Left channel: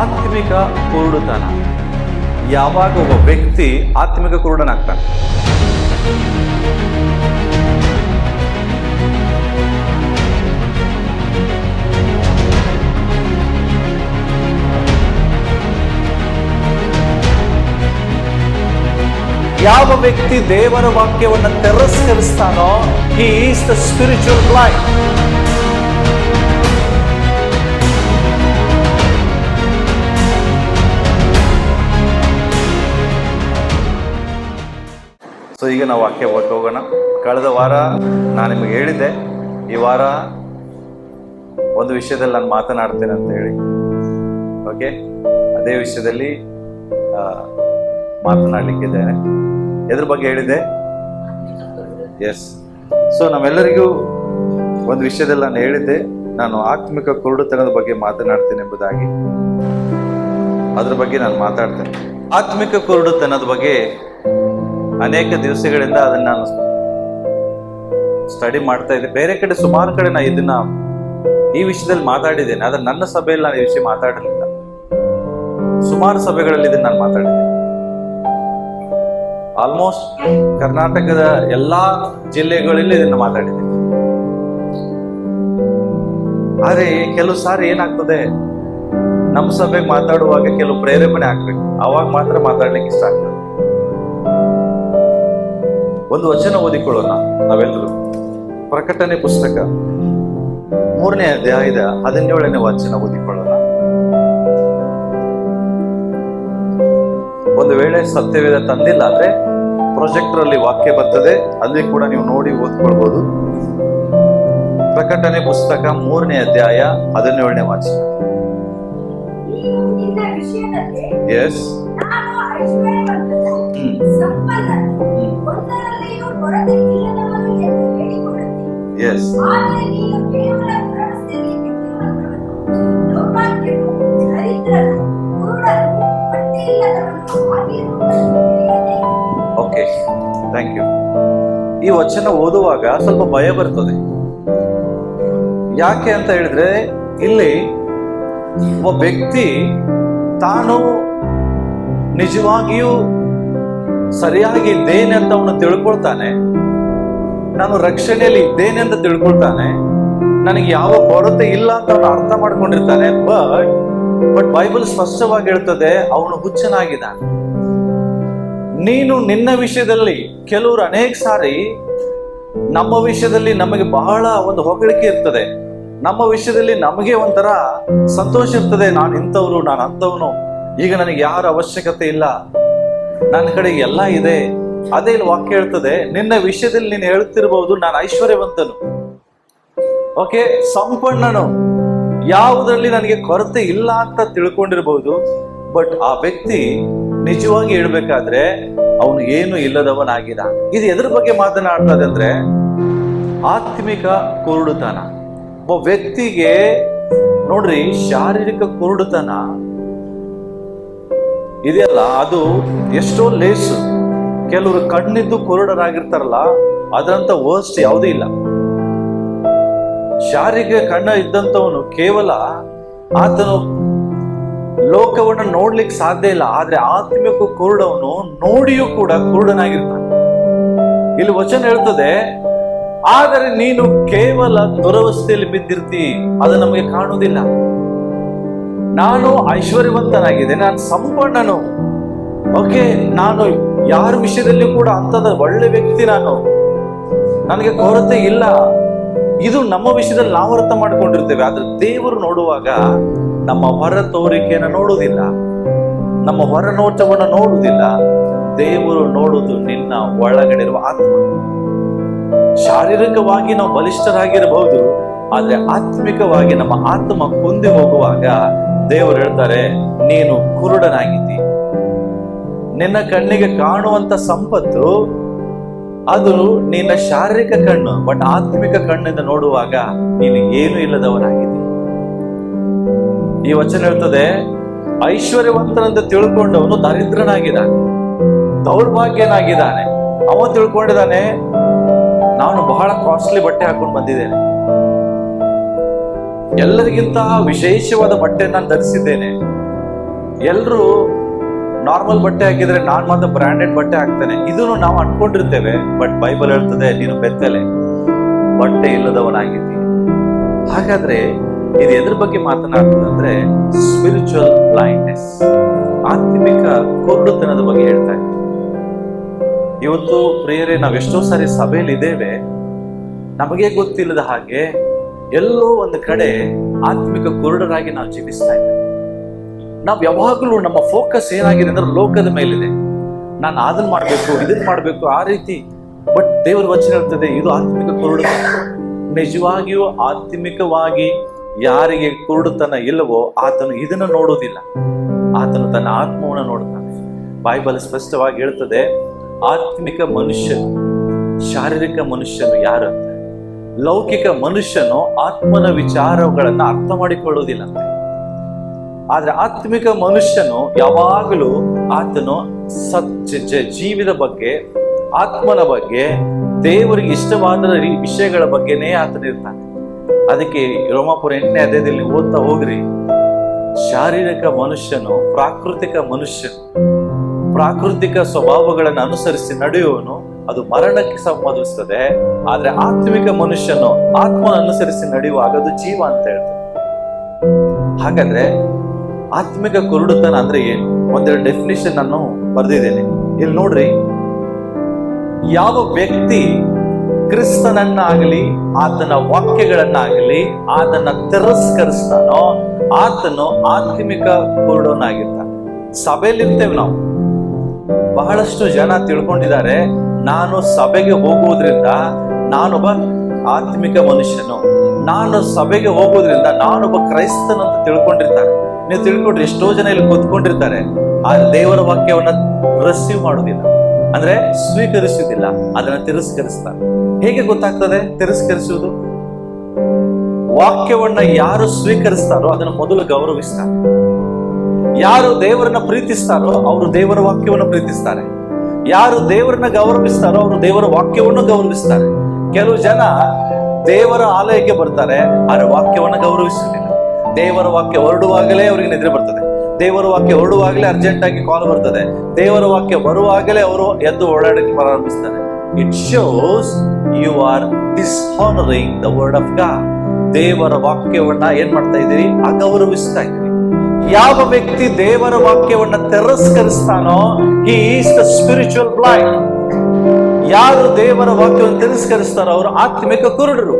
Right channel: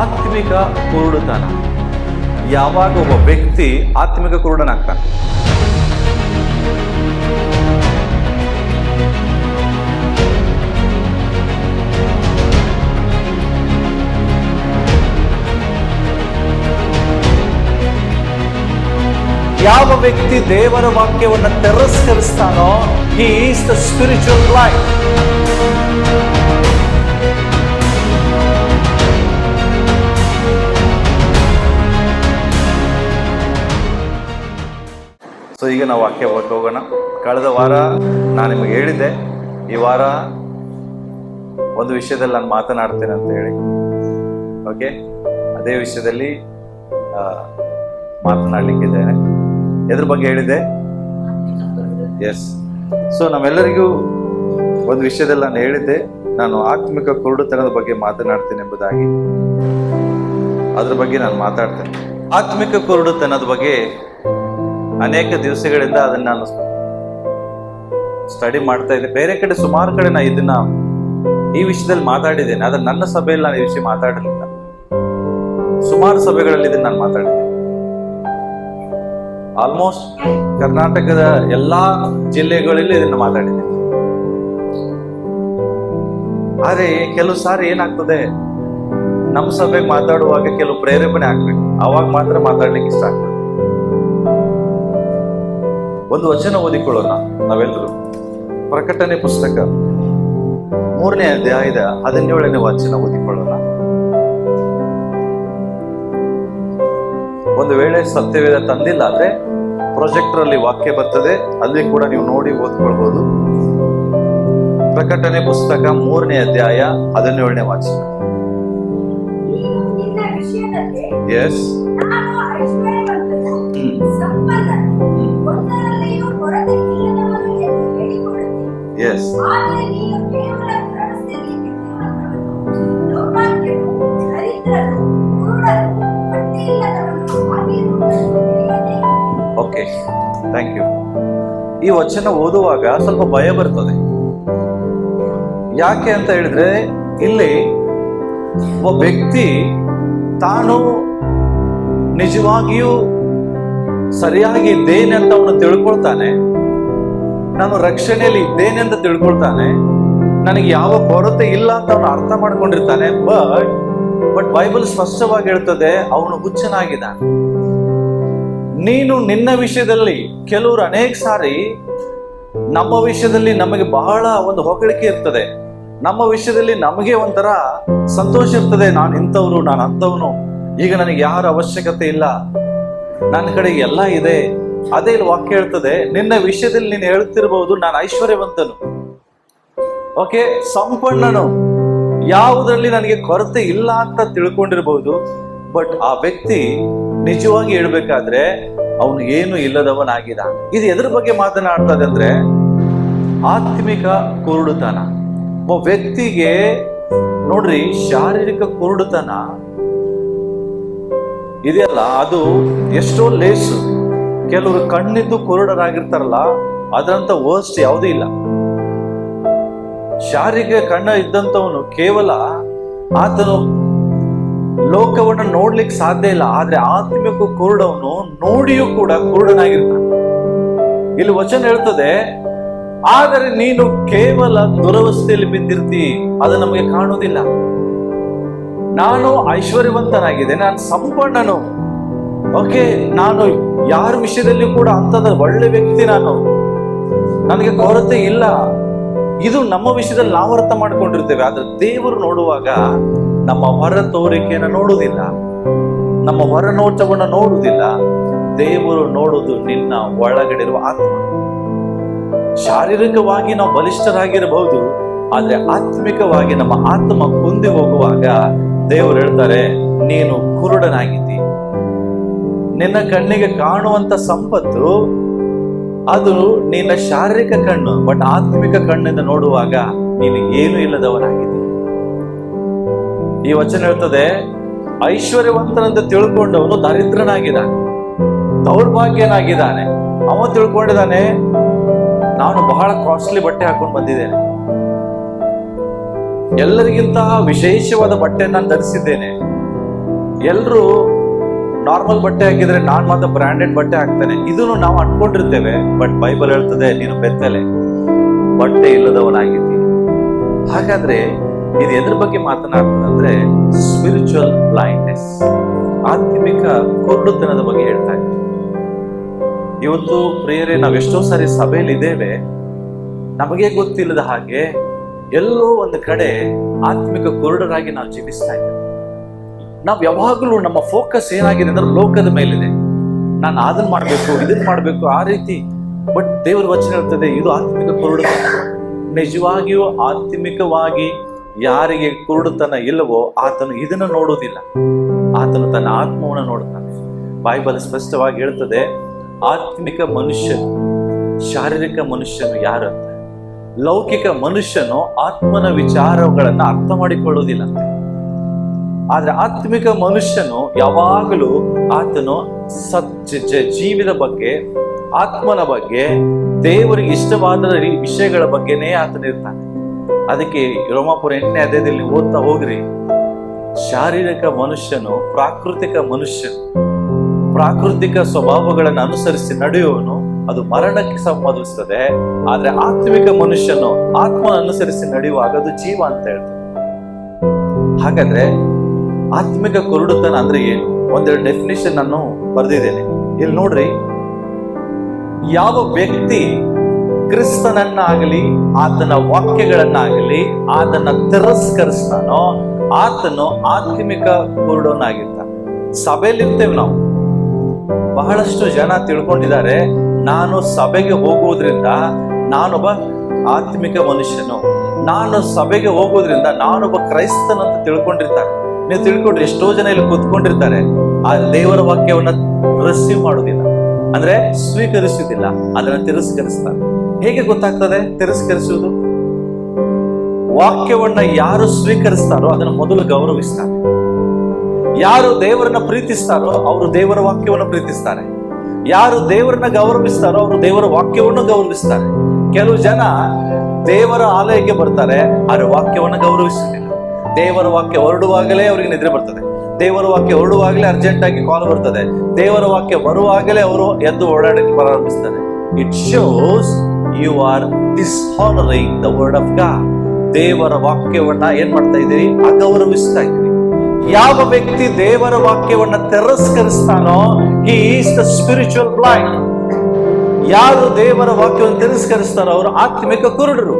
ಆತ್ಮಿಕ ಕುರುಡುತನ. ಯಾವಾಗ ಒಬ್ಬ ವ್ಯಕ್ತಿ ಆತ್ಮಿಕ ಕುರುಡನಾಗ್ತಾನೆ, ಯಾವ ವ್ಯಕ್ತಿ ದೇವರ ವಾಕ್ಯವನ್ನು ತಿರಸ್ಕರಿಸ್ತಾನೋ, he is the spiritual blind. So ಈಗ ನಾವು ವಾಕ್ಯ ಹೋಗೋಣ. ಕಳೆದ ವಾರ ನಾನು ನಿಮಗೆ ಹೇಳಿದ್ದೆ, ಈ ವಾರ ಒಂದು ವಿಷಯದಲ್ಲಿ ನಾನು ಮಾತನಾಡ್ತೇನೆ ಅಂತ ಹೇಳಿ. ಓಕೆ, ಅದೇ ವಿಷಯದಲ್ಲಿ ಮಾತನಾಡಲಿಕ್ಕಿದ್ದೇನೆ. ಎದ್ರ ಬಗ್ಗೆ ಹೇಳಿದ್ದೆ? ಎಸ್. ಸೊ ನಮ್ಮೆಲ್ಲರಿಗೂ ಒಂದು ವಿಷಯದಲ್ಲಿ ನಾನು ಹೇಳಿದ್ದೆ, ನಾನು ಆತ್ಮಿಕ ಕುರುಡುತನದ ಬಗ್ಗೆ ಮಾತನಾಡ್ತೇನೆ ಎಂಬುದಾಗಿ. ಅದ್ರ ಬಗ್ಗೆ ನಾನು ಮಾತಾಡ್ತೇನೆ. ಆತ್ಮಿಕ ಕುರುಡುತನದ ಬಗ್ಗೆ ಅನೇಕ ದಿವಸಗಳಿಂದ ಅದನ್ನ ನಾನು ಸ್ಟಡಿ ಮಾಡ್ತಾ ಇದ್ದೆ. ಬೇರೆ ಕಡೆ ಸುಮಾರು ಕಡೆ ನಾನು ಈ ವಿಷಯದಲ್ಲಿ ಮಾತಾಡಿದ್ದೇನೆ, ಆದ್ರೆ ನನ್ನ ಸಭೆಯಲ್ಲಿ ನಾನು ಈ ವಿಷಯ ಮಾತಾಡಲಿಲ್ಲ. ಸುಮಾರು ಸಭೆಗಳಲ್ಲಿ ಇದನ್ನು ನಾನು ಮಾತಾಡಿದ್ದೆ. ಆಲ್ಮೋಸ್ಟ್ ಕರ್ನಾಟಕದ ಎಲ್ಲಾ ಜಿಲ್ಲೆಗಳಲ್ಲಿ ಇದನ್ನು ಮಾತಾಡಿದ್ದೇನೆ. ಆದ್ರೆ ಕೆಲವು ಸಾರಿ ಏನಾಗ್ತದೆ, ನಮ್ಮ ಸಭೆಗೆ ಮಾತಾಡುವಾಗ ಕೆಲವು ಪ್ರೇರೇಪಣೆ ಆಗ್ಬೇಕು, ಅವಾಗ ಮಾತ್ರ ಮಾತಾಡ್ಲಿಕ್ಕೆ ಇಷ್ಟ ಆಗ್ತದೆ. ಒಂದು ವಚನ ಓದಿಕೊಳ್ಳೋಣ ನಾವೆಲ್ಲರೂ. ಪ್ರಕಟಣೆ ಪುಸ್ತಕ 3ನೇ ಅಧ್ಯಾಯದ 17ನೇ ವಚನ ಓದಿಕೊಳ್ಳೋಣ. ಒಂದು ವೇಳೆ ಸತ್ಯವೇದ ತಂದಿಲ್ಲ ಆದ್ರೆ ಪ್ರೊಜೆಕ್ಟರ್ ಅಲ್ಲಿ ವಾಕ್ಯ ಬರ್ತದೆ, ಅಲ್ಲಿ ಕೂಡ ನೀವು ನೋಡಿ ಓದ್ಕೊಳ್ಬಹುದು. ಪ್ರಕಟಣೆ ಪುಸ್ತಕ 3ನೇ ಅಧ್ಯಾಯ 17ನೇ ವಚನ. Yes. Yes. Okay, thank you. ಈ ವಚನ ಓದುವಾಗ ಸ್ವಲ್ಪ ಭಯ ಬರ್ತದೆ. ಯಾಕೆ ಅಂತ ಹೇಳಿದ್ರೆ, ಇಲ್ಲಿ ಒಬ್ಬ ವ್ಯಕ್ತಿ ತಾನು ನಿಜವಾಗಿಯೂ ಸರಿಯಾಗಿ ಇದ್ದೇನೆ ಅಂತ ಅವನು ತಿಳ್ಕೊಳ್ತಾನೆ, ನಾನು ರಕ್ಷಣೆಯಲ್ಲಿ ಇದ್ದೇನೆ ಅಂತ ತಿಳ್ಕೊಳ್ತಾನೆ, ನನಗೆ ಯಾವ ಕೊರತೆ ಇಲ್ಲ ಅಂತ ಅವನು ಅರ್ಥ ಮಾಡ್ಕೊಂಡಿರ್ತಾನೆ. ಬಟ್ ಬೈಬಲ್ ಸ್ಪಷ್ಟವಾಗಿ ಹೇಳ್ತದೆ, ಅವನು ಹುಚ್ಚನಾಗಿದ್ದಾನೆ. ನೀನು ನಿನ್ನ ವಿಷಯದಲ್ಲಿ, ಕೆಲವರು ಅನೇಕ ಸಾರಿ ನಮ್ಮ ವಿಷಯದಲ್ಲಿ ನಮಗೆ ಬಹಳ ಒಂದು ಹೊಗಳಿಕೆ ಇರ್ತದೆ, ನಮ್ಮ ವಿಷಯದಲ್ಲಿ ನಮಗೆ ಒಂಥರ ಸಂತೋಷ ಇರ್ತದೆ. ನಾನು ಇಂಥವ್ರು, ನಾನು ಅಂಥವನು, ಈಗ ನನಗೆ ಯಾರ ಅವಶ್ಯಕತೆ ಇಲ್ಲ, ನನ್ನ ಕಡೆ ಎಲ್ಲ ಇದೆ. ಅದೇ ಇಲ್ಲಿ ವಾಕ್ಯ ಹೇಳ್ತದೆ, ನಿನ್ನ ವಿಷಯದಲ್ಲಿ ನೀನು ಹೇಳ್ತಿರ್ಬಹುದು, ನಾನು ಐಶ್ವರ್ಯವಂತನು, ಓಕೆ, ಸಂಪನ್ನನು, ಯಾವುದರಲ್ಲಿ ನನಗೆ ಕೊರತೆ ಇಲ್ಲ ಅಂತ ತಿಳ್ಕೊಂಡಿರ್ಬಹುದು. ಬಟ್ ಆ ವ್ಯಕ್ತಿ ನಿಜವಾಗಿ ಹೇಳ್ಬೇಕಾದ್ರೆ ಅವನು ಏನು ಇಲ್ಲದವನಾಗಿದ್ದಾನೆ. ಇದು ಎದ್ರ ಬಗ್ಗೆ ಮಾತನಾಡ್ತದೆ ಅಂದ್ರೆ, ಆತ್ಮಿಕ ಕುರುಡುತನ. ಒಬ್ಬ ವ್ಯಕ್ತಿಗೆ ನೋಡ್ರಿ, ಶಾರೀರಿಕ ಕುರುಡುತನ ಇದೆಯಲ್ಲ, ಅದು ಎಷ್ಟೋ ಲೇಸು. ಕೆಲವರು ಕಣ್ಣಿದ್ದು ಕುರುಡರಾಗಿರ್ತಾರಲ್ಲ, ಅದರಂತ ವರ್ಸ್ಟ್ ಯಾವುದೂ ಇಲ್ಲ. ಶಾರೀರಿಕ ಕಣ್ಣ ಇದ್ದಂಥವನು ಕೇವಲ ಆತನು ಲೋಕವನ್ನು ನೋಡ್ಲಿಕ್ಕೆ ಸಾಧ್ಯ ಇಲ್ಲ, ಆದ್ರೆ ಆತ್ಮಿಕ ಕುರುಡವನು ನೋಡಿಯೂ ಕೂಡ ಕುರುಡನಾಗಿರ್ತಾನೆ. ಇಲ್ಲಿ ವಚನ ಹೇಳ್ತದೆ, ಆದರೆ ನೀನು ಕೇವಲ ದುರವಸ್ಥೆಯಲ್ಲಿ ಬಿದ್ದಿರ್ತಿ, ಅದು ನಮಗೆ ಕಾಣುವುದಿಲ್ಲ. ನಾನು ಐಶ್ವರ್ಯವಂತನಾಗಿದೆ, ನಾನು ಸಂಪನ್ನನು, ಓಕೆ, ನಾನು ಯಾರ ವಿಷಯದಲ್ಲಿ ಕೂಡ ಅಂತದ ಒಳ್ಳೆ ವ್ಯಕ್ತಿ, ನನಗೆ ಕೊರತೆ ಇಲ್ಲ. ಇದು ನಮ್ಮ ವಿಷಯದಲ್ಲಿ ನಾವು ಅರ್ಥ ಮಾಡ್ಕೊಂಡಿರ್ತೇವೆ. ಆದ್ರೆ ದೇವರು ನೋಡುವಾಗ ನಮ್ಮ ಹೊರ ತೋರಿಕೆಯನ್ನು ನೋಡುವುದಿಲ್ಲ, ನಮ್ಮ ಹೊರ ನೋಟವನ್ನು ನೋಡುವುದಿಲ್ಲ. ದೇವರು ನೋಡುವುದು ನಿನ್ನ ಒಳಗಡೆ ಇರುವ ಆತ್ಮ. ಶಾರೀರಿಕವಾಗಿ ನಾವು ಬಲಿಷ್ಠರಾಗಿರಬಹುದು, ಆದ್ರೆ ಆತ್ಮಿಕವಾಗಿ ನಮ್ಮ ಆತ್ಮ ಕುಂದಿ ಹೋಗುವಾಗ ದೇವರು ಹೇಳ್ತಾರೆ, ನೀನು ಕುರುಡನಾಗಿದ್ದಿ. ನಿನ್ನ ಕಣ್ಣಿಗೆ ಕಾಣುವಂತ ಸಂಪತ್ತು ಅದು ನಿನ್ನ ಶಾರೀರಿಕ ಕಣ್ಣು, ಬಟ್ ಆತ್ಮಿಕ ಕಣ್ಣಿಂದ ನೋಡುವಾಗ ನೀನು ಏನು ಇಲ್ಲದವನಾಗಿದ್ದಿ. ಈ ವಚನ ಹೇಳ್ತದೆ, ಐಶ್ವರ್ಯವಂತನಂತ ತಿಳ್ಕೊಂಡವನು ದರಿದ್ರನಾಗಿದ್ದಾನೆ, ದೌರ್ಭಾಗ್ಯನಾಗಿದ್ದಾನೆ. ಅವ ತಿಳ್ಕೊಂಡಿದ್ದಾನೆ, ನಾನು ಬಹಳ ಕಾಸ್ಟ್ಲಿ ಬಟ್ಟೆ ಹಾಕೊಂಡು ಬಂದಿದ್ದೇನೆ, ಎಲ್ಲರಿಗಿಂತ ವಿಶೇಷವಾದ ಬಟ್ಟೆ ನಾನು ಧರಿಸಿದ್ದೇನೆ, ಎಲ್ರು ನಾರ್ಮಲ್ ಬಟ್ಟೆ ಹಾಕಿದ್ರೆ ನಾನ್ ಮಾತ್ರ ಬ್ರಾಂಡೆಡ್ ಬಟ್ಟೆ ಹಾಕ್ತೇನೆ, ಇದನ್ನು ನಾವು ಅನ್ಕೊಂಡಿರ್ತೇವೆ. ಬಟ್ ಬೈಬಲ್ ಹೇಳ್ತದೆ, ನೀನು ಬೆತ್ತಲೆ, ಬಟ್ಟೆ ಇಲ್ಲದವನಾಗಿದ್ದೀಯ. ಹಾಗಾದ್ರೆ ಇದು ಎದ್ರ ಬಗ್ಗೆ ಮಾತನಾಡ್ತದಂದ್ರೆ ಸ್ಪಿರಿಚುವಲ್ ಬ್ಲೈಂಡ್ನೆಸ್, ಆತ್ಮಿಕ ಕುರುಡುತನದ ಬಗ್ಗೆ ಹೇಳ್ತಾ ಇದ್ದೀವಿ. ಇವತ್ತು ಪ್ರಿಯರೇ, ನಾವೆಷ್ಟೋ ಸಾರಿ ಸಭೆಯಲ್ಲಿ ಇದ್ದೇವೆ, ನಮಗೆ ಗೊತ್ತಿಲ್ಲದ ಹಾಗೆ ಎಲ್ಲೋ ಒಂದು ಕಡೆ ಆತ್ಮಿಕ ಕುರುಡರಾಗಿ ನಾವು ಜೀವಿಸ್ತಾ ಇದ್ದೇವೆ. ನಾವು ಯಾವಾಗಲೂ ನಮ್ಮ ಫೋಕಸ್ ಏನಾಗಿದೆ ಅಂದ್ರೆ ಲೋಕದ ಮೇಲಿದೆ. ನಾನು ಅದನ್ನ ಮಾಡ್ಬೇಕು, ಇದನ್ನ ಮಾಡ್ಬೇಕು, ಆ ರೀತಿ. ಬಟ್ ದೇವರ ವಚನ ಹೇಳ್ತದೆ, ಇದು ಆತ್ಮಿಕ ಕುರುಡುತನ. ನಿಜವಾಗಿಯೂ ಆತ್ಮಿಕವಾಗಿ ಯಾರಿಗೆ ಕುರುಡುತನ ಇಲ್ಲವೋ ಆತನು ಇದನ್ನು ನೋಡುವುದಿಲ್ಲ, ಆತನು ತನ್ನ ಆತ್ಮವನ್ನು ನೋಡ್ತಾನೆ. ಬೈಬಲ್ ಸ್ಪಷ್ಟವಾಗಿ ಹೇಳ್ತದೆ, ಆತ್ಮಿಕ ಮನುಷ್ಯನು ಶಾರೀರಿಕ ಮನುಷ್ಯನು ಯಾರು ಅಂತ. ಲೌಕಿಕ ಮನುಷ್ಯನು ಆತ್ಮನ ವಿಚಾರಗಳನ್ನ ಅರ್ಥ ಮಾಡಿಕೊಳ್ಳುವುದಿಲ್ಲ. ಆದ್ರೆ ಆತ್ಮಿಕ ಮನುಷ್ಯನು ಯಾವಾಗಲೂ ಆತನು ಜೀವಿದ ಬಗ್ಗೆ, ಆತ್ಮನ ಬಗ್ಗೆ, ದೇವರಿಗೆ ಇಷ್ಟವಾದ ವಿಷಯಗಳ ಬಗ್ಗೆನೇ ಆತನ ಇರ್ತಾನೆ. ಅದಕ್ಕೆ ರೋಮಾಪುರ 8ನೇ ಅಧ್ಯಾಯದಲ್ಲಿ ನೀವು ಓದ್ತಾ ಹೋಗ್ರಿ, ಶಾರೀರಿಕ ಮನುಷ್ಯನು ಪ್ರಾಕೃತಿಕ ಮನುಷ್ಯನು, ಪ್ರಾಕೃತಿಕ ಸ್ವಭಾವಗಳನ್ನು ಅನುಸರಿಸಿ ನಡೆಯುವನು, ಅದು ಮರಣಕ್ಕೆ ಸಂಬಂಧಿಸ್ತದೆ. ಆದ್ರೆ ಆತ್ಮಿಕ ಮನುಷ್ಯನು ಆತ್ಮನ ಅನುಸರಿಸಿ ನಡೆಯುವಾಗ ಅದು ಜೀವ ಅಂತ ಹೇಳ್ತದೆ. ಹಾಗಾದ್ರೆ ಆತ್ಮಿಕ ಕುರುಡುತನ ಅಂದ್ರೆ ಏನು? ಒಂದೆರಡು ಡೆಫಿನಿಷನ್ ನಾನು ಬರೆದಿದ್ದೇನೆ, ಇಲ್ಲಿ ನೋಡ್ರಿ. ಯಾವ ವ್ಯಕ್ತಿ ಕ್ರಿಸ್ತನನ್ನಾಗಲಿ ಆತನ ವಾಕ್ಯಗಳನ್ನಾಗಲಿ ಆತನ ತಿರಸ್ಕರಿಸ್ತಾನೋ ಆತನು ಆತ್ಮಿಕ ಕುರುಡನಾಗಿರ್ತಾನೆ. ಸಭೆಯಲ್ಲಿರ್ತೇವೆ ನಾವು, ಬಹಳಷ್ಟು ಜನ ತಿಳ್ಕೊಂಡಿದ್ದಾರೆ, ನಾನು ಸಭೆಗೆ ಹೋಗುವುದರಿಂದ ನಾನೊಬ್ಬ ಆತ್ಮಿಕ ಮನುಷ್ಯನು, ನಾನು ಸಭೆಗೆ ಹೋಗೋದ್ರಿಂದ ನಾನೊಬ್ಬ ಕ್ರೈಸ್ತನಂತ ತಿಳ್ಕೊಂಡಿರ್ತಾರೆ. ನೀವು ತಿಳ್ಕೊಂಡ್ರಿ, ಎಷ್ಟೋ ಜನ ಇಲ್ಲಿ ಕೂತ್ಕೊಂಡಿರ್ತಾರೆ, ಆ ದೇವರ ವಾಕ್ಯವನ್ನ ರಿಸೀವ್ ಮಾಡುವುದಿಲ್ಲ, ಅಂದ್ರೆ ಸ್ವೀಕರಿಸುವುದಿಲ್ಲ, ಅದನ್ನ ತಿರಸ್ಕರಿಸ್ತಾರೆ. ಹೇಗೆ ಗೊತ್ತಾಗ್ತದೆ ತಿರಸ್ಕರಿಸುವುದು? ವಾಕ್ಯವನ್ನ ಯಾರು ಸ್ವೀಕರಿಸ್ತಾರೋ ಅದನ್ನು ಮೊದಲು ಗೌರವಿಸ್ತಾರೆ. ಯಾರು ದೇವರನ್ನ ಪ್ರೀತಿಸ್ತಾರೋ ಅವರು ದೇವರ ವಾಕ್ಯವನ್ನು ಪ್ರೀತಿಸ್ತಾರೆ. ಯಾರು ದೇವರನ್ನ ಗೌರವಿಸ್ತಾರೋ ಅವರು ದೇವರ ವಾಕ್ಯವನ್ನು ಗೌರವಿಸ್ತಾರೆ. ಕೆಲವು ಜನ ದೇವರ ಆಲಯಕ್ಕೆ ಬರ್ತಾರೆ, ಆದ್ರೆ ವಾಕ್ಯವನ್ನು ಗೌರವಿಸುವುದಿಲ್ಲ. ದೇವರ ವಾಕ್ಯ ಹೊರಡುವಾಗಲೇ ಅವರಿಗೆ ನಿದ್ರೆ ಬರ್ತದೆ, ದೇವರ ವಾಕ್ಯ ಹೊರಡುವಾಗಲೇ ಅರ್ಜೆಂಟ್ ಆಗಿ ಕಾಲ್ ಬರ್ತದೆ, ದೇವರ ವಾಕ್ಯ ಬರುವಾಗಲೇ ಅವರು ಎದ್ದು ಓಡಾಡಕ್ಕೆ ಪ್ರಾರಂಭಿಸ್ತಾರೆ. It shows you are dishonoring the word of God. ದೇವರ ವಾಕ್ಯವನ್ನ ಏನ್ ಮಾಡ್ತಾ ಇದ್ದೀರಿ? ಅಗೌರವಿಸ್ತಾ ಇದ್ದೀರಿ. ಯಾವ ವ್ಯಕ್ತಿ ದೇವರ ವಾಕ್ಯವನ್ನ ತಿರಸ್ಕರಿಸ್ತಾನೋ he is the spiritual blind. ಯಾರು ದೇವರ ವಾಕ್ಯವನ್ನು ತಿರಸ್ಕರಿಸ್ತಾರೋ ಅವರು ಆತ್ಮಿಕ ಕುರುಡರು.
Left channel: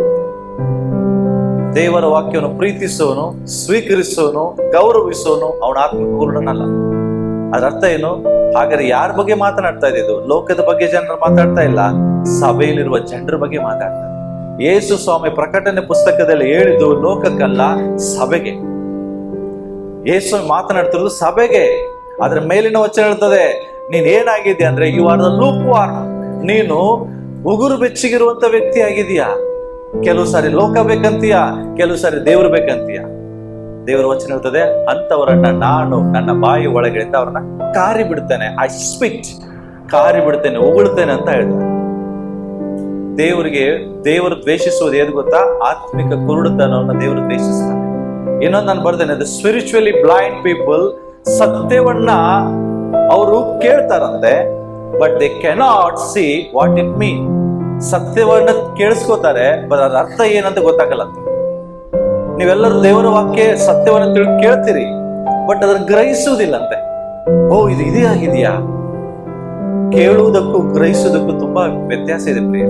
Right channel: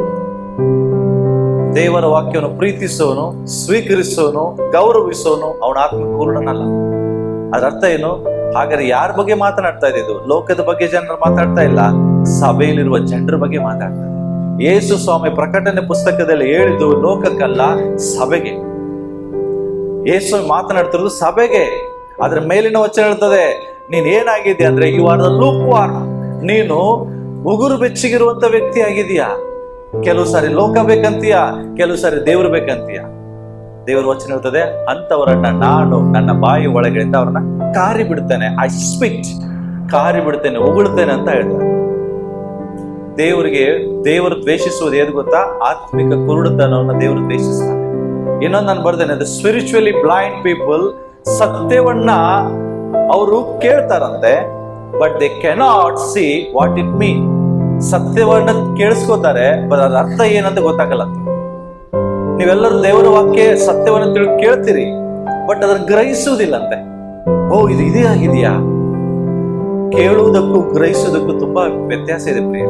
ದೇವರ ವಾಕ್ಯವನ್ನು ಪ್ರೀತಿಸೋನು, ಸ್ವೀಕರಿಸೋನು, ಗೌರವಿಸೋನು ಅವನ ಆತ್ಮಿಕ ಕುರುಡನಲ್ಲ. ಅದರ ಅರ್ಥ ಏನು? ಹಾಗಾದ್ರೆ ಯಾರ ಬಗ್ಗೆ ಮಾತನಾಡ್ತಾ ಇದ್ದು? ಲೋಕದ ಬಗ್ಗೆ ಜನರು ಮಾತಾಡ್ತಾ ಇಲ್ಲ, ಸಭೆಯಲ್ಲಿರುವ ಜನರ ಬಗ್ಗೆ ಮಾತಾಡ್ತಾರೆ. ಯೇಸು ಸ್ವಾಮಿ ಪ್ರಕಟಣೆ ಪುಸ್ತಕದಲ್ಲಿ ಹೇಳಿದ್ದು ಲೋಕಕ್ಕಲ್ಲ, ಸಭೆಗೆ. ಯೇಸು ಮಾತನಾಡ್ತಿರೋದು ಸಭೆಗೆ. ಅದ್ರ ಮೇಲಿನ ವಚನ ಹೇಳ್ತದೆ, ನೀನ್ ಏನಾಗಿದ್ಯಾ ಅಂದ್ರೆ you are the lukewarm. ನೀನು ಉಗುರು ಬೆಚ್ಚಗಿರುವಂತ ವ್ಯಕ್ತಿ ಆಗಿದೀಯಾ. ಕೆಲವು ಸಾರಿ ಲೋಕ ಬೇಕಂತೀಯ, ಕೆಲವು ಸಾರಿ ದೇವ್ರು ಬೇಕಂತೀಯ. ದೇವರ ವಚನ ಹೇಳ್ತದೆ, ಅಂತವರನ್ನ ನಾನು ನನ್ನ ಬಾಯಿ ಒಳಗಡೆಯಿಂದ ಅವ್ರನ್ನ ಕಾರಿ ಬಿಡ್ತೇನೆ. ಐ ಸ್ಪಿಟ್, ಕಾರಿ ಬಿಡ್ತೇನೆ, ಉಗುಳ್ತೇನೆ ಅಂತ ಹೇಳ್ತಾರೆ. ದೇವರು ದ್ವೇಷಿಸುವುದು ಏದು ಗೊತ್ತಾ? ಆತ್ಮಿಕ ಕುರುಡುತನವನ್ನು ದೇವರು ದ್ವೇಷಿಸ್ತಾನೆ. ಇನ್ನೊಂದು ನಾನು ಬರ್ದೇನೆ, ದ ಸ್ಪಿರಿಚುವಲಿ ಬ್ಲೈಂಡ್ ಪೀಪಲ್, ಸತ್ಯವನ್ನ ಅವರು ಕೇಳ್ತಾರಂತೆ, but they cannot see what it mean. ಸತ್ಯವನ್ನ ಕೇಳಿಸ್ಕೋತಾರೆ, ಬಟ್ ಅದ್ರ ಅರ್ಥ ಏನಂತ ಗೊತ್ತಾಗಲ್ಲ. ನೀವೆಲ್ಲರೂ ದೇವರ ವಾಕ್ಯ ಸತ್ಯವನ್ನ ಕೇಳ್ತೀರಿ, ಬಟ್ ಅದನ್ನ ಗ್ರಹಿಸುವುದಿಲ್ಲಂತೆ. ಓ, ಇದು ಇದೇ ಆಗಿದೆಯಾ? ಕೇಳುವುದಕ್ಕೂ ಗ್ರಹಿಸುವುದಕ್ಕೂ ತುಂಬಾ ವ್ಯತ್ಯಾಸ ಇದೆ ಪ್ರಿಯ.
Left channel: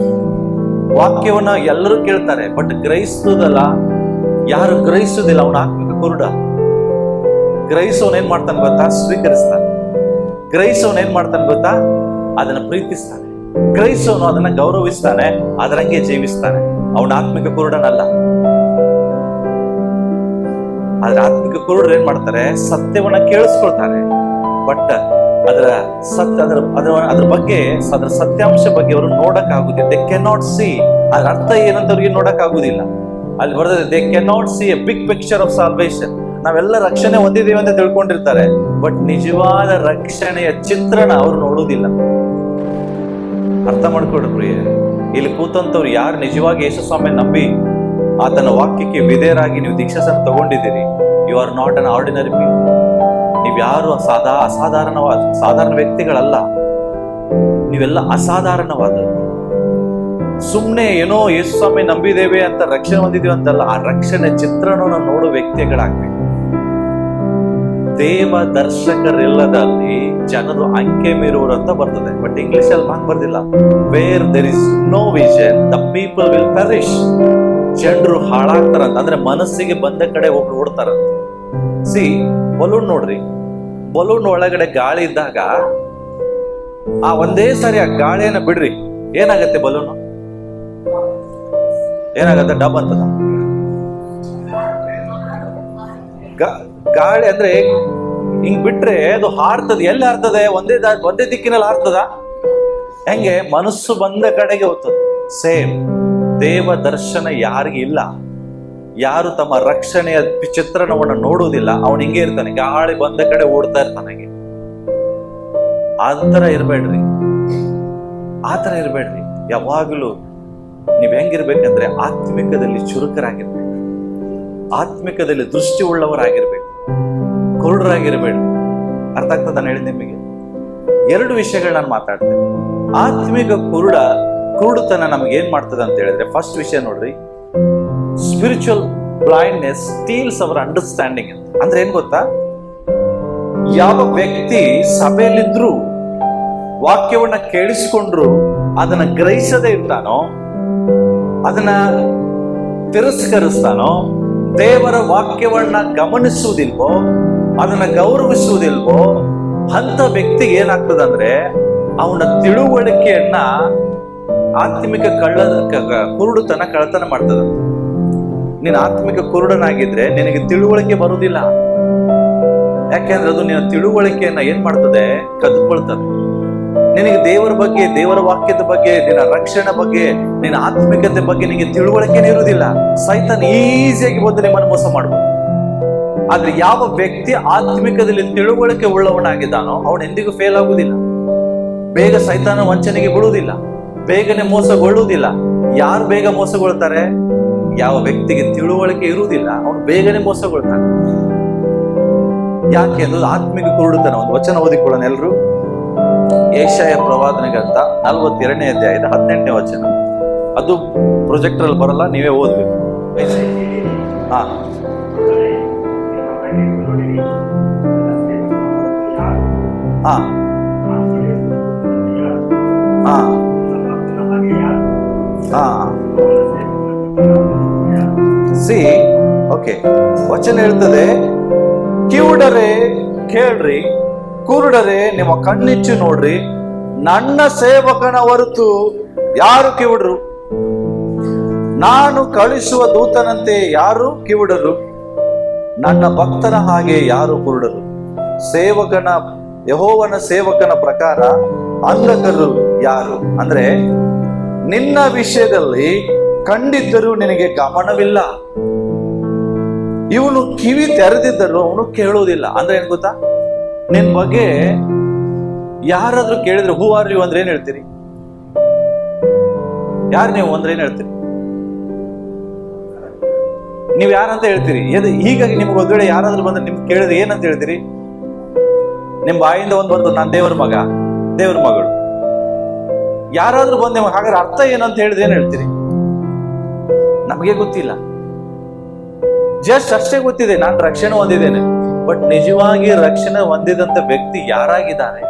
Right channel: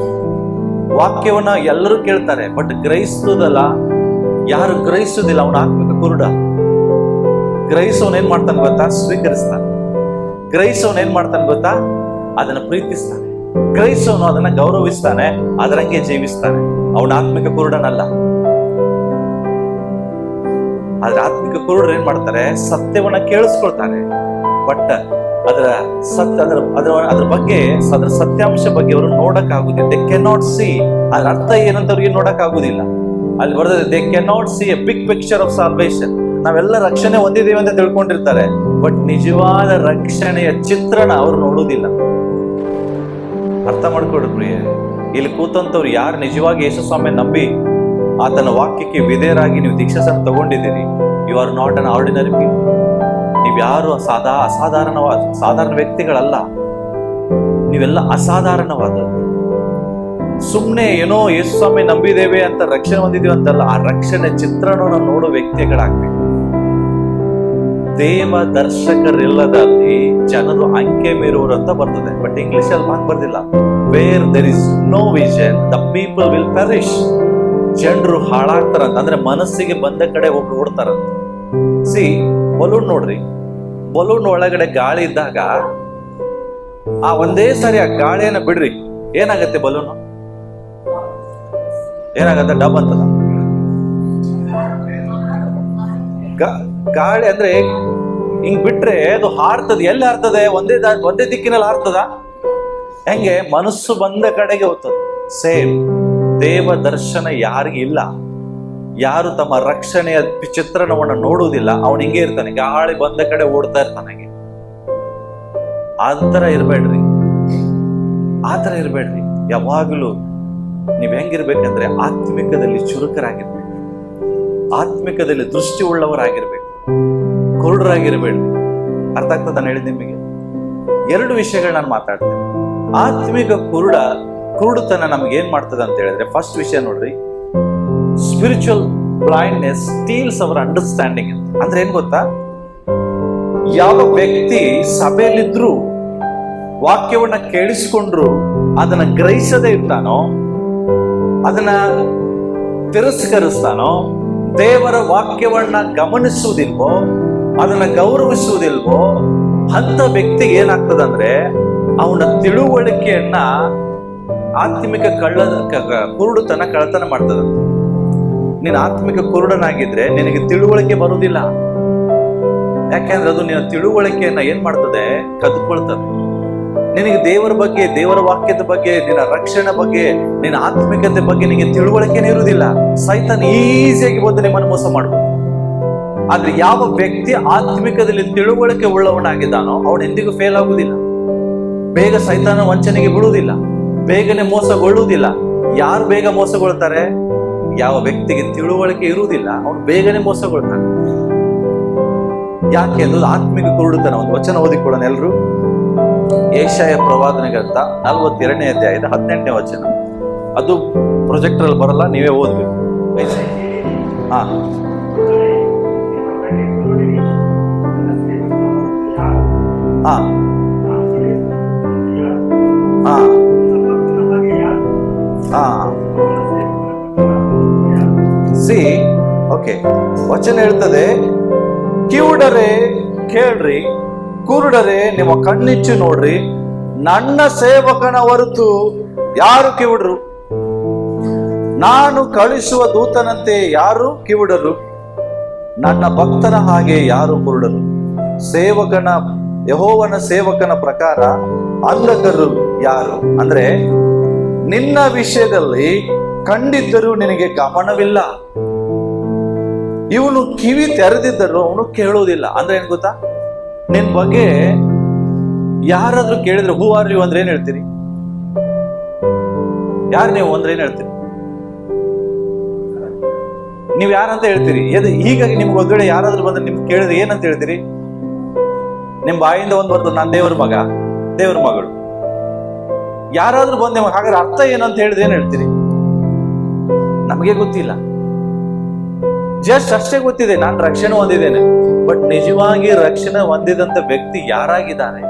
ವಾಕ್ಯವನ್ನ ಎಲ್ಲರೂ ಕೇಳ್ತಾರೆ, ಬಟ್ ಗ್ರಹಿಸುವುದಲ್ಲ. ಯಾರು ಗ್ರಹಿಸುವುದಿಲ್ಲ ಅವನ ಆತ್ಮಿಕ ಕುರುಡ. ಗ್ರಹಿಸೋನ್ ಏನ್ ಮಾಡ್ತಾನೆ ಗೊತ್ತಾ? ಸ್ವೀಕರಿಸ್ತಾನೆ. ಗ್ರಹಿಸೋನ್ ಏನ್ ಮಾಡ್ತಾನೆ ಗೊತ್ತಾ? ಅದನ್ನ ಪ್ರೀತಿಸ್ತಾನೆ. ಗ್ರಹಿಸೋನು ಅದನ್ನ ಗೌರವಿಸ್ತಾನೆ, ಅದರಂಗೆ ಜೀವಿಸ್ತಾನೆ. ಅವನ ಆತ್ಮಿಕ ಕುರುಡನಲ್ಲ. ಆದ್ರೆ ಆತ್ಮಿಕ ಕುರುಡರು ಏನ್ ಮಾಡ್ತಾರೆ? ಸತ್ಯವನ್ನ ಕೇಳಿಸ್ಕೊಳ್ತಾರೆ, ಬಟ್ ಅದ್ರ ಬಗ್ಗೆ, ಅದರ ಸತ್ಯಾಂಶ ಬಗ್ಗೆ ಅವರು ನೋಡಕ್ ಆಗುದಿಲ್ಲ. They cannot see. ಅದ್ರ ಅರ್ಥ ಏನಂತ ಅವ್ರಿಗೆ ನೋಡಕ್ ಆಗುದಿಲ್ಲ. ಅಲ್ಲಿ ಬರ್ತದೆ, they cannot see a big picture of salvation. ನಾವೆಲ್ಲ ರಕ್ಷಣೆ ಹೊಂದಿದ್ದೇವೆ ಅಂತ ತಿಳ್ಕೊಂಡಿರ್ತಾರೆ, ಬಟ್ ನಿಜವಾದ ರಕ್ಷಣೆಯ ಚಿತ್ರಣ ಅವರು ನೋಡುವುದಿಲ್ಲ. ಅರ್ಥ ಮಾಡ್ಕೊಡ್ರಿ ಪ್ರಿಯ. ಇಲ್ಲಿ ಕೂತಂತವ್ರು ಯಾರು ನಿಜವಾಗಿ ಯೇಸು ಸ್ವಾಮಿ ನಂಬಿ ಆತನ ವಾಕ್ಯಕ್ಕೆ ವಿಧೇಯರಾಗಿ ನೀವು ದೀಕ್ಷಾಸನ ತಗೊಂಡಿದ್ದೀರಿ, you are not an ordinary people. ನೀವ್ಯಾರು ಸಾಧಾರಣ ವ್ಯಕ್ತಿಗಳಲ್ಲ. ನೀವೆಲ್ಲ ಅಸಾಧಾರಣವಾದದ್ದು. ಸುಮ್ನೆ ಏನೋ ಯೇಸು ಸ್ವಾಮಿ ನಂಬಿದ್ದೇವೆ ಅಂತ ರಕ್ಷಣೆ ಹೊಂದಿದೀವಿ ಅಂತಲ್ಲ, ಆ ರಕ್ಷಣೆ ಚಿತ್ರಣವನ್ನು ನೋಡೋ ವ್ಯಕ್ತಿಗಳಾಗ್ಬೇಕು. ದೇವ ದರ್ಶಕರಿಲ್ಲದಲ್ಲಿ ಜನರು ಅಂಕೆ ಮೀರುವರು ಅಂತ ಬರ್ತದೆ, ಬಟ್ ಇಂಗ್ಲಿಷ್ ಅಲ್ಲಿ ಹಂಗ್ ಬರ್ದಿಲ್ಲ. Where there is no vision the people will perish. ಜನರು ಹಾಳಾಗ್ತಾರಂತ, ಅಂದ್ರೆ ಮನಸ್ಸಿಗೆ ಬಂದ ಕಡೆ ಒಬ್ರು ಓಡ್ತಾರಂತ. ಬಲೂನ್ ನೋಡ್ರಿ, ಬಲೂನ್ ಒಳಗಡೆ ಗಾಳಿ ಇದ್ದಾಗ ಆ ಒಂದೇ ಸಾರಿ ಆ ಗಾಳಿಯನ್ನ ಬಿಡ್ರಿ, ಏನಾಗತ್ತೆ? ಬಲೂನ್ ಏನಾಗತ್ತೆ? ಡಬ್ ಅಂತದ. ಗಾಳಿ ಅಂದ್ರೆ ಹಿಂಗ್ ಬಿಟ್ರೆ ಅದು ಹಾರ್ತದೆ. ಎಲ್ಲಿ ಹಾರ್ತದೆ? ಒಂದೇ ದಿಕ್ಕಿನಲ್ಲಿ ಹಾರ್ತದ. ಹೆಂಗೆ? ಮನಸ್ಸು ಬಂದ ಕಡೆಗೆ ಹೋಗ್ತದೆ. ಸೇಮ್ ದೇವ ದರ್ಶನ ಯಾರಿಗೆ ಇಲ್ಲ, ಯಾರು ತಮ್ಮ ರಕ್ಷಣೆಯ ಚಿತ್ರಣವನ್ನ ನೋಡುವುದಿಲ್ಲ, ಅವನು ಹಿಂಗೆ ಇರ್ತಾನೆ, ಗಾಳಿ ಬಂದ ಕಡೆ ಓಡ್ತಾ ಇರ್ತಾನೆ. ಆತರ ಇರ್ಬೇಡ್ರಿ, ಆತರ ಇರ್ಬೇಡ್ರಿ. ಯಾವಾಗಲೂ ನೀವ್ ಹೆಂಗಿರ್ಬೇಕಂದ್ರೆ ಆತ್ಮಿಕದಲ್ಲಿ ಚುರುಕರಾಗಿರ್ಬೇಕು, ಆತ್ಮಿಕದಲ್ಲಿ ದೃಷ್ಟಿ ಉಳ್ಳವರಾಗಿರ್ಬೇಕು, ಕುರುಡರಾಗಿರ್ಬೇಡ್ರಿ. ಅರ್ಥ ಆಗ್ತದ ನಾನು ಹೇಳಿದ ನಿಮಗೆ? 2 ವಿಷಯಗಳು ನಾನು ಮಾತಾಡ್ತೇನೆ. ಆತ್ಮಿಕ ಕುರುಡುತನ ನಮ್ಗೆ ಏನ್ ಮಾಡ್ತದೆ ಅಂತ ಹೇಳಿದ್ರೆ, ಫಸ್ಟ್ ವಿಷಯ ನೋಡ್ರಿ, spiritual blindness steels hour understanding ಅಂತ. ಅಂದ್ರೆ ಏನ್ ಗೊತ್ತಾ? ಯಾವ ವ್ಯಕ್ತಿ ಸಭೆಯಲ್ಲಿದ್ರು ವಾಕ್ಯವನ್ನ ಕೇಳಿಸಿಕೊಂಡ್ರು ಅದನ್ನ ಗ್ರಹಿಸದೇ ಇರ್ತಾನೋ, ಅದನ್ನ ತಿರಸ್ಕರಿಸ್ತಾನೋ, ದೇವರ ವಾಕ್ಯವನ್ನ ಗಮನಿಸುವುದಿಲ್ವೋ, ಅದನ್ನ ಗೌರವಿಸುವುದಿಲ್ವೋ, ಅಂತ ವ್ಯಕ್ತಿಗೆ ಏನಾಗ್ತದಂದ್ರೆ ಅವನ ತಿಳುವಳಿಕೆಯನ್ನ ಆತ್ಮಿಕ ಕುರುಡುತನ ಕಳ್ಳತನ ಮಾಡ್ತದಂತ. ನೀನು ಆತ್ಮಿಕ ಕುರುಡನಾಗಿದ್ರೆ ನಿನಗೆ ತಿಳುವಳಿಕೆ ಬರುವುದಿಲ್ಲ. ಯಾಕೆಂದ್ರೆ ಅದು ನಿನ್ನ ತಿಳುವಳಿಕೆಯನ್ನ ಏನ್ ಮಾಡ್ತದೆ? ಕದ್ಕೊಳ್ತದೆ. ನಿನಗೆ ದೇವರ ಬಗ್ಗೆ, ದೇವರ ವಾಕ್ಯದ ಬಗ್ಗೆ, ನಿನ್ನ ರಕ್ಷಣೆ ಬಗ್ಗೆ, ನಿನ್ನ ಆತ್ಮಿಕತೆ ಬಗ್ಗೆ ನಿನಗೆ ತಿಳುವಳಿಕೆನೇ ಇರುವುದಿಲ್ಲ. ಸೈತಾನ್ ಈಸಿಯಾಗಿ ಬಂದು ನಿಮ್ಮನ್ನು ಮೋಸ ಮಾಡ್ಬೋದು. ಆದ್ರೆ ಯಾವ ವ್ಯಕ್ತಿ ಆತ್ಮಿಕದಲ್ಲಿ ತಿಳುವಳಿಕೆ ಉಳ್ಳವನಾಗಿದ್ದಾನೋ ಅವನು ಎಂದಿಗೂ ಫೇಲ್ ಆಗುವುದಿಲ್ಲ. ಬೇಗ ಸೈತಾನ ವಂಚನೆಗೆ ಬಿಡುವುದಿಲ್ಲ, ಬೇಗನೆ ಮೋಸಗೊಳ್ಳುವುದಿಲ್ಲ. ಯಾರು ಬೇಗ ಮೋಸಗೊಳ್ತಾರೆ? ಯಾವ ವ್ಯಕ್ತಿಗೆ ತಿಳುವಳಿಕೆ ಇರುವುದಿಲ್ಲ ಅವನು ಬೇಗನೆ ಮೋಸಗೊಳ್ತಾನೆ. ಯಾಕೆ ಅನ್ನೋದು ಆತ್ಮಿಕ ಕುರುಡುತನ. ಒಂದು ವಚನ ಓದಿಕೊಳ್ಳೋಣ ಎಲ್ಲರೂ. ಯೆಶಾಯ ಪ್ರವಾದನೆ ಗ್ರಂಥ 42ನೇ ಅಧ್ಯಾಯದ 18ನೇ ವಚನ. ಅದು ಪ್ರೊಜೆಕ್ಟರ್ ಅಲ್ಲಿ ಬರಲ್ಲ, ನೀವೇ ಓದ್ಬೇಕು. ಹಾ ಹಾ ಹಾ ಹಾ ಓಕೆ. ವಚನ ಹೇಳ್ತದೆ, ಕಿವುಡರೇ ಕೇಳ್ರಿ, ಕುರುಡರೇ ನಿಮ್ಮ ಕಣ್ಣಿಚ್ಚು ನೋಡ್ರಿ, ನನ್ನ ಸೇವಕನ ಹೊರತು ಯಾರು ಕಿವುಡರು? ನಾನು ಕಳಿಸುವ ದೂತನಂತೆ ಯಾರು ಕಿವುಡರು? ನನ್ನ ಭಕ್ತನ ಹಾಗೆ ಯಾರು ಕುರುಡರು? ಯೆಹೋವನ ಸೇವಕನ ಪ್ರಕಾರ ಅಂಧಕರು ಯಾರು? ಅಂದ್ರೆ ನಿನ್ನ ವಿಷಯದಲ್ಲಿ ಕಂಡಿದ್ದರೂ ನಿನಗೆ ಗಮನವಿಲ್ಲ, ಇವನು ಕಿವಿ ತೆರೆದಿದ್ದರೂ ಅವನು ಕೇಳುವುದಿಲ್ಲ. ಅಂದ್ರೆ ಏನ್ ಗೊತ್ತಾ? ನಿನ್ ಬಗ್ಗೆ ಯಾರಾದ್ರೂ ಕೇಳಿದ್ರೆ ಹೂ ಆರ್ ಯು ಅಂದ್ರೆ ಏನ್ ಹೇಳ್ತೀರಿ? ಯಾರು ನೀವು ಅಂದ್ರೆ ಏನ್ ಹೇಳ್ತೀರಿ? ನೀವ್ ಯಾರಂತ ಹೇಳ್ತೀರಿ? ಹೀಗಾಗಿ ನಿಮ್ಗೆ ಒಂದ್ ವೇಳೆ ಯಾರಾದ್ರೂ ಬಂದ್ರೆ ನಿಮ್ಗೆ ಕೇಳಿದ್ರೆ ಏನಂತ ಹೇಳ್ತೀರಿ? ನಿಮ್ ಬಾಯಿಂದ ಒಂದ್ ಬರ್ತದೆ, ನಾನ್ ದೇವ್ರ ಮಗ, ದೇವ್ರ ಮಗಳು. ಯಾರಾದ್ರೂ ಬಂದ್ ನಿಮಗೆ ಹಾಗಾದ್ರೆ ಅರ್ಥ ಏನಂತ ಹೇಳಿದ್ರೆ ಏನ್ ಹೇಳ್ತೀರಿ? ನಮಗೆ ಗೊತ್ತಿಲ್ಲ, ಜಸ್ಟ್ ಅಷ್ಟೇ ಗೊತ್ತಿದೆ ನಾನು ರಕ್ಷಣೆ ಹೊಂದಿದ್ದೇನೆ. ಬಟ್ ನಿಜವಾಗಿ ರಕ್ಷಣೆ ಹೊಂದಿದಂತ ವ್ಯಕ್ತಿ ಯಾರಾಗಿದ್ದಾನೆ?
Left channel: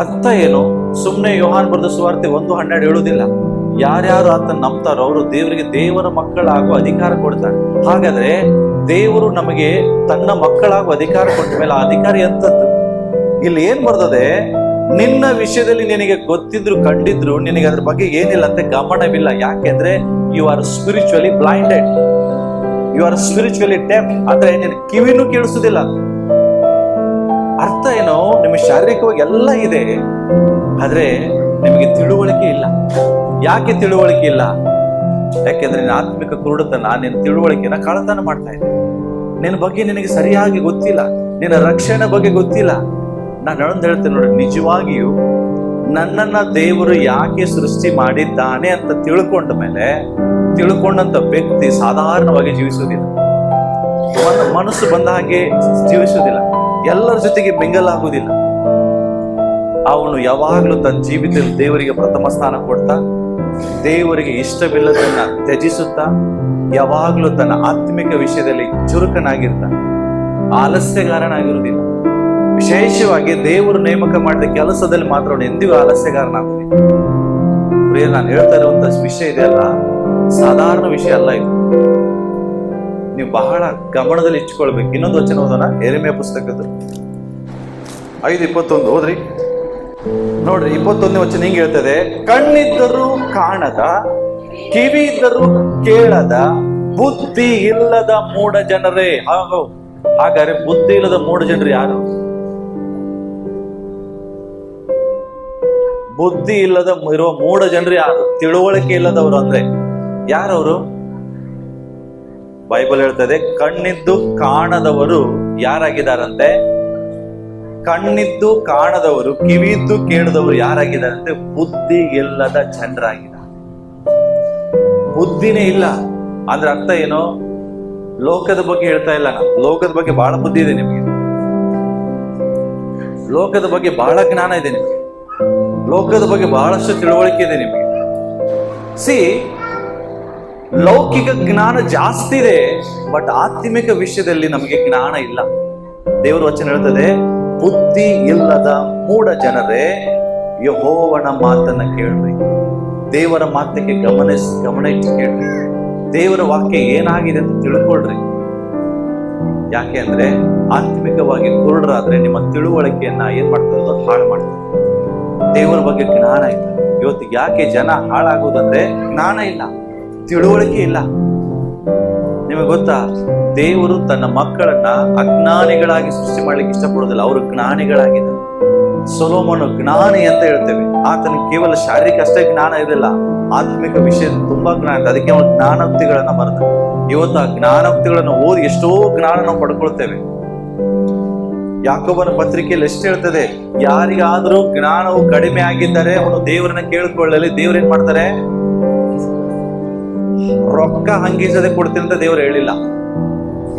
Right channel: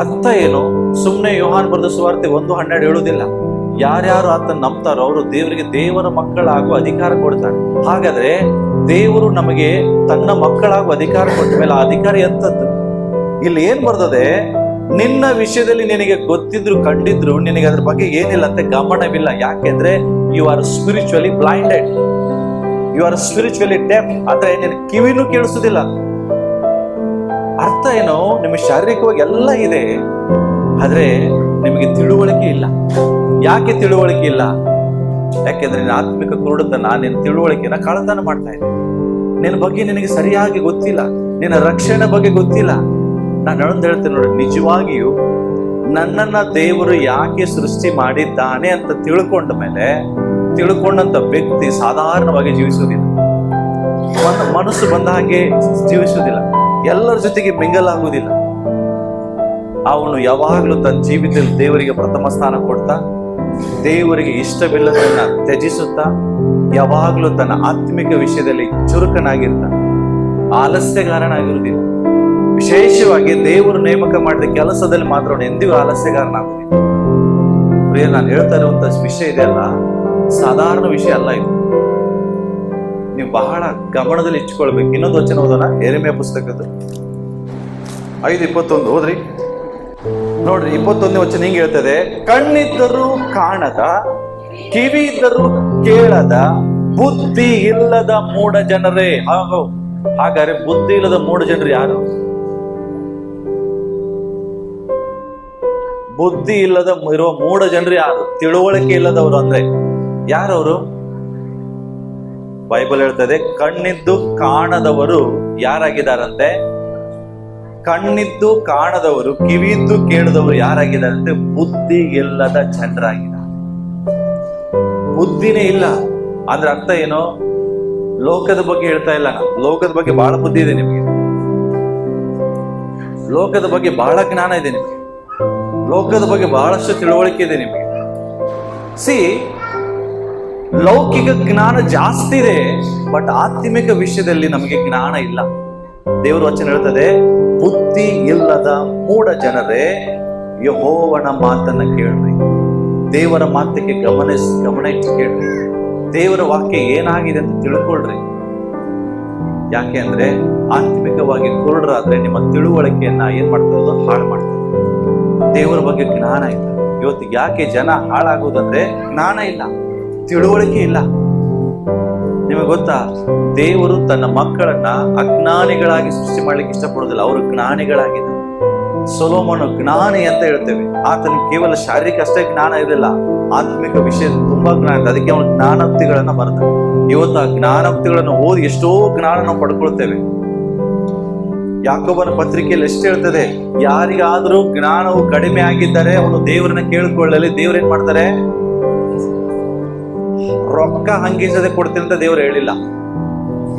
ಅರ್ಥ ಏನು? ಸುಮ್ನೆ ಯೋಹಾನ್ ಬರೆದ ಸುವಾರ್ತೆ 1:12 ಹೇಳುವುದಿಲ್ಲ. ಯಾರ್ಯಾರು ಆತನ ನಂಬ್ತಾರೋ ಅವರು ದೇವರಿಗೆ ದೇವರ ಮಕ್ಕಳಾಗುವ ಅಧಿಕಾರ ಕೊಡ್ತಾನೆ. ಹಾಗಾದ್ರೆ ದೇವರು ನಮಗೆ ತನ್ನ ಮಕ್ಕಳಾಗುವ ಅಧಿಕಾರ ಕೊಟ್ಟ ಮೇಲೆ ಆ ಅಧಿಕಾರ ಎಂತದ್ದು? ಇಲ್ಲಿ ಏನ್ ಬರ್ತದೆ? ನಿನ್ನ ವಿಷಯದಲ್ಲಿ ನಿನಗೆ ಗೊತ್ತಿದ್ರು ಕಂಡಿದ್ರು ನಿನಗೆ ಅದ್ರ ಬಗ್ಗೆ ಏನಿಲ್ಲ ಅಂತ ಗಮನವಿಲ್ಲ. ಯಾಕೆಂದ್ರೆ you are spiritually blinded, you are spiritually deaf. ಅಂದ್ರೆ ನಿನ್ ಕಿವಿನೂ ಕೇಳಿಸುದಿಲ್ಲ. ಅರ್ಥ ಏನು? ನಿಮಗೆ ಶಾರೀರಿಕವಾಗಿ ಎಲ್ಲ ಇದೆ, ಆದ್ರೆ ನಿಮಗೆ ತಿಳುವಳಿಕೆ ಇಲ್ಲ. ಯಾಕೆ ತಿಳುವಳಿಕೆ ಇಲ್ಲ? ಯಾಕೆಂದ್ರೆ ನಿನ್ನ ಆತ್ಮಿಕ ಕುರುಡುತನ ನಿನ್ನ ತಿಳುವಳಿಕೆನ ಕಳ್ಳತನ ಮಾಡ್ತಾ ಇದೆ. ನಿನ್ನ ಬಗ್ಗೆ ನಿನಗೆ ಸರಿಯಾಗಿ ಗೊತ್ತಿಲ್ಲ, ನಿನ್ನ ರಕ್ಷಣೆ ಬಗ್ಗೆ ಗೊತ್ತಿಲ್ಲ. ನಾನು ಹೇಳೋದು ಹೇಳ್ತೇನೆ ನೋಡಿ, ನಿಜವಾಗಿಯೂ ನನ್ನನ್ನ ದೇವರು ಯಾಕೆ ಸೃಷ್ಟಿ ಮಾಡಿದ್ದಾನೆ ಅಂತ ತಿಳ್ಕೊಂಡ ಮೇಲೆ ತಿಳ್ಕೊಂಡಂತ ವ್ಯಕ್ತಿ ಸಾಧಾರಣವಾಗಿ ಜೀವಿಸುವುದಿಲ್ಲ. ಮನಸ್ಸು ಬಂದ ಹಾಗೆ ಜೀವಿಸುವುದಿಲ್ಲ, ಎಲ್ಲರ ಜೊತೆಗೆ ಮಿಂಗಲ್ ಆಗುವುದಿಲ್ಲ. ಅವನು ಯಾವಾಗಲೂ ತನ್ನ ಜೀವಿತದಲ್ಲಿ ದೇವರಿಗೆ ಪ್ರಥಮ ಸ್ಥಾನ ಕೊಡ್ತಾ, ದೇವರಿಗೆ ಇಷ್ಟವಿಲ್ಲದನ್ನ ತ್ಯಜಿಸುತ್ತಾ, ಯಾವಾಗಲೂ ತನ್ನ ಆತ್ಮಿಕ ವಿಷಯದಲ್ಲಿ ಚುರುಕನಾಗಿರ್ತಾನೆ, ಆಲಸ್ಯಗಾರನಾಗಿರುವುದಿಲ್ಲ. ವಿಶೇಷವಾಗಿ ದೇವರು ನೇಮಕ ಮಾಡಿದ ಕೆಲಸದಲ್ಲಿ ಮಾತ್ರ ಅವನು ಎಂದಿಗೂ ಆಲಸ್ಯಗಾರನಾಗುವುದಿಲ್ಲ. ಪ್ರಿಯ, ನಾನು ಹೇಳ್ತಾ ಇರುವಂತ ವಿಷಯ ಇದೆ ಅಲ್ಲ, ಸಾಧಾರಣ ವಿಷಯ ಅಲ್ಲ ಇದು. ನೀವು ಬಹಳ ಗಮನದಲ್ಲಿ ಇಟ್ಕೊಳ್ಬೇಕು. ಇನ್ನೊಂದು ವಚನ ಓದೋಣ, ಯೆರೆಮೀಯ ಪುಸ್ತಕದ್ದು 5:21 ಓದ್ರಿ. ನೋಡ್ರಿ, 21ನೇ ವಚನ ಹಿಂಗೆ ಹೇಳ್ತದೆ, ಕಣ್ಣಿದ್ದರೂ ಕಾಣದ, ಕಿವಿ ಇದ್ದರೂ ಕೇಳದ, ಬುದ್ಧಿ ಇಲ್ಲದ ಮೂಢ ಜನರೇ. ಹಾಗಾದ್ರೆ ಬುದ್ಧಿ ಇಲ್ಲದ ಮೂಢ ಜನರು ಯಾರು? ಬುದ್ಧಿ ಇಲ್ಲದ ಇರುವ ಮೂಢ ಜನರು ಯಾರು? ತಿಳುವಳಿಕೆ ಇಲ್ಲದವರು ಅಂದ್ರೆ ಯಾರವರು? ಬೈಬಲ್ ಹೇಳ್ತದೆ, ಕಣ್ಣಿದ್ದು ಕಾಣದವರು ಯಾರಾಗಿದ್ದಾರಂತೆ? ಕಣ್ಣಿದ್ದು ಕಾಣದವರು, ಕಿವಿದ್ದು ಕೇಳದವರು ಯಾರಾಗಿದ್ದಾರಂತೆ? ಬುದ್ಧಿ ಇಲ್ಲದ ಜನರಾಗಿದ್ದಾರೆ. ಬುದ್ಧಿನೇ ಇಲ್ಲ ಅಂದ್ರೆ ಅರ್ಥ ಏನು? ಲೋಕದ ಬಗ್ಗೆ ಹೇಳ್ತಾ ಇಲ್ಲ ನಾನು. ಲೋಕದ ಬಗ್ಗೆ ಬಹಳ ಬುದ್ಧಿ ಇದೆ ನಿಮಗೆ, ಲೋಕದ ಬಗ್ಗೆ ಬಹಳ ಜ್ಞಾನ ಇದೆ ನಿಮಗೆ, ಲೋಕದ ಬಗ್ಗೆ ಬಹಳಷ್ಟು ತಿಳುವಳಿಕೆ ಇದೆ ನಿಮಗೆ. ಲೌಕಿಕ ಜ್ಞಾನ ಜಾಸ್ತಿ ಇದೆ, ಬಟ್ ಆತ್ಮಿಕ ವಿಷಯದಲ್ಲಿ ನಮಗೆ ಜ್ಞಾನ ಇಲ್ಲ. ದೇವರ ವಚನ ಹೇಳ್ತದೆ, ಬುದ್ಧಿ ಇಲ್ಲದ ಮೂಢ ಜನರೇ, ಯೆಹೋವನ ಮಾತನ್ನ ಕೇಳ್ರಿ. ದೇವರ ಮಾತಕ್ಕೆ ಗಮನ ಇಟ್ಟು ಕೇಳ್ರಿ. ದೇವರ ವಾಕ್ಯ ಏನಾಗಿದೆ ಅಂತ ತಿಳ್ಕೊಳ್ರಿ. ಯಾಕೆ ಅಂದ್ರೆ ಆತ್ಮಿಕವಾಗಿ ಕುರುಡರಾದ್ರೆ ನಿಮ್ಮ ತಿಳುವಳಿಕೆಯನ್ನ ಏನ್ ಮಾಡ್ತದೆ? ಹಾಳು ಮಾಡ್ತದೆ. ದೇವರ ಬಗ್ಗೆ ಜ್ಞಾನ ಇಲ್ಲ. ಇವತ್ತಿಗೆ ಯಾಕೆ ಜನ ಹಾಳಾಗುವುದಂದ್ರೆ ಜ್ಞಾನ ಇಲ್ಲ, ತಿಳುವಳಿಕೆ ಇಲ್ಲ. ನಿಮಗೆ ಗೊತ್ತಾ, ದೇವರು ತನ್ನ ಮಕ್ಕಳನ್ನ ಅಜ್ಞಾನಿಗಳಾಗಿ ಸೃಷ್ಟಿ ಮಾಡ್ಲಿಕ್ಕೆ ಇಷ್ಟಪಡೋದಿಲ್ಲ, ಅವರು ಜ್ಞಾನಿಗಳಾಗಿದ್ದಾರೆ. ಸೊಲೊಮೋನ ಜ್ಞಾನಿ ಅಂತ ಹೇಳ್ತೇವೆ. ಆತನಿಗೆ ಕೇವಲ ಶಾರೀರಿಕ ಅಷ್ಟೇ ಜ್ಞಾನ ಇರಲಿಲ್ಲ, ಆತ್ಮಿಕ ವಿಷಯದ ತುಂಬಾ ಜ್ಞಾನ ಇದೆ. ಅದಕ್ಕೆ ಅವನು ಜ್ಞಾನೋಕ್ತಿಗಳನ್ನ ಬರೆದ. ಇವತ್ತು ಆ ಜ್ಞಾನೋಕ್ತಿಗಳನ್ನು ಓದಿ ಎಷ್ಟೋ ಜ್ಞಾನ ನಾವು ಪಡ್ಕೊಳ್ತೇವೆ. ಯಾಕೋಬನ ಪತ್ರಿಕೆಯಲ್ಲಿ ಎಷ್ಟು ಹೇಳ್ತದೆ, ಯಾರಿಗಾದ್ರೂ ಜ್ಞಾನವು ಕಡಿಮೆ ಆಗಿದ್ದರೆ ಅವನು ದೇವರನ್ನ ಕೇಳಿಕೊಳ್ಳಲಿ. ದೇವ್ರೇನ್ ಮಾಡ್ತಾರೆ? ರೊಕ್ಕ ಹಂಗಿಸದೆ ಕೊಡ್ತೀನಿ ಅಂತ ದೇವರು ಹೇಳಿಲ್ಲ.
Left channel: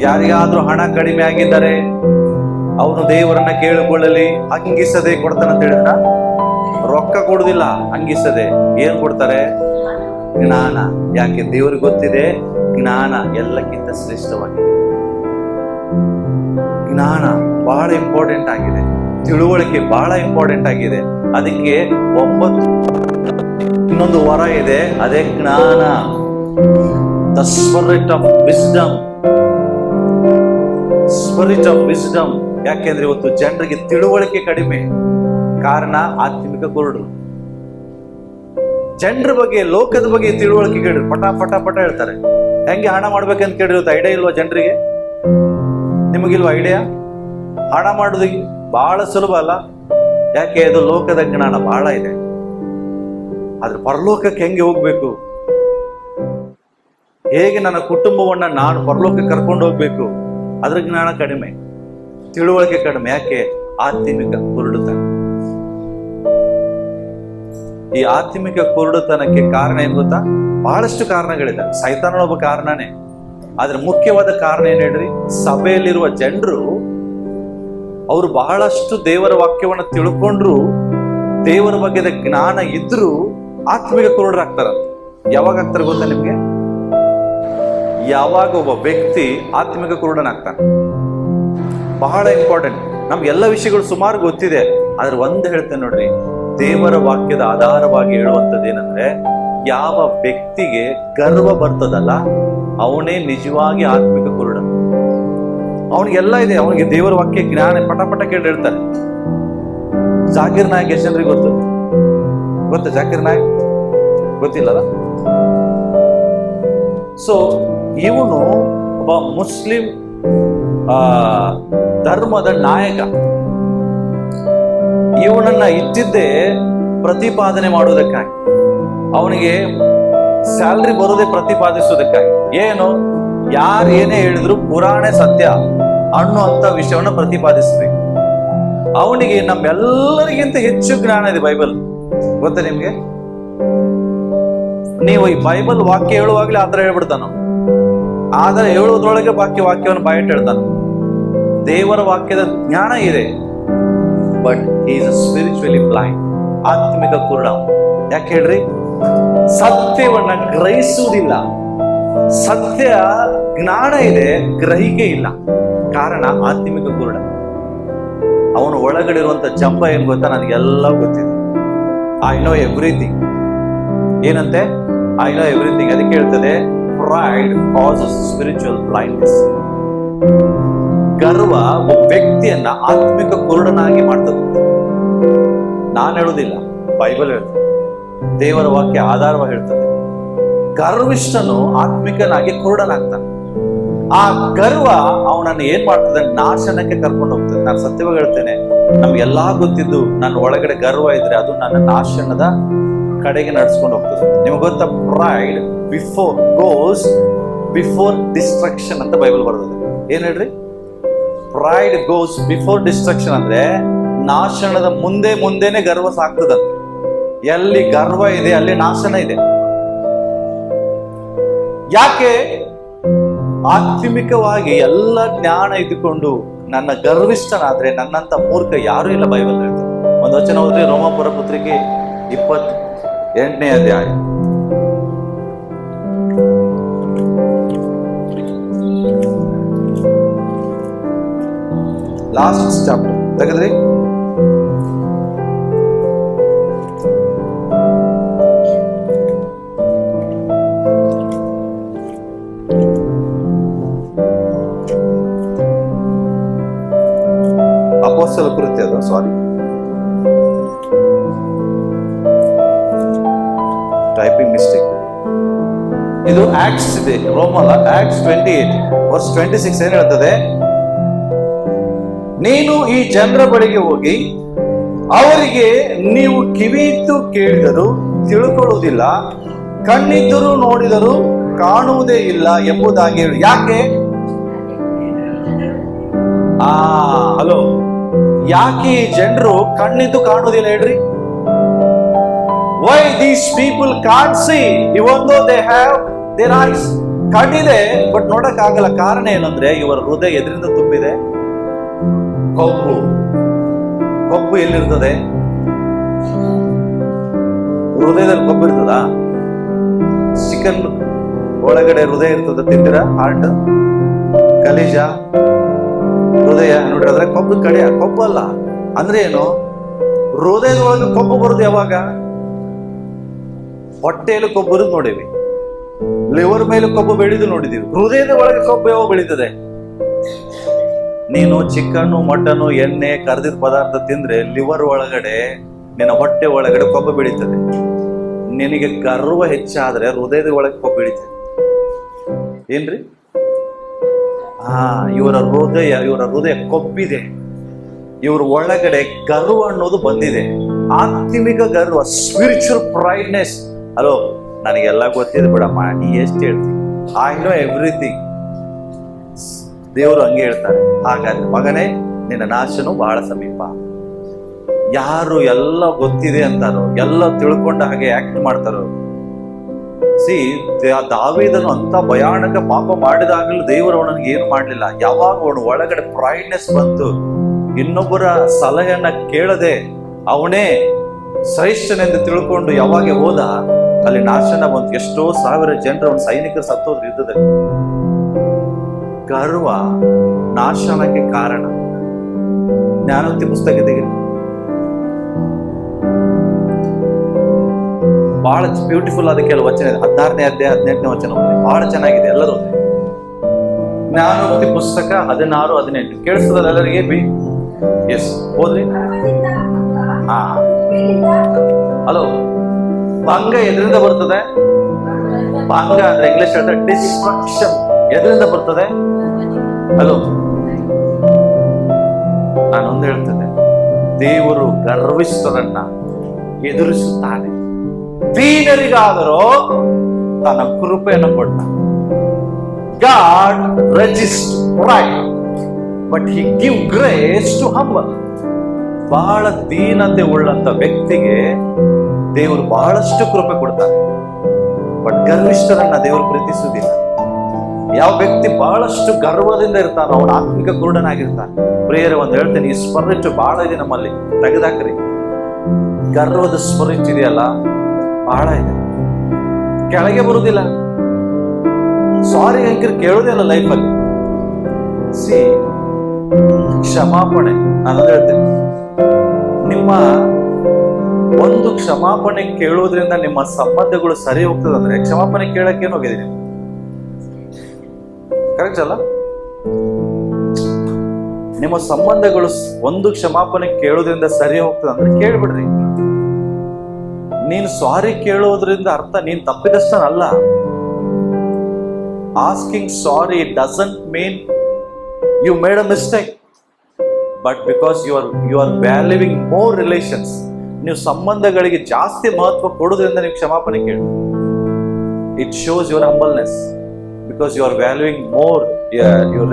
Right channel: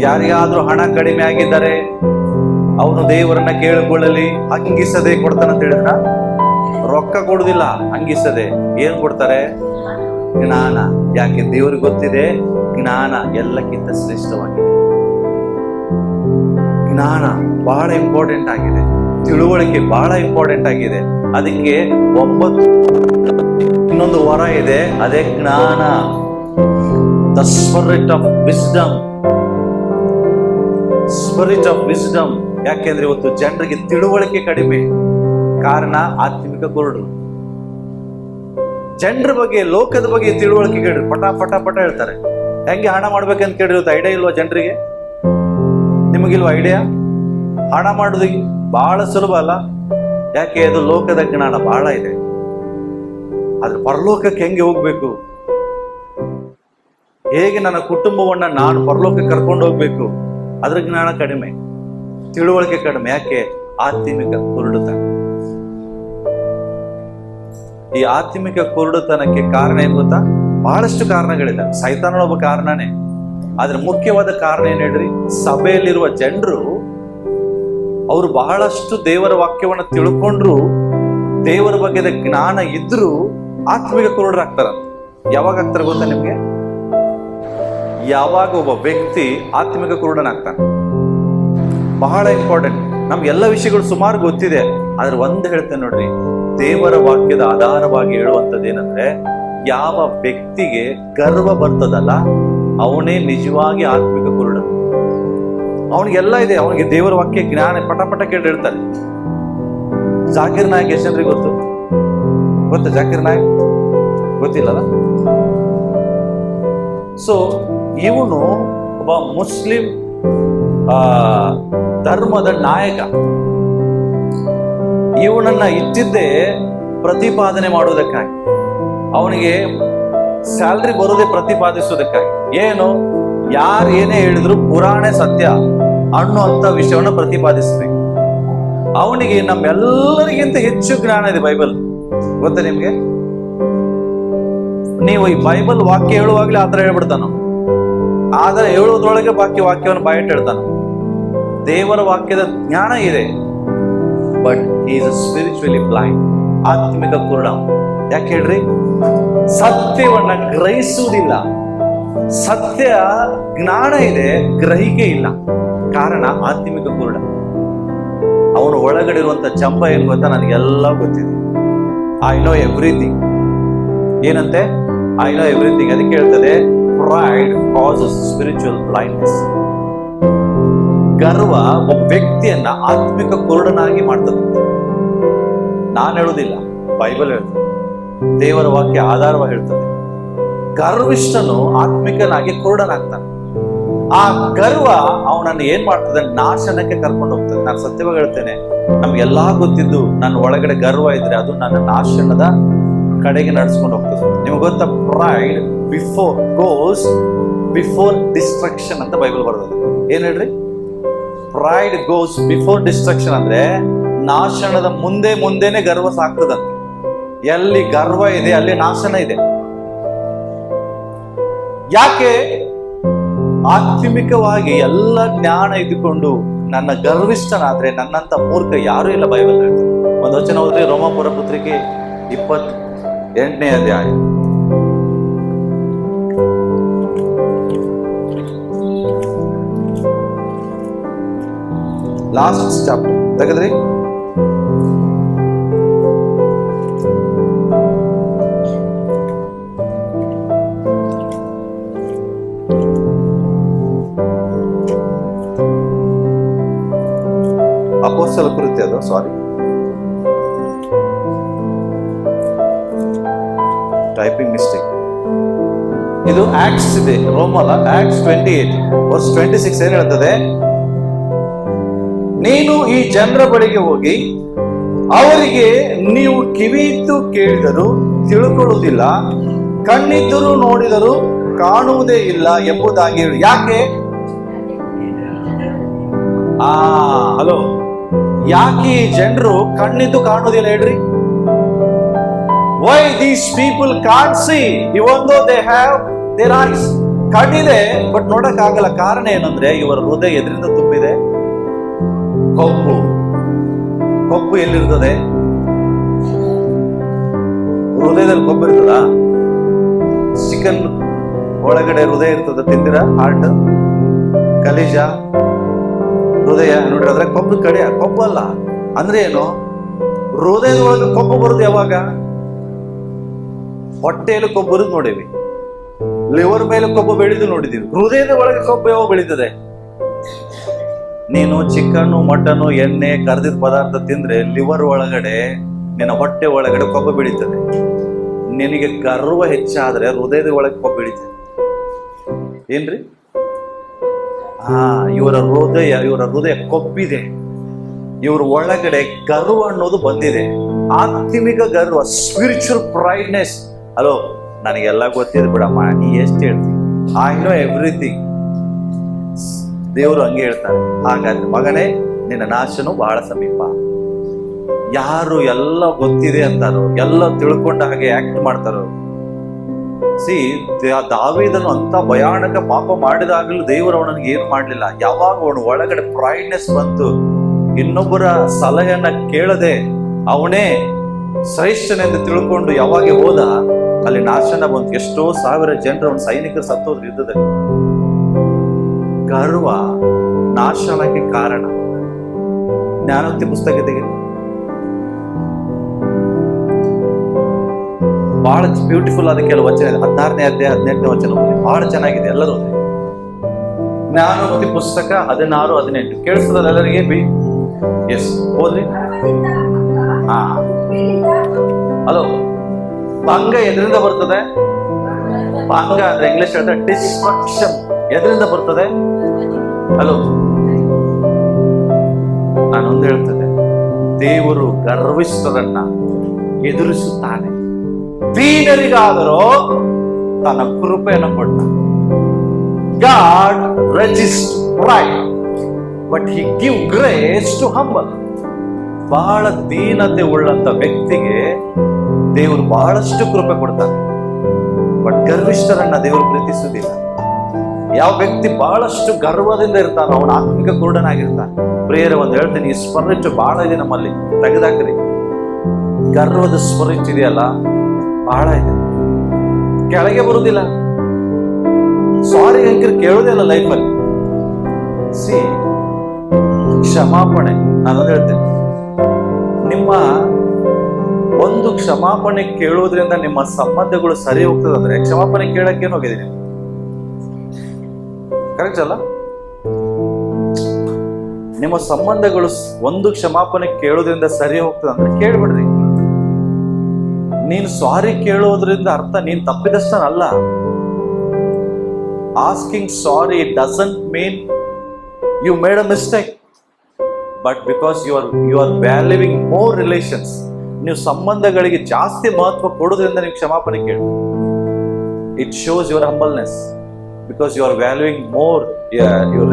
ಯಾರಿಗಾದ್ರೂ ಹಣ ಕಡಿಮೆ ಆಗಿದ್ದಾರೆ ಅವನು ದೇವರನ್ನ ಕೇಳಿಕೊಳ್ಳಲಿ, ಹಂಗಿಸದೆ ಕೊಡ್ತಾನಂತ ಹೇಳಿದ್ರ? ರೊಕ್ಕ ಕೊಡುದಿಲ್ಲ, ಹಂಗಿಸದೆ. ಏನ್ ಕೊಡ್ತಾರೆ? ಜ್ಞಾನ. ಯಾಕೆ? ದೇವ್ರಿಗೆ ಗೊತ್ತಿದೆ ಜ್ಞಾನ ಎಲ್ಲಕ್ಕಿಂತ ಶ್ರೇಷ್ಠವಾಗಿದೆ. ಜ್ಞಾನ ಬಹಳ ಇಂಪಾರ್ಟೆಂಟ್ ಆಗಿದೆ, ತಿಳುವಳಿಕೆ ಬಹಳ ಇಂಪಾರ್ಟೆಂಟ್ ಆಗಿದೆ. ಅದಕ್ಕೆ 9 ಇನ್ನೊಂದು ವರ ಇದೆ, ಅದೇ ಜ್ಞಾನ. The spirit of wisdom. Spirit of wisdom. ಯಾಕೆಂದ್ರೆ ಇವತ್ತು ಜನರಿಗೆ ತಿಳುವಳಿಕೆ ಕಡಿಮೆ, ಕಾರಣ ಆತ್ಮಿಕ ಕುರುಡು. ಜನರ ಬಗ್ಗೆ, ಲೋಕದ ಬಗ್ಗೆ ತಿಳುವಳಿಕೆ ಕೇಳ್ರಿ, ಪಟ ಪಟ ಪಟ ಹೇಳ್ತಾರೆ. ಹೆಂಗೆ ಹಣ ಮಾಡ್ಬೇಕಂತ ಕೇಳ್ರಿ, ಇವತ್ತು ಐಡಿಯಾ ಇಲ್ವಾ ಜನರಿಗೆ? ನಿಮಗಿಲ್ವಾ ಐಡಿಯಾ? ಹಣ ಮಾಡೋದು ಬಹಳ ಸುಲಭ ಅಲ್ಲ. ಯಾಕೆ? ಅದು ಲೋಕದ ಜ್ಞಾನ ಬಹಳ ಇದೆ. ಆದ್ರೆ ಪರಲೋಕಕ್ಕೆ ಹೆಂಗೆ ಹೋಗ್ಬೇಕು, ಹೇಗೆ ನನ್ನ ಕುಟುಂಬವನ್ನ ನಾನು ಪರಲೋಕಕ್ಕೆ ಕರ್ಕೊಂಡು ಹೋಗ್ಬೇಕು, ಅದ್ರ ಜ್ಞಾನ ಕಡಿಮೆ, ತಿಳುವಳಿಕೆ ಕಡಿಮೆ. ಯಾಕೆ? ಆತ್ಮಿಕ ಕುರುಡುತನ. ಈ ಆತ್ಮಿಕ ಕುರುಡುತನಕ್ಕೆ ಕಾರಣ ಏನ್ ಗೊತ್ತಾ? ಬಹಳಷ್ಟು ಕಾರಣಗಳಿದೆ. ಸೈತಾನನ ಒಬ್ಬ ಕಾರಣನೇ, ಆದ್ರೆ ಮುಖ್ಯವಾದ ಕಾರಣ ಏನ್ ಹೇಳ್ರಿ? ಸಭೆಯಲ್ಲಿರುವ ಜನರು ಅವರು ಬಹಳಷ್ಟು ದೇವರ ವಾಕ್ಯವನ್ನ ತಿಳ್ಕೊಂಡ್ರು, ದೇವರ ಬಗ್ಗೆದ ಜ್ಞಾನ ಇದ್ರೂ ಆತ್ಮಿಕ ಕುರುಡರಾಗ್ತಾರಂತ. ಯಾವಾಗ ಆಗ್ತಾರೆ ಗೊತ್ತಾ ನಿಮ್ಗೆ? ಯಾವಾಗ ಒಬ್ಬ ವ್ಯಕ್ತಿ ಆತ್ಮಿಕ ಕುರುಡನಾಗ್ತಾನೆ. ಬಹಳ ಇಂಪಾರ್ಟೆಂಟ್. ನಮ್ಗೆ ಎಲ್ಲ ವಿಷಯಗಳು ಸುಮಾರು ಗೊತ್ತಿದೆ, ಆದ್ರೆ ಒಂದು ಹೇಳ್ತೇನೆ ನೋಡ್ರಿ, ದೇವರ ವಾಕ್ಯದ ಆಧಾರವಾಗಿ ಹೇಳುವಂಥದ್ದು ಏನಂದ್ರೆ, ಯಾವ ವ್ಯಕ್ತಿಗೆ ಗರ್ವ ಬರ್ತದಲ್ಲ ಅವನೇ ನಿಜವಾಗಿ ಆತ್ಮಿಕ ಕುರುಡ. ಅವನಿಗೆಲ್ಲ ಇದೆ, ಅವನಿಗೆ ದೇವರ ವಾಕ್ಯ ಜ್ಞಾನ ಪಟ ಪಟ ಕೇಳಿ ಹೇಳ್ತಾರೆ. ಜಾಕಿರ್ ನಾಯಕ್ ಎಷ್ಟು ಜನರಿಗೆ ಗೊತ್ತು? ಜಾಕಿರ್ ನಾಯಕ್ ಗೊತ್ತಿಲ್ಲಲ್ಲ? ಸೊ ಇವನು ಒಬ್ಬ ಮುಸ್ಲಿಂ ಧರ್ಮದ ನಾಯಕ. ಇವನನ್ನ ಇಟ್ಟಿದ್ದೇ ಪ್ರತಿಪಾದನೆ ಮಾಡುವುದಕ್ಕಾಗಿ, ಅವನಿಗೆ ಸ್ಯಾಲ್ರಿ ಬರೋದೇ ಪ್ರತಿಪಾದಿಸುವುದಕ್ಕಾಗಿ. ಏನು? ಯಾರು ಏನೇ ಹೇಳಿದ್ರು ಪುರಾಣ ಸತ್ಯ ಅನ್ನುವಂತ ವಿಷಯವನ್ನ ಪ್ರತಿಪಾದಿಸಬೇಕು. ಅವನಿಗೆ ನಮ್ಮೆಲ್ಲರಿಗಿಂತ ಹೆಚ್ಚು ಜ್ಞಾನ ಇದೆ ಬೈಬಲ್. ಗೊತ್ತಾ ನಿಮ್ಗೆ? ನೀವು ಈ ಬೈಬಲ್ ವಾಕ್ಯ ಹೇಳುವಾಗ್ಲೇ ಆತರ ಹೇಳ್ಬಿಡ್ತಾನ. ಆದರೆ ಹೇಳುವುದರೊಳಗೆ ವಾಕ್ಯವನ್ನು ಬಾಯಿಟ್ಟು ಹೇಳ್ತಾನೆ. ದೇವರ ವಾಕ್ಯದ ಜ್ಞಾನ ಇದೆ, ಬಟ್ ಈಸ್ ಸ್ಪಿರಿಚುವಲಿ ಬ್ಲೈಂಡ್. ಆತ್ಮಿಕ ಕುರುಡ. ಯಾಕೆ ಹೇಳ್ರಿ? ಸತ್ಯವನ್ನ ಗ್ರಹಿಸುವುದಿಲ್ಲ. ಸತ್ಯ ಜ್ಞಾನ ಇದೆ, ಗ್ರಹಿಕೆ ಇಲ್ಲ. ಕಾರಣ ಆತ್ಮಿಕ ಕುರುಡ. ಅವನು ಒಳಗಡೆ ಇರುವಂತ ಜಂಬ ಏನ್ ಗೊತ್ತಾ? ನನಗೆಲ್ಲ ಗೊತ್ತಿದೆ. I know everything. ಏನಂತೆ? I know everything. ಅದಕ್ಕೆ ಹೇಳ್ತದೆ, ಪ್ರೈಡ್ ಕಾಸಸ್ ಸ್ಪಿರಿಚುವಲ್ ಬ್ಲೈಂಡ್ನೆಸ್. ಗರ್ವ ಒಬ್ಬ ವ್ಯಕ್ತಿಯನ್ನ ಆತ್ಮಿಕ ಕುರುಡನಾಗಿ ಮಾಡ್ತದೆ. ನಾನು ಹೇಳುವುದಿಲ್ಲ, ಬೈಬಲ್ ಹೇಳ್ತದೆ, ದೇವರ ವಾಕ್ಯ ಆಧಾರವಾಗಿ ಹೇಳ್ತದೆ. ಗರ್ವಿಷ್ಠನು ಆತ್ಮಿಕನಾಗಿ ಕುರುಡನಾಗ್ತಾನೆ. ಆ ಗರ್ವ ಅವನನ್ನು ಏನ್ ಮಾಡ್ತದೆ? ನಾಶನಕ್ಕೆ ಕರ್ಕೊಂಡು ಹೋಗ್ತದೆ. ನಾನು ಸತ್ಯವಾಗಿ ಹೇಳ್ತೇನೆ, ನಮ್ಗೆಲ್ಲಾ ಗೊತ್ತಿದ್ದು ನನ್ನ ಒಳಗಡೆ ಗರ್ವ ಇದ್ರೆ ಅದು ನನ್ನ ನಾಶನದ ಕಡೆಗೆ ನಡೆಸ್ಕೊಂಡು ಹೋಗ್ತದೆ. ನಿಮ್ಗೆ ಗೊತ್ತಾ? ಪ್ರೈಡ್ ಬಿಫೋರ್ ಡಿಸ್ಟ್ರಕ್ಷನ್ ಅಂತ ಬೈಬಲ್ ಬರ್ತದೆ. ಏನ್ ಹೇಳ್ರಿ? ಪ್ರೈಡ್ ಗೋಸ್ ಬಿಫೋರ್ ಡಿಸ್ಟ್ರಕ್ಷನ್ ಅಂದ್ರೆ ನಾಶನದ ಮುಂದೆನೆ ಗರ್ವ ಸಾಕ್ತದಂತೆ. ಎಲ್ಲಿ ಗರ್ವ ಇದೆ ಅಲ್ಲಿ ನಾಶನ ಇದೆ. ಯಾಕೆ? ಆತ್ಮಿಕವಾಗಿ ಎಲ್ಲ ಜ್ಞಾನ ಇದ್ದುಕೊಂಡು ನನ್ನ ಗರ್ವಿಷ್ಠನಾದ್ರೆ ನನ್ನಂತ ಮೂರ್ಖ ಯಾರೂ ಇಲ್ಲ. ಬೈಬಲ್ ಹೇಳ್ತಾರೆ. ಒಂದು ವಚನ ಹೋದ್ರೆ ರೋಮಾಪುರ ಪತ್ರಿಕೆ 28ನೇ ಅಧ್ಯಾಯ, ಲಾಸ್ಟ್ ಚಾಪ್ಟರ್ ತೆಗೆದ್ರಿ. ಅಪೊಸ್ತಲ ಕೃತ್ಯ, ಅದು ಸಾರಿ, ಟೈಪಿಂಗ್ ಮಿಸ್ಟೇಕ್. ಇದು ಆಕ್ಟ್ಸ್ ಇದೆ, ರೋಮಲ್ಲ. ಆಕ್ಟ್ಸ್ 28 ವರ್ಸ್ 26 ಏನ್ ಹೇಳ್ತದೆ? ನೀನು ಈ ಜನರ ಬಳಿಗೆ ಹೋಗಿ ಅವರಿಗೆ, ನೀವು ಕಿವಿಯಿತ್ತು ಕೇಳಿದರೂ ತಿಳ್ಕೊಳ್ಳುವುದಿಲ್ಲ, ಕಣ್ಣಿದ್ದರೂ ನೋಡಿದರೂ ಕಾಣುವುದೇ ಇಲ್ಲ ಎಂಬುದಾಗಿ ಹೇಳು. ಯಾಕೆ? ಹಲೋ, ಯಾಕೆ ಈ ಜನರು ಕಣ್ಣಿದ್ದು ಕಾಣುವುದಿಲ್ಲ ಹೇಳ್ರಿ? Why these people can't see even though they have their eyes. ಕಣ್ಣಿದೆ ಬಟ್ ನೋಡಕ್ ಆಗಲ್ಲ. ಕಾರಣ ಏನಂದ್ರೆ ಇವರ ಹೃದಯ ಎದರಿಂದ ತುಂಬಿದೆ? ಕೊಬ್ಬು ಎಲ್ಲಿರ್ತದೆ? ಹೃದಯದಲ್ಲಿ ಕೊಬ್ಬು ಇರ್ತದ? ಚಿಕನ್ ಒಳಗಡೆ ಹೃದಯ ಇರ್ತದ, ತಿಂದಿರ? ಹಾರ್ಟ್, ಕಲೇಜ, ಹೃದಯ ನೋಡ್ರಿ, ಅದ್ರ ಕೊಬ್ಬು ಕಡೆ ಕೊಬ್ಬು ಅಲ್ಲ. ಅಂದ್ರೆ ಏನು? ಹೃದಯದ ಒಳಗೆ ಕೊಬ್ಬು ಬರುದು ಯಾವಾಗ? ಹೊಟ್ಟೆಯಲ್ಲಿ ಕೊಬ್ಬು ಬರುದು ನೋಡಿವಿ, ಲಿವರ್ ಮೇಲೆ ಕೊಬ್ಬು ಬೆಳೆದು ನೋಡಿದೀವಿ. ಹೃದಯದ ಒಳಗೆ ಕೊಬ್ಬು ಯಾವಾಗ ಬೆಳೀತದೆ? ನೀನು ಚಿಕನ್, ಮಟನ್, ಎಣ್ಣೆ, ಕರ್ದಿದ ಪದಾರ್ಥ ತಿಂದ್ರೆ ಲಿವರ್ ಒಳಗಡೆ, ನಿನ್ನ ಹೊಟ್ಟೆ ಒಳಗಡೆ ಕೊಬ್ಬು ಬೆಳೀತದೆ. ನಿನಗೆ ಗರ್ವ ಹೆಚ್ಚಾದ್ರೆ ಹೃದಯದ ಒಳಗೆ ಕೊಬ್ಬು ಬೆಳೀತದೆ. ಏನ್ರಿ? ಇವರ ಹೃದಯ ಕೊಬ್ಬಿದೆ. ಇವ್ರ ಒಳಗಡೆ ಗರ್ವ ಅನ್ನೋದು ಬಂದಿದೆ. ಆತ್ಮಿಕ ಗರ್ವ, ಸ್ಪಿರಿಚುವಲ್ ಪ್ರೈಡ್ನೆಸ್. ಹಲೋ, ನನಗೆಲ್ಲ ಗೊತ್ತಿದೆ ಬಿಡಮ್ಮ, ನೀ ಎಷ್ಟು ಹೇಳ್ತೀನಿ? I know everything. ದೇವರು ಹಂಗೆ ಹೇಳ್ತಾರೆ. ಹಾಗಾದ್ರೆ ಮಗನೇ, ನಿನ್ನ ನಾಶನು ಬಹಳ ಸಮೀಪ. ಯಾರು ಎಲ್ಲ ಗೊತ್ತಿದೆ ಅಂತಾರೋ, ಎಲ್ಲ ತಿಳ್ಕೊಂಡ ಹಾಗೆ ಆಕ್ಟ್ ಮಾಡ್ತಾರೋ. ದಾವೀದನು ಅಂತ ಭಯಾನಕ ಪಾಪ ಮಾಡಿದಾಗಲೂ ದೇವರು ಅವನಿಗೆ ಏನು ಮಾಡ್ಲಿಲ್ಲ. ಯಾವಾಗ ಅವನು ಒಳಗಡೆ ಪ್ರೈಡ್ನೆಸ್ ಬಂತು, ಇನ್ನೊಬ್ಬರ ಸಲಹೆಯನ್ನ ಕೇಳದೆ ಅವನೇ ಶ್ರೇಷ್ಠನೆಂದು ತಿಳ್ಕೊಂಡು ಯಾವಾಗ ಹೋದ, ಅಲ್ಲಿ ನಾಶನ ಬಂತು. ಎಷ್ಟೋ ಸಾವಿರ ಜನರು ಅವನ ಸೈನಿಕರು ಸತ್ತೋದ್ರು ಯುದ್ಧದಲ್ಲಿ. ಗರ್ವ ನಾಶನಕ್ಕೆ ಕಾರಣ. ಜ್ಞಾನೋಕ್ತಿ ಪುಸ್ತಕ ತೆಗೆದು ಬಹಳ ಬ್ಯೂಟಿಫುಲ್ ಆದ ಕೆಲವು ವಚನ ಇದೆ. 16ನೇ ಅಧ್ಯಾಯ 18ನೇ ವಚನ ಓದಿ, ಬಹಳ ಚೆನ್ನಾಗಿದೆ. ಎಲ್ಲರೂ ಓದಿ. ಜ್ಞಾನೋಕ್ತಿ ಪುಸ್ತಕ 16, 18 ಕೇಳಿಸ್ತದಲ್ಲ ಎಲ್ಲರಿಗೆ? ಎಸ್, ಓದ್ರಿ. ಹಲೋ, ಭಂಗ ಎದರಿಂದ ಬರ್ತದೆ? ಭಂಗ ಅಂದ್ರೆ ಇಂಗ್ಲಿಷ್ ಹೇಳ್ತಾರೆ ಡಿಸ್ಟ್ರಕ್ಷನ್. ಎದರಿಂದ ಬರ್ತದೆ? ಹಲೋ, ನಾನೊಂದು ಹೇಳ್ತೇನೆ, ದೇವರು ಗರ್ವಿಷ್ಠರನ್ನ ಎದುರಿಸುತ್ತಾನೆ, ದೀನರಿಗಾದರೂ ತನ್ನ ಕೃಪೆಯನ್ನು ಕೊಟ್ಟ. God resist pride but he give grace to humble. ಬಹಳ ದೀನತೆ ಉಳ್ಳಂತ ವ್ಯಕ್ತಿಗೆ ದೇವರು ಬಹಳಷ್ಟು ಕೃಪೆ ಕೊಡ್ತಾರೆ. ಬಟ್ ಗರ್ವಿಷ್ಠರನ್ನ ದೇವರು ಪ್ರೀತಿಸುವುದಿಲ್ಲ. ಯಾವ ವ್ಯಕ್ತಿ ಬಹಳಷ್ಟು ಗರ್ವದಿಂದ ಇರ್ತಾನೋ ಅವನ ಆತ್ಮಿಕ ಕುರುಡನಾಗಿರ್ತಾನೆ. ಪ್ರಿಯರೇ, ಒಂದು ಹೇಳ್ತೀನಿ, ಈ ಸ್ಪಿರಿಟ್ ಬಹಳ ಇದೆ ನಮ್ಮಲ್ಲಿ, ತೆಗೆದಾಕ್ರಿ. ಗರ್ವದ ಸ್ಪಿರಿಟ್ ಇದೆಯಲ್ಲ, ಬಹಳ ಇದೆ, ಕೆಳಗೆ ಬರುವುದಿಲ್ಲ. ಸಾರಿ ಅಂಕಿರ್ ಕೇಳೋದೇ ಅಲ್ಲ ಲೈಫಲ್ಲಿ. ಸಿ, ಕ್ಷಮಾಪಣೆ, ನಾನು ಹೇಳ್ತೀನಿ, ನಿಮ್ಮ ಒಂದು ಕ್ಷಮಾಪಣೆ ಕೇಳೋದ್ರಿಂದ ನಿಮ್ಮ ಸಂಬಂಧಗಳು ಸರಿ ಹೋಗ್ತದಂದ್ರೆ ಕ್ಷಮಾಪಣೆ ಕೇಳಕ್ಕೆ ಹೋಗಿದೆ ನಿಮ್ಗೆ. ಕರೆಕ್ಟ್ ಅಲ್ಲ? ನಿಮ್ಮ ಸಂಬಂಧಗಳು ಒಂದು ಕ್ಷಮಾಪಣೆ ಕೇಳೋದ್ರಿಂದ ಸರಿ ಹೋಗ್ತದಂದ್ರೆ ಕೇಳ್ಬಿಡ್ರಿ. ನೀನು ಸಾರಿ ಕೇಳೋದ್ರಿಂದ ಅರ್ಥ ನೀನ್ ತಪ್ಪಿದಷ್ಟನಲ್ಲ. Asking sorry doesn't mean you made a mistake, but because you are valuing more relations. ನೀವು ಸಂಬಂಧಗಳಿಗೆ ಜಾಸ್ತಿ ಮಹತ್ವ ಕೊಡೋದ್ರಿಂದ ನೀವು ಕ್ಷಮಾಪಣೆ ಕೇಳಿ. It shows your humbleness because you are valuing more your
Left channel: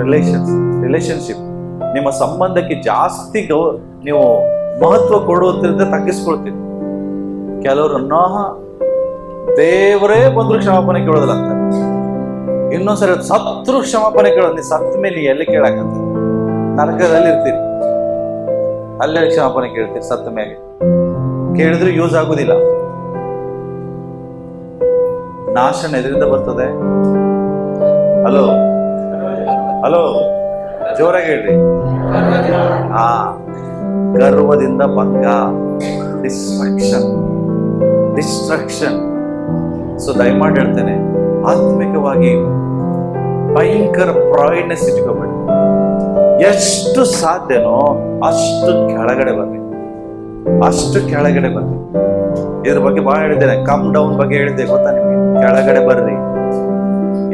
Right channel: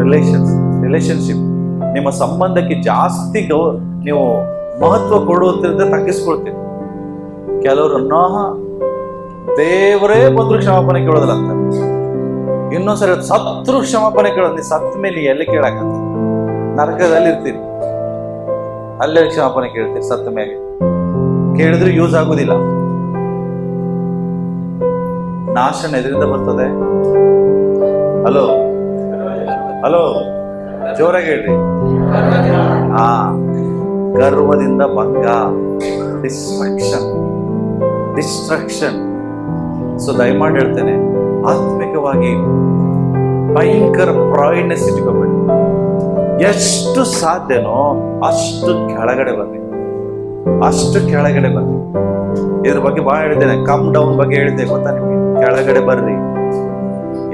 relationship. ನಿಮ್ಮ ಸಂಬಂಧಕ್ಕೆ ಜಾಸ್ತಿ ನೀವು ಮಹತ್ವ ಕೊಡುವುದರಿಂದ ತಗ್ಗಿಸ್ಕೊಳ್ತೀರಿ. ಕೆಲವ್ರನ್ನ ದೇವರೇ ಬಂದ್ರು ಕ್ಷಮಾಪಣೆ ಕೇಳೋದಿಲ್ಲ ಅಂತ, ಇನ್ನೊಂದ್ಸರಿ ಸತ್ರು ಕ್ಷಮಾಪಣೆ ಕೇಳೋದು. ನೀವು ಸತ್ತ ಮೇಲೆ ಎಲ್ಲಿ ಕೇಳಕಂತ? ನರಕದಲ್ಲಿ ಇರ್ತೀರಿ, ಅಲ್ಲೇ ಕ್ಷಮಾಪಣೆ ಕೇಳ್ತೀರಿ. ಸತ್ತ ಮೇಲೆ ಕೇಳಿದ್ರೆ ಯೂಸ್ ಆಗುದಿಲ್ಲ. ನಾಶನ ಎದರಿಂದ ಬರ್ತದೆ? ಹಲೋ ಹಲೋ, ಜೋರಾಗಿ ಹೇಳ್ರಿ. ಗರ್ವದಿಂದ ಭಂಗ, ಡಿಸ್ಟ್ರಕ್ಷನ್. ಸೊ ದಯಮಾಡಿ ಹೇಳ್ತೇನೆ, ಆತ್ಮಿಕವಾಗಿ ಭಯಂಕರ ಪ್ರಾಯಿಡ್ನೆಸ್ ಇಟ್ಕೋಬೇಡಿ. ಎಷ್ಟು ಸಾಧ್ಯನೋ ಅಷ್ಟು ಕೆಳಗಡೆ ಬನ್ನಿ, ಇದ್ರ ಬಗ್ಗೆ ಬಹಳ ಹೇಳಿದ್ದೇನೆ. ಕಮ್ ಡೌನ್ ಬಗ್ಗೆ ಹೇಳಿದ್ದೆ, ಗೊತ್ತಾ ನಿಮ್ಗೆ? ಕೆಳಗಡೆ ಬರ್ರಿ.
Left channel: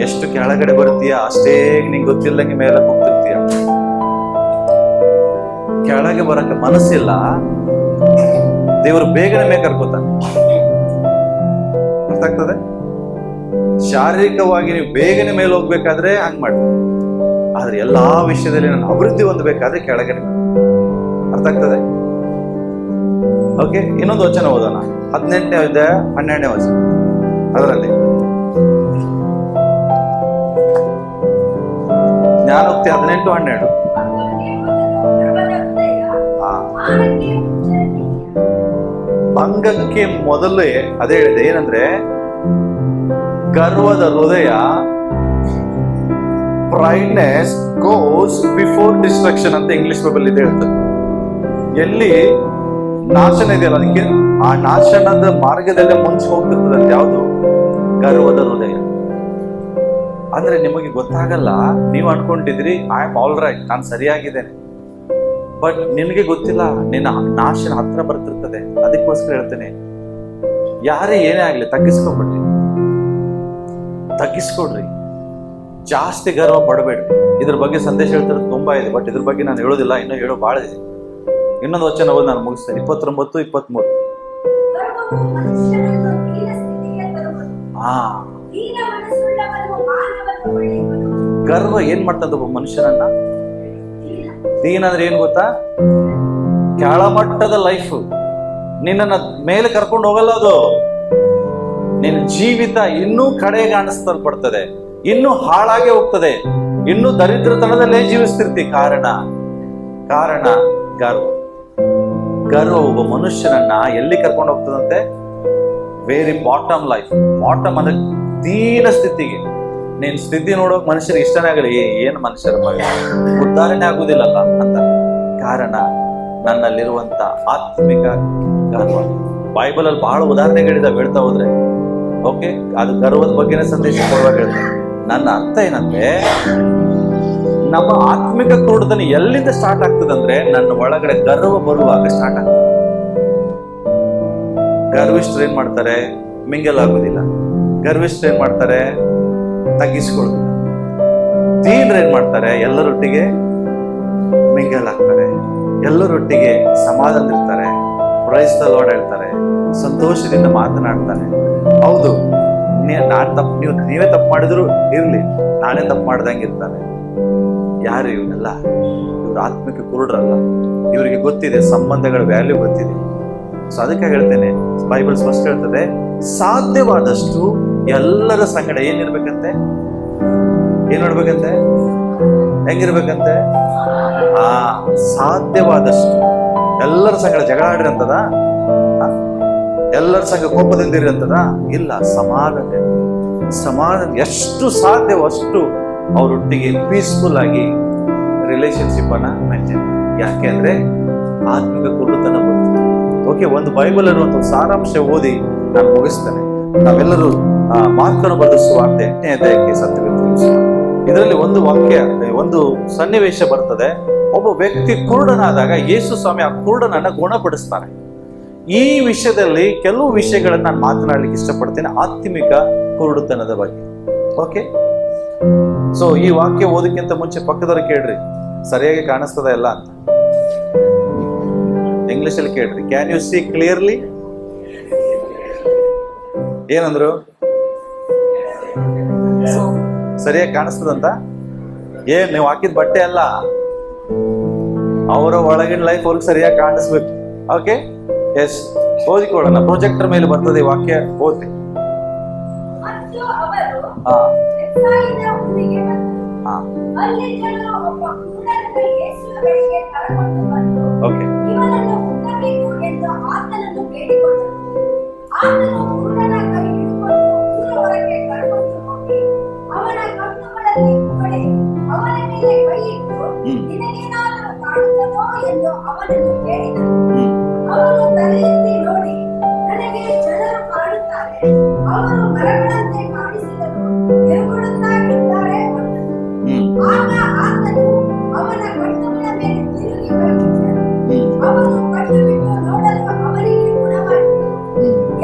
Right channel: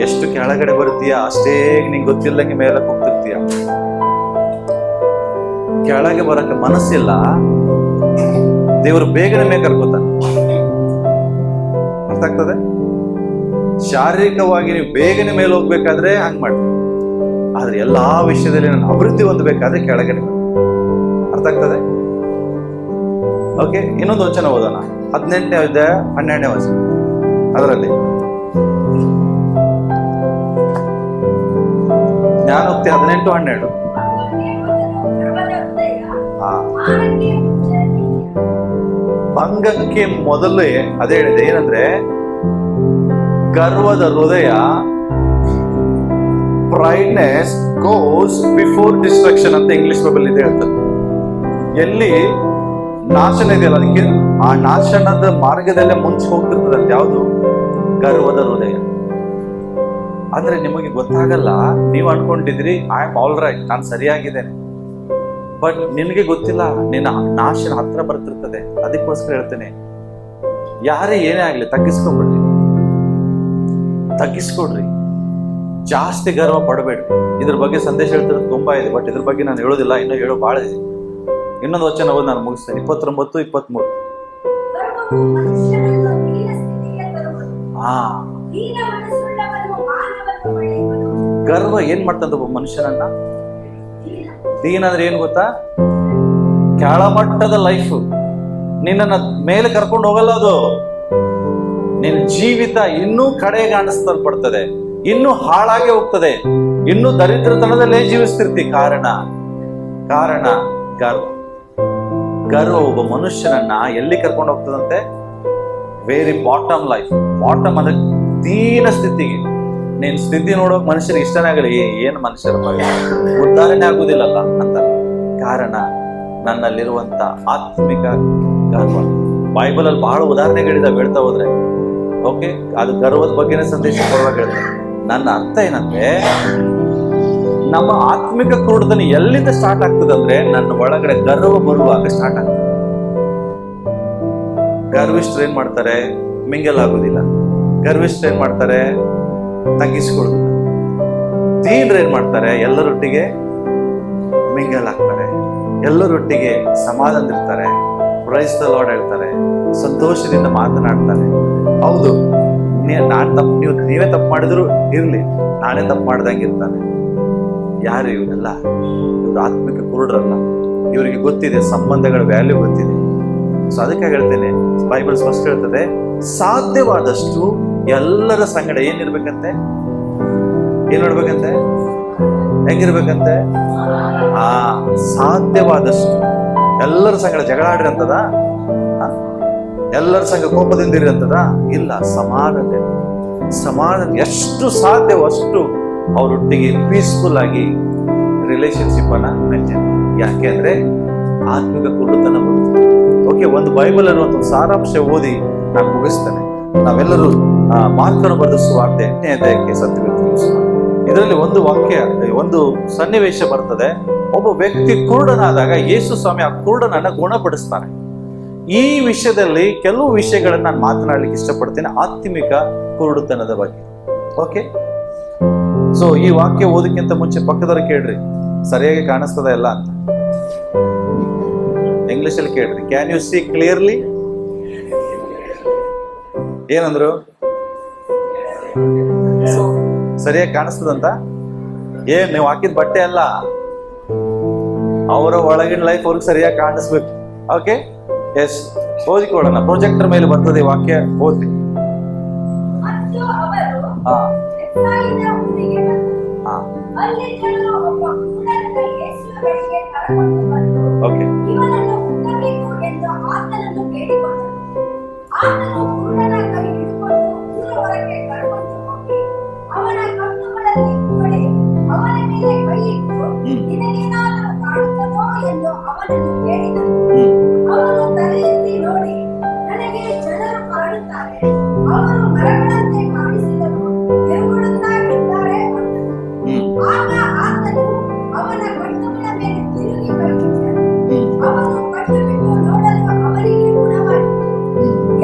ಎಷ್ಟು ಕೆಳಗಡೆ ಬರ್ತೀಯ ಅಷ್ಟೇ ನಿಂಗೆ ಗೊತ್ತಿಲ್ಲಂಗೆ ಮೇಲೆ ಹೋಗ್ತಿರ್ತೀಯ. ಕೆಳಗೆ ಬರಕ್ಕೆ ಮನಸ್ಸಿಲ್ಲ, ದೇವರು ಬೇಗನೆ ಮೇಲೆ ಕರ್ಕೋತಾನೆ. ಅರ್ಥ ಆಗ್ತದೆ? ಶಾರೀರಿಕವಾಗಿ ನೀವು ಬೇಗನೆ ಮೇಲೆ ಹೋಗ್ಬೇಕಾದ್ರೆ ಹಂಗ್ ಮಾಡ್ತೀವಿ, ಆದ್ರೆ ಎಲ್ಲಾ ವಿಷಯದಲ್ಲಿ ನಾನು ಅಭಿವೃದ್ಧಿ ಹೊಂದಬೇಕಾದ್ರೆ ಕೆಳಗಡೆ ಬನ್ನಿ. ಅರ್ಥ ಆಗ್ತದೆ? ಓಕೆ, ಇನ್ನೊಂದು ವಚನ ಓದೋಣ. 18ನೇ ಅಧ್ಯಾಯ 12ನೇ ವಚನ. ಅದರಲ್ಲಿ ಜ್ಞಾನೋಕ್ತಿ 18:12. ಭಂಗಕ್ಕೆ ಮೊದಲೇ ಅದೇ ಹೇಳಿದೆ, ಏನಂದ್ರೆ ಗರ್ವದ ಹೃದಯ, ಪ್ರೈಡ್ನೆಸ್ ಗೋಸ್ ಬಿಫೋರ್ ಡಿಸ್ಟ್ರಕ್ಷನ್ ಅಂತ ಇಂಗ್ಲಿಷ್ ಬೈಬಲ್ ಇದೆ ಹೇಳ್ತದೆ. ಎಲ್ಲಿ ನಾಶನ ಇದೆಯಲ್ಲ, ಅದಕ್ಕೆ ಆ ನಾಶನದ ಮಾರ್ಗದಲ್ಲೇ ಮುಂಚೆ ಹೋಗ್ತಿರ್ತದಂತೆ. ಯಾವುದು? ಗರ್ವದ ಹೃದಯ. ಅಂದ್ರೆ ನಿಮಗೆ ಗೊತ್ತಾಗಲ್ಲ, ನೀವು ಅನ್ಕೊಂಡಿದ್ರಿ ಐ ಆಮ್ ಆಲ್ ರೈಟ್, ನಾನು ಸರಿಯಾಗಿದ್ದೇನೆ, ಬಟ್ ನಿನಗೆ ಗೊತ್ತಿಲ್ಲ ನಿನ್ನ ನಾಶನ ಹತ್ರ ಬರ್ತಿರ್ತದೆ. ಅದಕ್ಕೋಸ್ಕರ ಹೇಳ್ತೇನೆ, ಯಾರೇ ಏನೇ ಆಗ್ಲಿ ತಗ್ಗಿಸ್ಕೊಡ್ರಿ, ಜಾಸ್ತಿ ಗರ್ವ ಪಡಬೇಡ್ರಿ. ಇದ್ರ ಬಗ್ಗೆ ಸಂದೇಶ ಹೇಳ್ತಿರೋದು ತುಂಬಾ ಇದೆ, ಬಟ್ ಇದ್ರ ಬಗ್ಗೆ ನಾನು ಹೇಳೋದಿಲ್ಲ, ಇನ್ನೂ ಹೇಳೋ ಬಹಳ ಇದೆ. ಇನ್ನೊಂದು ವಚನ ಓದಿ ನಾನು ಮುಗಿಸ್ತೇನೆ. 29-23. ಗರ್ವ ಏನ್ ಮಾಡ್ತಂತ ಒಬ್ಬ ಮನುಷ್ಯನನ್ನ? ದೀನ ಅಂದ್ರೆ ಏನ್ ಗೊತ್ತಾ? ಕೆಳಮಟ್ಟದ ಲೈಫ್. ನಿನ್ನನ್ನ ಮೇಲೆ ಕರ್ಕೊಂಡು ಹೋಗಲ್ಲ ಅದು. ನಿನ್ನ ಜೀವಿತ ಇನ್ನೂ ಕಡೆಗಾಣಿಸ್ತಲ್ಪಡ್ತದೆ, ಇನ್ನೂ ಹಾಳಾಗೆ ಹೋಗ್ತದೆ, ಇನ್ನೂ ದರಿದ್ರತನದಲ್ಲೇ ಜೀವಿಸ್ತಿರ್ತಿ. ಕಾರಣ ಗರ್ವ ಒಬ್ಬ ಮನುಷ್ಯನನ್ನ ಎಲ್ಲಿ ಕರ್ಕೊಂಡು ಹೋಗ್ತದಂತೆ? Very bottom life. ಬಾಟಮ್ ಅಂದ್ರೆ ದೀನ ಸ್ಥಿತಿಗೆ. ನೀನ್ ಸ್ಥಿತಿ ನೋಡೋಕ್ ಮನುಷ್ಯರಿಗೆ ಇಷ್ಟನೇ ಆಗಲಿ, ಏನು ಮನುಷ್ಯರ ಉದ್ಧಾರಣೆ ಆಗುದಿಲ್ಲಲ್ಲ ಅಂತ. ಕಾರಣ ನನ್ನಲ್ಲಿರುವಂತ ಆತ್ಮಿಕ ಗರ್ವ. ಬೈಬಲ್ ಅಲ್ಲಿ ಬಹಳ ಉದಾಹರಣೆಗಳಿದಾವೆ ಹೇಳ್ತಾ ಹೋದ್ರೆ. ಓಕೆ, ಅದು ಗರ್ವದ ಬಗ್ಗೆನೇ ಸಂದೇಶ ಕೊಡುವಾಗ ಹೇಳ್ತಾರೆ. ನನ್ನ ಅರ್ಥ ಏನಂದ್ರೆ, ನಮ್ಮ ಆತ್ಮಿಕ ಕ್ರೂಢತನ ಎಲ್ಲಿಂದ ಸ್ಟಾರ್ಟ್ ಆಗ್ತದಂದ್ರೆ ನನ್ನ ಒಳಗಡೆ ಗರ್ವ ಬರುವಾಗ ಸ್ಟಾರ್ಟ್ ಆಗ್ತದೆ. ಗರ್ವಿಷ್ಠರು ಏನ್ ಮಾಡ್ತಾರೆ? ಮಿಂಗಲ್ ಆಗುದಿಲ್ಲ. ಗರ್ವಿಷ್ಠರು ಏನ್ ಮಾಡ್ತಾರೆ? ತಗ್ಗಿಸ್ಕೊಳ್ಳೋದಿಲ್ಲ. ದೀನರು ಏನ್ ಮಾಡ್ತಾರೆ? ಎಲ್ಲರೊಟ್ಟಿಗೆ ಮಿಂಗಲ್ ಆಗ್ತಾರೆ, ಎಲ್ಲರೊಟ್ಟಿಗೆ ಸಮಾಧಾನದಿರ್ತಾರೆ, ಪ್ರೈಸ್ ದ ಲಾರ್ಡ್ ಹೇಳ್ತಾರೆ, ಸಂತೋಷದಿಂದ ಮಾತನಾಡ್ತಾರೆ. ಹೌದು, ನೀವೇ ತಪ್ಪು ಮಾಡಿದ್ರು ಇರ್ಲಿ, ನಾನೇ ತಪ್ಪು ಮಾಡ್ದಂಗಿರ್ತಾರೆ. ಯಾರು ಇವರೆಲ್ಲ? ಇವ್ರು ಆತ್ಮಿಕ ಕುರುಡ್ರಲ್ಲ. ಇವರಿಗೆ ಗೊತ್ತಿದೆ ಸಂಬಂಧಗಳ ವ್ಯಾಲ್ಯೂ ಗೊತ್ತಿದೆ. ಸೊ ಅದಕ್ಕೆ ಹೇಳ್ತೇನೆ, ಬೈಬಲ್ ಸ್ಪಷ್ಟ ಹೇಳ್ತದೆ, ಸಾಧ್ಯವಾದಷ್ಟು ಎಲ್ಲರ ಸಂಗಡ ಏನಿರ್ಬೇಕಂತೆ? ಏನ್ ನೋಡ್ಬೇಕಂತೆ? ಹೆಂಗಿರ್ಬೇಕಂತೆ? ಸಾಧ್ಯವಾದಷ್ಟು ಎಲ್ಲರ ಸಂಗಡ ಜಗಳ ಆಡ್ರಿ ಅಂತದ? ಎಲ್ಲರ ಸಂಗ ಕೋಪದಿಂದಿರಿ ಅಂತದ? ಇಲ್ಲ, ಸಮಾಧಾನ ಎಷ್ಟು ಸಾಧ್ಯವೋ ಅಷ್ಟು ಅವರೊಟ್ಟಿಗೆ ಪೀಸ್ಫುಲ್ ಆಗಿ ರಿಲೇಶನ್ಶಿಪ್ ಅನ್ನ ಮೇಂಟೈನ್ ಮಾಡಿ. ಯಾಕೆ ಅಂದ್ರೆ ಆತ್ಮಿಕ ಕುರುಡುತನ ಬರುತ್ತೆ. ಓಕೆ, ಒಂದು ಬೈಬಲ್ ಅನ್ನುವಂಥ ಒಂದು ಸಾರಾಂಶ ಓದಿ ನಾನು ಮುಗಿಸ್ತೇನೆ. ನಾವೆಲ್ಲರೂ ಮಾರ್ಕನ ಬರೆದ ಸುವಾರ್ತೆ 8ನೇ ಅಧ್ಯಾಯಕ್ಕೆ ಸತ್ಯವೇದ ತಿಳಿಸುವ. ಇದರಲ್ಲಿ ಒಂದು ವಾಕ್ಯ, ಒಂದು ಸನ್ನಿವೇಶ ಬರ್ತದೆ. ಒಬ್ಬ ವ್ಯಕ್ತಿ ಕುರುಡನಾದಾಗ ಯೇಸು ಸ್ವಾಮಿ ಆ ಕುರುಡನನ್ನ ಗುಣಪಡಿಸ್ತಾನೆ. ಈ ವಿಷಯದಲ್ಲಿ ಕೆಲವು ವಿಷಯಗಳನ್ನ ನಾನು ಮಾತನಾಡ್ಲಿಕ್ಕೆ ಇಷ್ಟಪಡ್ತೇನೆ, ಆತ್ಮಿಕ ಕುರುಡುತನದ ಬಗ್ಗೆ. ಓಕೆ, ಸೊ ಈ ವಾಕ್ಯ ಓದಕ್ಕಿಂತ ಮುಂಚೆ ಪಕ್ಕದವ್ರು ಕೇಳ್ರಿ, ಸರಿಯಾಗಿ ಕಾಣಿಸ್ತದ ಎಲ್ಲ ಅಂತ. ಇಂಗ್ಲಿಷ್ ಅಲ್ಲಿ ಕೇಳ್ರಿ, ಕ್ಯಾನ್ ಯು ಸಿ ಕ್ಲಿಯರ್ಲಿ? ಏನಂದ್ರು? ಸರಿಯಾಗಿ ಕಾಣಿಸ್ತದಂತ? ಏನ್ ನೀವು ಹಾಕಿದ ಬಟ್ಟೆ ಅಲ್ಲ, ಅವರ ಒಳಗಿನ ಲೈಫ್ ಅವ್ರಿಗೆ ಸರಿಯಾಗಿ ಕಾಣಿಸ್ಬೇಕು. ಓಕೆ, ಎಸ್, ಓದಿಕೊಳ್ಳೋಣ. ಪ್ರೊಜೆಕ್ಟರ್ ಮೇಲೆ ಬರ್ತದೆ ಈ ವಾಕ್ಯ, ಓದಿ. ಓಕೆ, ಅವನ ಕಣ್ಣುಗಳಲ್ಲಿ ಹೊಡೆ ಅವನ ಮೇಲೆ ಕೈ ಇಟ್ಟು ನಿನಗೇನಾದರೂ ಕಾಣುತ್ತದೋ ಎಂದು ಅವನನ್ನು ಕೇಳಿದನು. ಅವನು ತಲೆ ಎತ್ತಿ ನೋಡಿ, ನನಗೆ ಜನರು ಕಾಣುತ್ತಾರೆ, ಅವರು ಮರಗಳಂತೆ ಕಾಣಿಸಿದರು, ತಿರುಗುಡುತ್ತಾ ಇದ್ದಾರೆ ಅಂದನು. ಆಗ ಆತನು ಅವನ ಕಣ್ಣುಗಳ ಮೇಲೆ ತಿರುಗಿ ಕೈ ಇಟ್ಟನು. ಅವನು ಕಣ್ಣು ಬಿಟ್ಟು ನೋಡಲು ಅವನಿಗೆ ಗುಣವಾಯಿತು,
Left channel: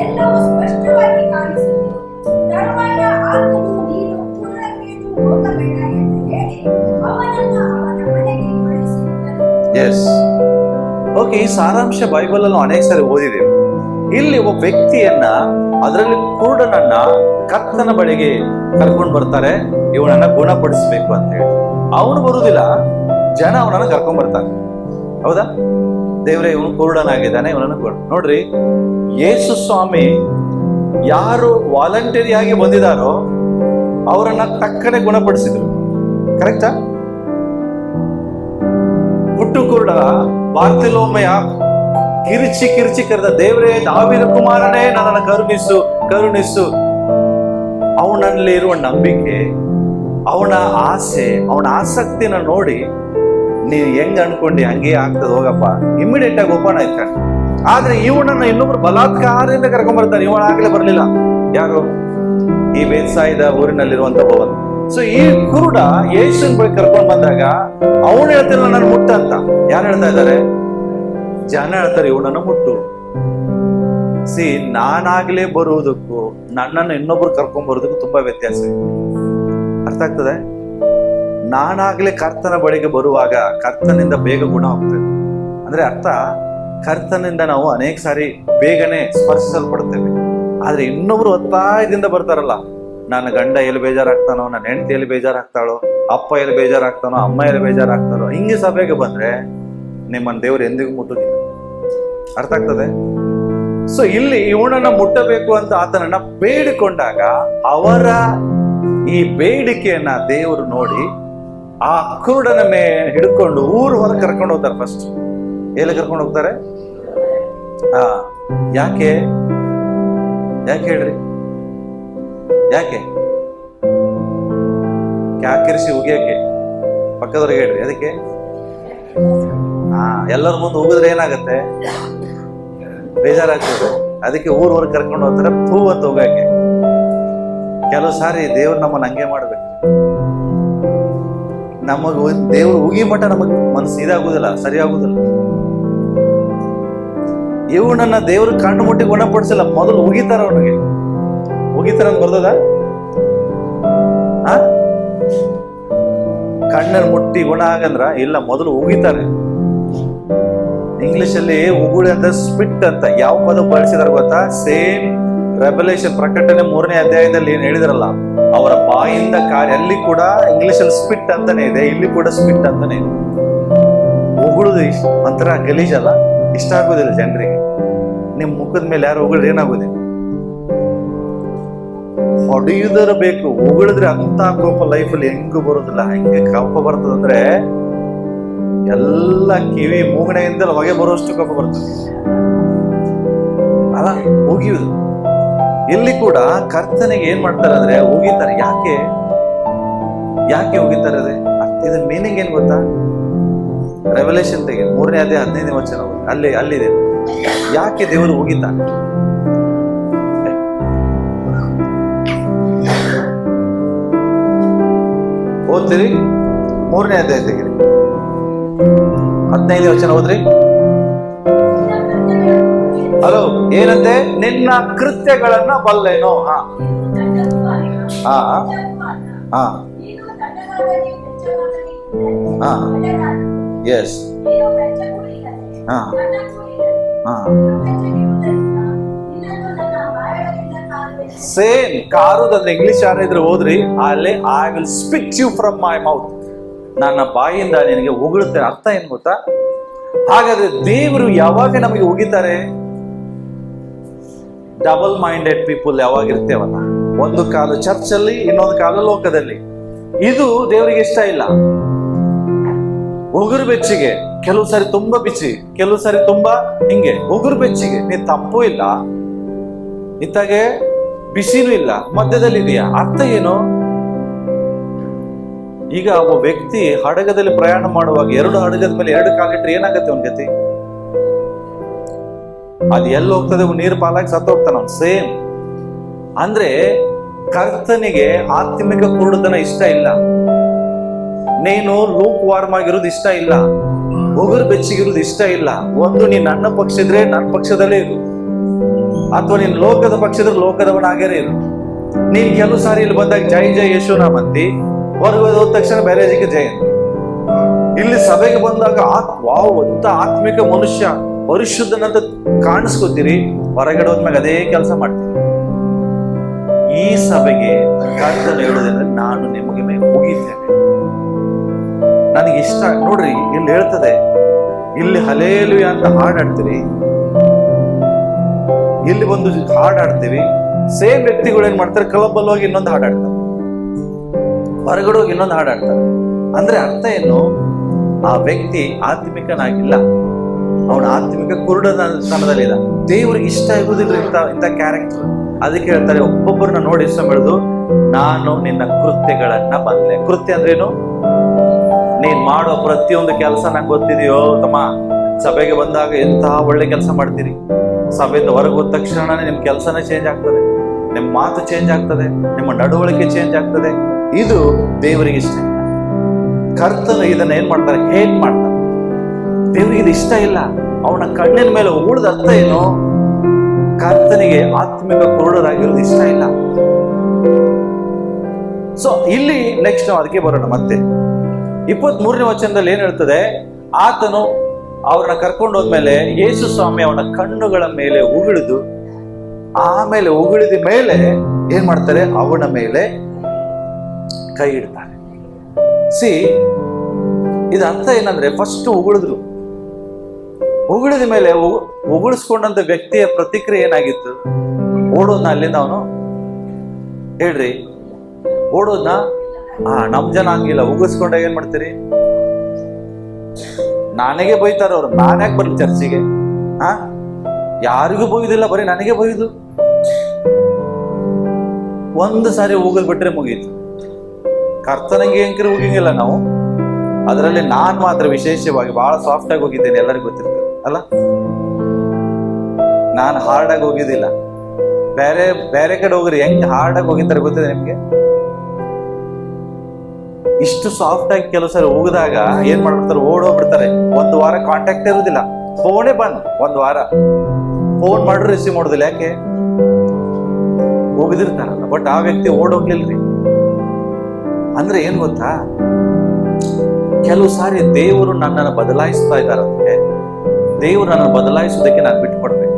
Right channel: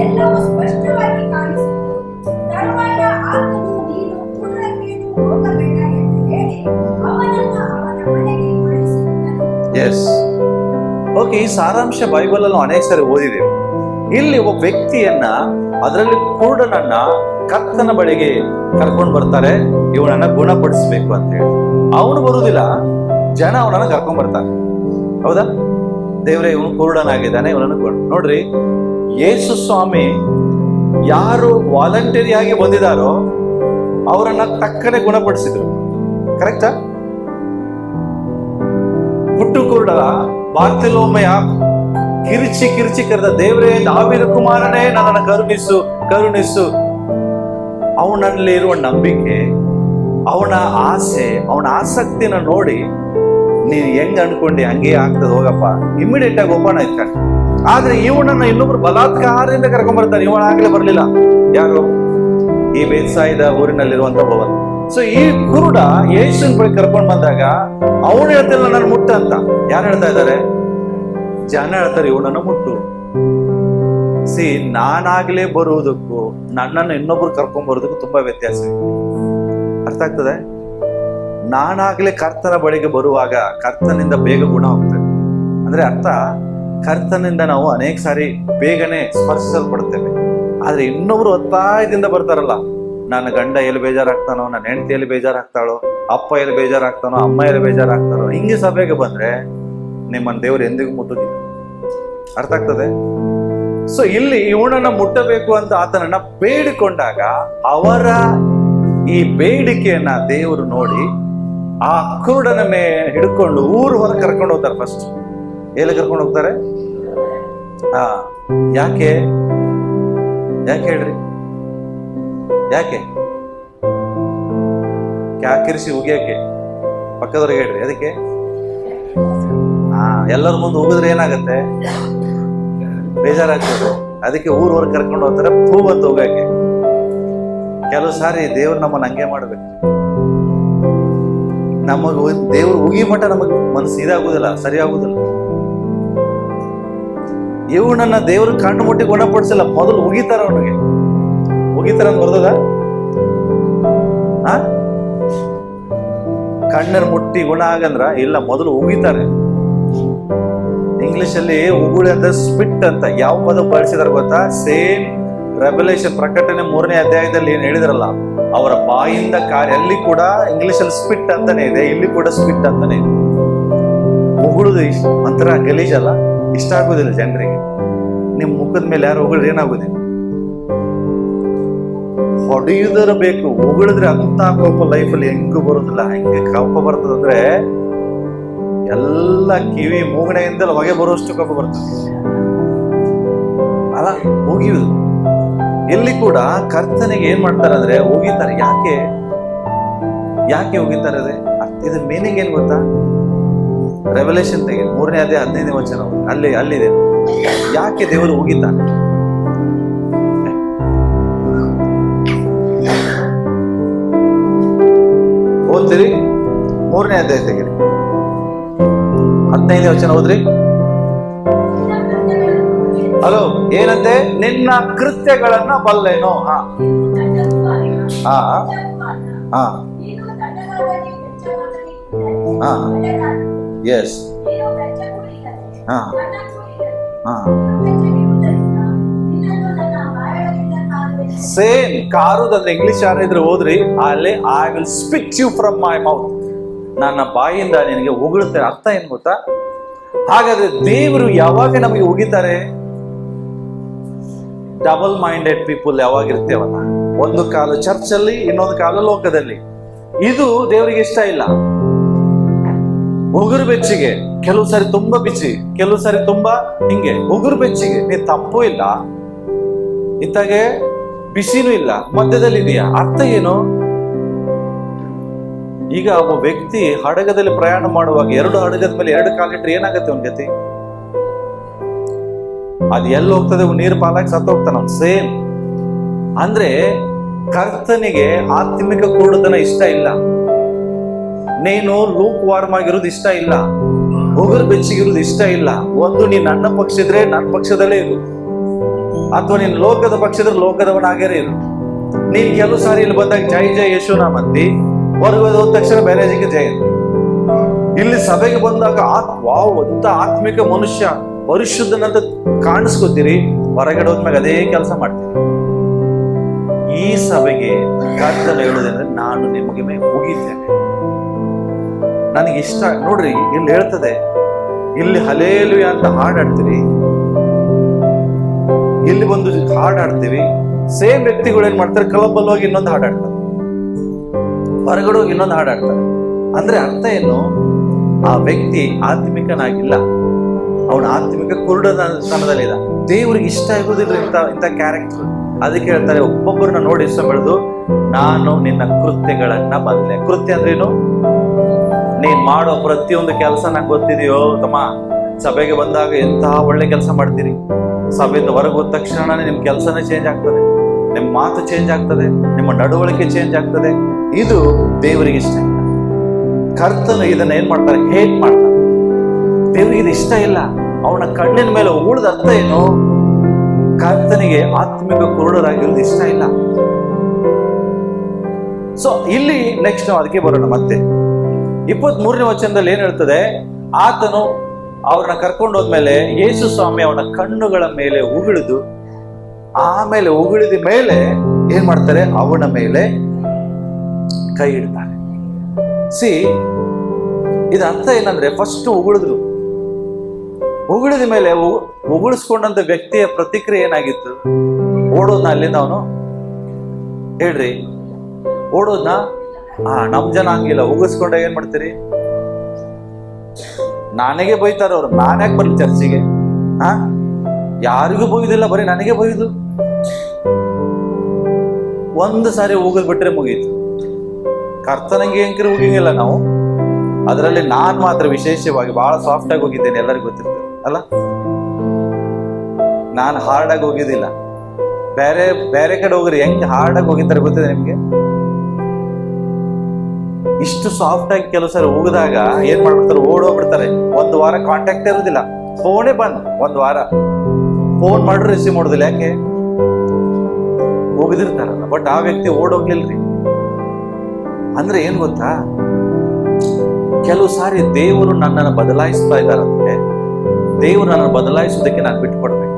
ಎಲ್ಲವೂ ಸ್ಪಷ್ಟವಾಗಿ ಕಾಣಿಸಿತು. ತರುವಾಯ ಆತನು, ನೀನು ಪೂರ್ಣಕ್ಕೇನು ಹೋಗಬೇಡ ಎಂದು ಹೇಳಿ ಅವನನ್ನು ಅವನ ಮನೆಗೆ ಕಳುಹಿಸಿದನು. ಎಸ್, ಓಕೆ, ಈ ಸಾರಾಂಶ ಬೈಬಲ್ ಅಲ್ಲಿ ಅನೇಕ ಸಾರಿ ಓದಿದ್ದೇವೆ. ಇಲ್ಲಿ ಒಬ್ಬ ವ್ಯಕ್ತಿಯನ್ನ, ಅದರಲ್ಲಿ ಕುರುಡನನ್ನ ಕರ್ತನ ಬಳಿಗೆ ಕರ್ಕೊಂಡು ಬರ್ತಾರೆ, ಇವನನ್ನ ಗುಣಪಡಿಸ್ಬೇಕು ಅಂತ ಹೇಳಿ. ಅವನು ಬರುವುದಿಲ್ಲ, ಜನ ಅವನನ್ನ ಕರ್ಕೊಂಡ್ ಬರ್ತಾರೆ. ಹೌದಾ? ದೇವ್ರೆ, ಇವನು ಕುರುಡನಾಗಿದ್ದಾನೆ, ಇವನನ್ನು ನೋಡ್ರಿ. ಯೇಸು ಸ್ವಾಮಿ ಯಾರು ವಾಲಂಟರಿ ಆಗಿ ಬಂದಿದಾರೋ ಅವರನ್ನ ತಕ್ಕನೆ ಗುಣಪಡಿಸಿದ್ರು. ಕರೆಕ್ಟಾ? ಹುಟ್ಟು ಕುರುಡ ಬಾರ್ತಿಲೋಮೆಯ ಕಿರಿಚಿ ಕರೆದ, ದೇವರೇ, ದಾವೀದ ಕುಮಾರನೇ, ನನ್ನನ್ನು ಕರುಣಿಸು. ಅವನಲ್ಲಿ ಇರುವ ನಂಬಿಕೆ, ಅವನ ಆಸೆ, ಅವನ ಆಸಕ್ತಿನ ನೋಡಿ ನೀನ್ ಹೆಂಗ್ ಅನ್ಕೊಂಡಿ ಹಂಗೆ ಆಗ್ತದೆ, ಹೋಗಪ್ಪ, ಇಮಿಡಿಯೇಟ್ ಆಗಿ ಓಪನ್ ಆಯ್ತಾನೆ. ಆದ್ರೆ ಇವನನ್ನ ಇನ್ನೊಬ್ರು ಬಲಾತ್ಕಾರದಿಂದ ಕರ್ಕೊಂಡ್ ಬರ್ತಾರೆ. ಇವನ ಆಗ್ಲೇ ಬರ್ಲಿಲ್ಲ. ಯಾರು? ಈ ಬೇತ್ಸಾಯಿದ ಊರಿನಲ್ಲಿರುವಂತ ಭವನ್. ಸೊ ಈ ಕುರುಡ ಯೇಸುವಿನ ಬಳಿ ಕರ್ಕೊಂಡ್ ಬಂದಾಗ ಅವನು ಹೇಳ್ತಿಲ್ಲ ನನ್ನ ಮುಟ್ಟ ಅಂತ. ಯಾರು ಹೇಳ್ತಾ ಇದ್ದಾರೆ? ಜನ ಹೇಳ್ತಾರೆ ಇವನನ್ನು ಮುಟ್ಟು. ಸಿ, ನಾನಾಗ್ಲೇ ಬರುವುದಕ್ಕೂ ನನ್ನನ್ನು ಇನ್ನೊಬ್ರು ಕರ್ಕೊಂಡ್ ಬರೋದಕ್ಕೂ ತುಂಬಾ ವ್ಯತ್ಯಾಸ ಇದೆ. ಅರ್ಥ ಆಗ್ತದೆ? ನಾನಾಗ್ಲೇ ಕರ್ತನ ಬಳಿಗೆ ಬರುವಾಗ ಕರ್ತನಿಂದ ಬೇಗ ಗುಣ ಹೋಗ್ತದೆ. ಅಂದ್ರೆ ಅರ್ಥ, ಕರ್ತನಿಂದ ನಾವು ಅನೇಕ ಸಾರಿ ಬೇಗನೆ ಸ್ಪರ್ಶಿಸಲ್ಪಡ್ತೇವೆ. ಆದ್ರೆ ಇನ್ನೊಬ್ರು ಒತ್ತಾಯದಿಂದ ಬರ್ತಾರಲ್ಲ, ನನ್ನ ಗಂಡ ಎಲ್ಲಿ ಬೇಜಾರಾಗ್ತಾನೋ, ನನ್ನ ಹೆಂಡತಿ ಎಲ್ಲಿ ಬೇಜಾರಾಗ್ತಾಳೋ, ಅಪ್ಪ ಎಲ್ಲಿ ಬೇಜಾರಾಗ್ತಾನೋ, ಅಮ್ಮ ಎಲ್ಲಿ ಬೇಜಾರಾಗ್ತಾನೋ, ಹಿಂಗೆ ಸಭೆಗೆ ಬಂದ್ರೆ ನಿಮ್ಮನ್ನ ದೇವ್ರು ಎಂದಿಗೂ ಮುಟ್ಟುದಿಲ್ಲ. ಅರ್ಥ ಆಗ್ತದೆ? ಸೊ ಇಲ್ಲಿ ಇವನನ್ನ ಮುಟ್ಟಬೇಕು ಅಂತ ಆತನನ್ನ ಬೇಡಿಕೊಂಡಾಗ ಅವರ ಈ ಬೇಡಿಕೆಯನ್ನ ದೇವರು ನೋಡಿ ಆ ಕುರುಡನ ಹಿಡ್ಕೊಂಡು ಊರು ಹೊರಗೆ ಕರ್ಕೊಂಡು ಹೋಗ್ತಾರೆ. ಫಸ್ಟ್ ಎಲ್ಲಿ ಕರ್ಕೊಂಡು ಹೋಗ್ತಾರೆ? ಯಾಕೆ ಹೇಳ್ರಿ? ಯಾಕೆ ಕ್ಯಾಕಿರಿಸಿ ಉಗಿಯಕ್ಕೆ? ಪಕ್ಕದವ್ರಿಗೆ ಹೇಳ್ರಿ. ಅದಕ್ಕೆ ಎಲ್ಲರ ಮುಂದೆ ಉಗಿದ್ರೆ ಏನಾಗತ್ತೆ? ಬೇಜಾರಾಗ್ತದೆ. ಅದಕ್ಕೆ ಊರ್ವರೆಗೆ ಕರ್ಕೊಂಡು ಹೋಗ್ತಾರೆ, ಪೂ ಅಂತ ಹೋಗಕ್ಕೆ. ಕೆಲವು ಸಾರಿ ದೇವ್ರು ನಮ್ಮನ್ನ ಹಂಗೆ ಮಾಡ್ಬೇಕು. ನಮಗ ದೇವ್ರು ಉಗಿ ಮಠ ನಮಗ್ ಮನಸ್ಸು ಇದಾಗುದಿಲ್ಲ, ಸರಿ ಆಗುದಿಲ್ಲ. ಇವನನ್ನ ದೇವ್ರು ಕಣ್ಣು ಮುಟ್ಟಿ ಗುಣಪಡಿಸಿಲ್ಲ, ಮೊದಲು ಉಗಿತಾರ. ಅವನಿಗೆ ಉಗಿತಾರ ಅಂತ ಬರ್ತದ? ಕಣ್ಣನ್ನು ಮುಟ್ಟಿ ಗುಣ ಆಗಂದ್ರ ಇಲ್ಲ, ಮೊದಲು ಉಗಿತಾರೆ. ಇಂಗ್ಲಿಷ್ ಅಲ್ಲಿ ಉಗುಳಿ ಅಂದ್ರೆ ಸ್ಪಿಟ್ ಅಂತ. ಯಾವ ಪದ ಬಳಸಿದಾರ ಗೊತ್ತಾ? ಸೇಮ್ ರೆವಲ್ಯೂಷನ್, ಪ್ರಕಟಣೆ 3ನೇ ಅಧ್ಯಾಯದಲ್ಲಿ ಏನ್ ಹೇಳಿದ್ರಲ್ಲ, ಅವರ ಬಾಯಿಂದ ಕಾರ್ಯ. ಅಲ್ಲಿ ಕೂಡ ಇಂಗ್ಲಿಷ್ ಅಲ್ಲಿ ಸ್ಪಿಟ್ ಅಂತಾನೆ ಇದೆ, ಇಲ್ಲಿ ಕೂಡ ಸ್ಪಿಟ್ ಅಂತಾನೆ ಇದೆ. ಉಗುಳುದು ಒಂಥರ ಗಲೀಜಲ್ಲ, ಇಷ್ಟ ಆಗುದಿಲ್ಲ ಜನರಿಗೆ. ನಿಮ್ ಮುಖದ ಮೇಲೆ ಯಾರು ಉಗುಳಿದ್ರೆ ಏನಾಗುದಿಲ್ಲ? ಹೊಡೆಯುವುದರ ಬೇಕು. ಉಗುಳಿದ್ರೆ ಅಂತ ಕೋಪ ಲೈಫಲ್ಲಿ ಹೆಂಗೂ ಬರೋದಿಲ್ಲ. ಹೆಂಗೆ ಕೋಪ ಬರ್ತದಂದ್ರೆ ಎಲ್ಲ ಕಿವಿ ಮೂಗಣೆಯಿಂದಲೇ ಹೊಗೆ ಬರುವಷ್ಟು ಕೋಪ ಬರ್ತದೆ ಅಲ್ಲ, ಉಗಿಯುವುದು. ಇಲ್ಲಿ ಕೂಡ ಕರ್ತನಿಗೆ ಏನ್ ಮಾಡ್ತಾರೆ ಅಂದ್ರೆ ಉಗಿತಾರೆ. ಯಾಕೆ ಉಗಿತಾರೆ ಅದೇ ಇದನ್ ಮೀನಿಂಗ್ ಏನ್ ಗೊತ್ತಾ? ರೆವಲ್ಯೂಷನ್ ತೆಗಿ 3ನೇ ಅಧ್ಯಾಯ 15ನೇ ವಚನ ಅಲ್ಲಿದೆ. ಯಾಕೆ ದೇವರು ಉಗಿತಾನೆ? ಓದ್ತೀರಿ? 3ನೇ ಅಧ್ಯಾಯ ತೆಗಿರಿ, 15ನೇ ವಚನ ಓದ್ರಿ. ಹಲೋ, ಏನಂತೆ? ನಿನ್ನ ಕೃತ್ಯಗಳನ್ನ ಬಲ್ಲೆನೋ. ಹಾ ಹಾ ಹಾ ಹಾ ಎಸ್ ಹಾ ಹಾ ಸೇಮ್ ಕಾರುದಂದ್ರೆ ಇಂಗ್ಲಿಷ್ ಯಾರಿದ್ರೆ ಹೋದ್ರಿ ಅಲ್ಲಿ I will speak you from my mouth. ನನ್ನ ಬಾಯಿಂದ ನಿನಗೆ ಉಗುಳುತ್ತೇನೆ. ಅರ್ಥ ಏನ್ ಗೊತ್ತಾ? ಹಾಗಾದ್ರೆ ದೇವರು ಯಾವಾಗ ನಮಗೆ ಉಗಿತಾರೆ? ಡಬಲ್ ಮೈಂಡೆಡ್ ಪೀಪಲ್ ಯಾವಾಗಿರ್ತೇವಲ್ಲ, ಒಂದು ಕಾಲು ಚರ್ಚಲ್ಲಿ ಇನ್ನೊಂದು ಕಾಲು ಲೋಕದಲ್ಲಿ. ಇದು ದೇವರಿಗೆ ಇಷ್ಟ ಇಲ್ಲ. ಉಗುರು ಬೆಚ್ಚಿಗೆ, ಕೆಲವು ಸಾರಿ ತುಂಬಾ ಬಿಚ್ಚಿ, ಕೆಲವು ಸಾರಿ ತುಂಬಾ ಹಿಂಗೆ ಉಗುರು ಬೆಚ್ಚಿಗೆ. ನೀ ತಪ್ಪು ಇಲ್ಲ, ಇತ್ತಾಗೆ ಬಿಸಿನೂ ಇಲ್ಲ, ಮಧ್ಯದಲ್ಲಿ ಇದೆಯಾ. ಅರ್ಥ ಏನು? ಈಗ ಒಬ್ಬ ವ್ಯಕ್ತಿ ಹಡಗದಲ್ಲಿ ಪ್ರಯಾಣ ಮಾಡುವಾಗ 2 ಹಡಗದ ಮೇಲೆ 2 ಕಾಲಿಟ್ರೆ ಏನಾಗತ್ತೆ ಅವನ ಗತಿ? ಅದು ಎಲ್ಲಿ ಹೋಗ್ತದೆ? ನೀರು ಪಾಲಾಗಿ ಸತ್ತು ಹೋಗ್ತಾನ. ಸೇಮ್ ಅಂದ್ರೆ ಕರ್ತನಿಗೆ ಆತ್ಮಿಕ ಕುರುಡುತನ ಇಷ್ಟ ಇಲ್ಲ. ನೀನು ಲೂಕ್ ವಾರ್ಮ್ ಆಗಿರೋದು ಇಷ್ಟ ಇಲ್ಲ, ಉಗುರು ಬೆಚ್ಚಿಗಿರೋದು ಇಷ್ಟ ಇಲ್ಲ. ಒಂದು ನೀನ್ ನನ್ನ ಪಕ್ಷ ಇದ್ರೆ ನನ್ನ ಪಕ್ಷದಲ್ಲೇ ಇರು, ಅಥವಾ ನೀನ್ ಲೋಕದ ಪಕ್ಷ ಇದ್ರೆ ಲೋಕದವನಾಗೇ ಇರು. ನೀನ್ ಕೆಲವು ಸಾರಿ ಇಲ್ಲಿ ಬಂದಾಗ ಜೈ ಜೈ ಯಶುನಾಮ್ ಅಂತಿ, ಹೊರಗೆ ಹೋದ ತಕ್ಷಣ ಬೇರೆಜಿಗೆ ಜಯಂತಿ. ಇಲ್ಲಿ ಸಭೆಗೆ ಬಂದಾಗ ವಾವ್ ಅಂತ ಆತ್ಮಿಕ ಮನುಷ್ಯ ಪರಿಶುದ್ಧನಂತ ಕಾಣಿಸ್ಕೊತೀರಿ, ಹೊರಗಡೆ ಹೋದ್ಮ್ಯಾಗ ಅದೇ ಕೆಲಸ ಮಾಡ್ತೀರಿ. ಈ ಸಭೆಗೆ ಕರ್ತನ ಹೇಳುವುದಂದ್ರೆ ನಾನು ನಿಮಗೆ ಉಗಿತೇನೆ. ನನಗೆ ಇಷ್ಟ ನೋಡ್ರಿ, ಇಲ್ಲಿ ಹೇಳ್ತದೆ, ಇಲ್ಲಿ ಹಲೇಲುಯ ಅಂತ ಹಾಡಾಡ್ತೀರಿ, ಇಲ್ಲಿ ಒಂದು ಹಾಡಾಡ್ತೀವಿ. ಸೇಮ್ ವ್ಯಕ್ತಿಗಳು ಏನ್ ಮಾಡ್ತಾರೆ? ಕ್ಲಬ್ ಅಲ್ಲಿ ಹೋಗಿ ಇನ್ನೊಂದು ಹಾಡಾಡ್ತಾರೆ, ಹೊರಗಡೆ ಹೋಗಿ ಇನ್ನೊಂದು ಹಾಡಾಡ್ತಾರೆ. ಅಂದ್ರೆ ಅರ್ಥ ಏನು? ಆ ವ್ಯಕ್ತಿ ಆತ್ಮಿಕನಾಗಿಲ್ಲ, ಅವನ ಆತ್ಮಿಕ ಕುರುಡತನದಲ್ಲಿಲ್ಲ. ದೇವ್ರಿಗೆ ಇಷ್ಟ ಆಗುದಿಲ್ಲ ಇಂಥ ಕ್ಯಾರೆಕ್ಟರ್. ಅದಕ್ಕೆ ಹೇಳ್ತಾರೆ, ಒಬ್ಬೊಬ್ಬರನ್ನ ನೋಡಿ ಇಷ್ಟ ಬೆಳೆದು ನಾನು ನಿನ್ನ ಕೃತ್ಯಗಳನ್ನ ಬಲ್ಲೆ. ಕೃತ್ಯ ಅಂದ್ರೇನು? ನೀನ್ ಮಾಡೋ ಪ್ರತಿಯೊಂದು ಕೆಲಸ ನಂಗೆ ಗೊತ್ತಿದೆಯೋ ತಮ್ಮ. ಸಭೆಗೆ ಬಂದಾಗ ಎಂತಹ ಒಳ್ಳೆ ಕೆಲಸ ಮಾಡ್ತೀರಿ, ಸಭೆಯಿಂದ ಹೊರಗೆ ಹೋದ ತಕ್ಷಣನೇ ನಿಮ್ ಕೆಲಸನೇ ಚೇಂಜ್ ಆಗ್ತದೆ, ನಿಮ್ಮ ಮಾತು ಚೇಂಜ್ ಆಗ್ತದೆ, ನಿಮ್ಮ ನಡವಳಿಕೆ ಚೇಂಜ್ ಆಗ್ತದೆ. ಇದು ದೇವರಿಗೆ ಇಷ್ಟ ಇಲ್ಲ. ಕರ್ತನು ಇದನ್ನ ಏನ್ ಮಾಡ್ತಾರೆ? ಹೇಟ್ ಮಾಡ್ತಾರೆ. ದೇವರಿಗೆ ಇದು ಇಷ್ಟ ಇಲ್ಲ. ಅವನ ಕಣ್ಣಿನ ಮೇಲೆ ಉಗುಳದ ಅರ್ಥ ಏನು? ಕರ್ತನಿಗೆ ಆತ್ಮಿಕ ಕುರುಡರಾಗಿರೋದು ಇಷ್ಟ ಇಲ್ಲ. ಸೊ ಇಲ್ಲಿ ನೆಕ್ಸ್ಟ್ ನಾವು ಅದಕ್ಕೆ ಬರೋಣ. ಮತ್ತೆ 23ನೇ ವಚನದಲ್ಲಿ ಏನ್ ಹೇಳ್ತದೆ? ಆತನು ಅವ್ರನ್ನ ಕರ್ಕೊಂಡು ಹೋದ್ಮೇಲೆ ಯೇಸು ಸ್ವಾಮಿ ಅವನ ಕಣ್ಣುಗಳ ಮೇಲೆ ಉಗುಳಿದು, ಆಮೇಲೆ ಉಗುಳಿದ ಮೇಲೆ ಏನ್ ಮಾಡ್ತಾರೆ? ಅವನ ಮೇಲೆ ಕೈ ಇಡ್ತಾರೆ. ಇದು ಅರ್ಥ ಏನಂದ್ರೆ, ಫಸ್ಟ್ ಉಗುಳಿದ್ರು, ಉಗುಳಿದ ಮೇಲೆ ಉಗುಳಿಸ್ಕೊಂಡಂತ ವ್ಯಕ್ತಿಯ ಪ್ರತಿಕ್ರಿಯೆ ಏನಾಗಿತ್ತು? ಓಡೋದ್ನ ಅಲ್ಲಿಂದ ಅವನು? ಹೇಳ್ರಿ, ಓಡೋದ್ನ? ನಮ್ ಜನ ಹಂಗಿಲ್ಲ. ಉಗಿಸ್ಕೊಂಡಾಗ ಏನ್ ಮಾಡ್ತೀರಿ? ನನಗೆ ಬೈತಾರ ಅವ್ರು. ನಾನ್ಯಾಕೆ ಬರ್ಲಿ ಚರ್ಚಿಗೆ? ಯಾರಿಗೂ ಬೈಯುದಿಲ್ಲ, ಬರೀ ನನಗೆ ಬೈಯುದು. ಒಂದು ಸಾರಿ ಉಗಿದ್ ಬಿಟ್ರೆ ಮುಗೀತು. ಕರ್ತನಿಗೆ ಹೆಂಗಿರ ಉಗಿಂಗಿಲ್ಲ ನಾವು. ಅದರಲ್ಲಿ ನಾನ್ ಮಾತ್ರ ವಿಶೇಷವಾಗಿ ಬಹಳ ಸಾಫ್ಟ್ ಆಗಿ ಹೋಗಿದ್ದೇನೆ, ಎಲ್ಲರಿಗೂ ಗೊತ್ತಿರ್ತದೆ ಅಲ್ಲ. ನಾನು ಹಾರ್ಡ್ ಆಗಿ ಹೋಗಿದ್ದಿಲ್ಲ. ಬೇರೆ ಕಡೆ ಹೋಗ್ರಿ ಹೆಂಗ್ ಹಾರ್ಡ್ ಆಗಿ ಹೋಗಿದ್ದಾರೆ ಗೊತ್ತಿದೆ ನಿಮ್ಗೆ? ಇಷ್ಟು ಸಾಫ್ಟ್ ಆಗಿ ಕೆಲವು ಸರಿ ಹೋಗಿದಾಗ ಏನ್ ಮಾಡ್ಬಿಡ್ತಾರೆ? ಓಡೋಗ್ಬಿಡ್ತಾರೆ. 1 ವಾರ ಕಾಂಟ್ಯಾಕ್ಟ್ ಇರುದಿಲ್ಲ, ಫೋನೇ ಬಂದ್. 1 ವಾರ ಫೋನ್ ಮಾಡ್ರು ರಿಸೀವ್ ಮಾಡೋದಿಲ್ಲ. ಯಾಕೆ? ಹೋಗಿದಿರ್ತಾರಲ್ಲ. ಬಟ್ ಆ ವ್ಯಕ್ತಿ ಓಡೋಗ್ಲಿಲ್ರಿ. ಅಂದ್ರೆ ಏನ್ ಗೊತ್ತಾ? ಕೆಲವು ಸಾರಿ ದೇವರು ನನ್ನನ್ನು ಬದಲಾಯಿಸ್ತಾ ಇದ್ದಾರಂತೆ. ದೇವರು ನನ್ನನ್ನು ಬದಲಾಯಿಸೋದಕ್ಕೆ ನಾನು ಬಿಟ್ಟು ಕೊಡ್ಬೇಕು.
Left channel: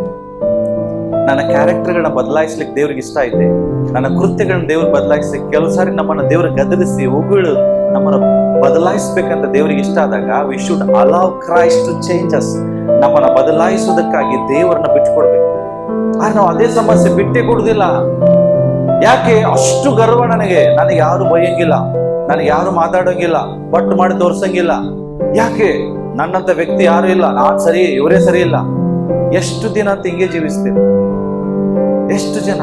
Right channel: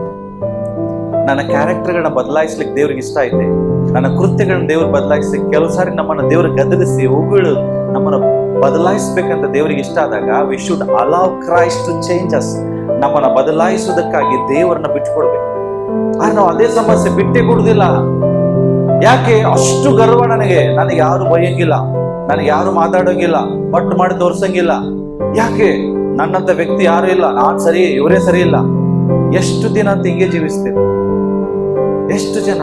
ನನ್ನ ಕ್ಯಾರೆಕ್ಟರ್ಗಳನ್ನ ಬದಲಾಯಿಸ್ಲಿಕ್ಕೆ ದೇವ್ರಿಗೆ ಇಷ್ಟ ಐತೆ. ನನ್ನ ಕೃತ್ಯಗಳನ್ನ ದೇವ್ರು ಬದಲಾಯಿಸ್ಲಿಕ್ಕೆ ಕೆಲವು ಸಾರಿ ನಮ್ಮನ್ನ ದೇವ್ರು ಗದರಿಸಿ ಉಗುಳು ನಮ್ಮನ್ನ ಬದಲಾಯಿಸ್ಬೇಕಂತ ದೇವರಿಗೆ ಇಷ್ಟ ಆದಾಗ we should allow Christ to change us. ನಮ್ಮನ್ನ ಬದಲಾಯಿಸೋದಕ್ಕಾಗಿ ದೇವರನ್ನ ಬಿಟ್ಟು ಕೊಡ್ಬೇಕು. ಆದ್ರೆ ನಾವು ಅದೇ ಸಮಸ್ಯೆ ಬಿಟ್ಟೇ ಕೊಡುದಿಲ್ಲ. ಯಾಕೆ ಅಷ್ಟು ಗರ್ವ ನನಗೆ ಯಾರು ಬೈಯಂಗಿಲ್ಲ, ನನಗೆ ಯಾರು ಮಾತಾಡೋಂಗಿಲ್ಲ, ಬಟ್ ಮಾಡಿ ತೋರ್ಸಂಗಿಲ್ಲ. ಯಾಕೆ? ನನ್ನಂತ ವ್ಯಕ್ತಿ ಯಾರು ಇಲ್ಲ, ನಾನ್ ಸರಿ, ಇವರೇ ಸರಿ ಇಲ್ಲ. ಎಷ್ಟು ದಿನ ಅಂತ ಹಿಂಗೆ ಜೀವಿಸ್ತೇವೆ? ಎಷ್ಟು ಜನ?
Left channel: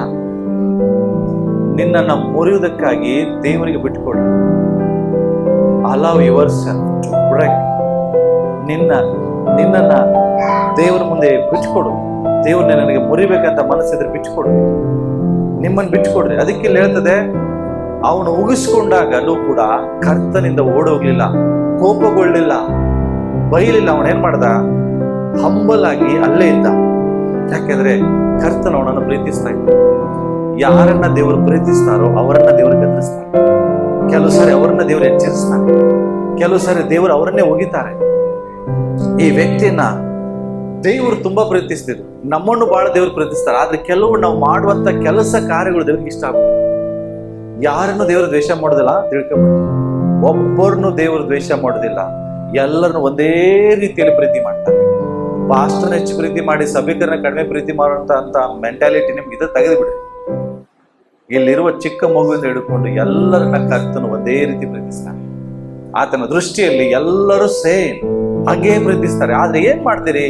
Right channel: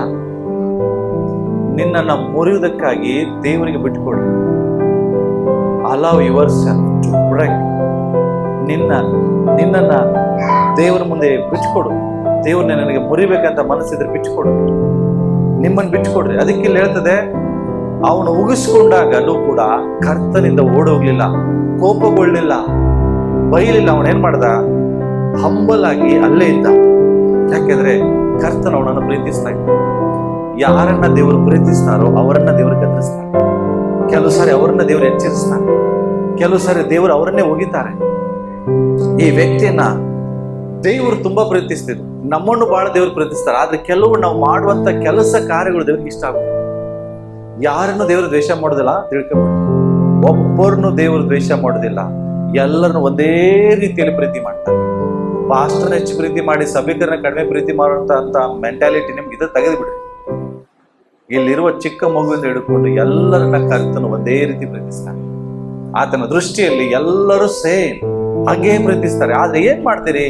ನಿನ್ನನ್ನು ಮುರಿಯುವುದಕ್ಕಾಗಿ ದೇವರಿಗೆ ಬಿಟ್ಟುಕೊಡಿ. Allow yourself to break. ನಿನ್ನನ್ನ ದೇವರ ಮುಂದೆ ಬಿಟ್ಟುಕೊಡು. ದೇವ್ರನ್ನ ನನಗೆ ಮುರಿಬೇಕಂತ ಮನಸ್ಸಿದ್ರೆ ಬಿಟ್ಟುಕೊಡು, ನಿಮ್ಮನ್ನು ಬಿಟ್ಟುಕೊಡ್ರಿ. ಅದಕ್ಕೆ ಇಲ್ಲಿ ಹೇಳ್ತದೆ, ಅವನು ಉಗಿಸ್ಕೊಂಡಾಗಲೂ ಕೂಡ ಕರ್ತನಿಂದ ಓಡೋಗ್ಲಿಲ್ಲ, ಕೋಪಗೊಳ್ಳಿಲ್ಲ, ಬೈಲಿಲ್ಲ. ಅವನೇನ್ ಮಾಡ್ದ? ಹಂಬಲ್ ಆಗಿ ಅಲ್ಲೇ ಇದ್ದ. ಯಾಕೆಂದ್ರೆ ಕರ್ತನ ಅವನನ್ನು ಪ್ರೀತಿಸ್ತಾ ಇದ್ದ. ಯಾರನ್ನ ದೇವರು ಪ್ರೀತಿಸ್ತಾರೋ ಅವರನ್ನ ದೇವರು ಗದರಿಸ್ತಾನೆ. ಕೆಲವು ಸಾರಿ ಅವರನ್ನ ದೇವರು ಎಚ್ಚರಿಸ್ತಾನೆ, ಕೆಲವು ಸಾರಿ ದೇವರು ಅವರನ್ನೇ ಒಗಿತಾರೆ. ಈ ವ್ಯಕ್ತಿಯನ್ನ ದೇವರು ತುಂಬಾ ಪ್ರೀತಿಸ್ತಿದ್ರು, ನಮ್ಮನ್ನು ಬಹಳ ದೇವರು ಪ್ರೀತಿಸ್ತಾರೆ. ಆದ್ರೆ ಕೆಲವು ನಾವು ಮಾಡುವಂತ ಕೆಲಸ ಕಾರ್ಯಗಳು ದೇವ್ರಿಗೆ ಇಷ್ಟ ಆಗುತ್ತೆ. ಯಾರನ್ನು ದೇವರು ದ್ವೇಷ ಮಾಡೋದಿಲ್ಲ, ತಿಳ್ಕೊಂಬಿಡಿ. ಒಬ್ಬರನ್ನು ದೇವರು ದ್ವೇಷ ಮಾಡೋದಿಲ್ಲ, ಎಲ್ಲರನ್ನು ಒಂದೇ ರೀತಿಯಲ್ಲಿ ಪ್ರೀತಿ ಮಾಡ್ತಾನೆ. ಪಾಸ್ಟರ್ನ ಹೆಚ್ಚು ಪ್ರೀತಿ ಮಾಡಿ ಸಭಿಕರನ್ನ ಕಡಿಮೆ ಪ್ರೀತಿ ಮಾಡುವಂತ ಮೆಂಟಾಲಿಟಿ ನಿಮ್ಗೆ ಇದು ತೆಗೆದು ಬಿಡ್ರಿ. ಇಲ್ಲಿರುವ ಚಿಕ್ಕ ಮಗುವಿಂದ ಹಿಡ್ಕೊಂಡು ಎಲ್ಲರನ್ನ ಕರ್ತನು ಒಂದೇ ರೀತಿ ಪ್ರೀತಿಸ್ತಾನೆ. ಆತನ ದೃಷ್ಟಿಯಲ್ಲಿ ಎಲ್ಲರೂ ಸೇಮ್, ಹಾಗೇ ಪ್ರೀತಿಸ್ತಾರೆ. ಆದ್ರೆ ಏನ್ ಮಾಡ್ತೀರಿ?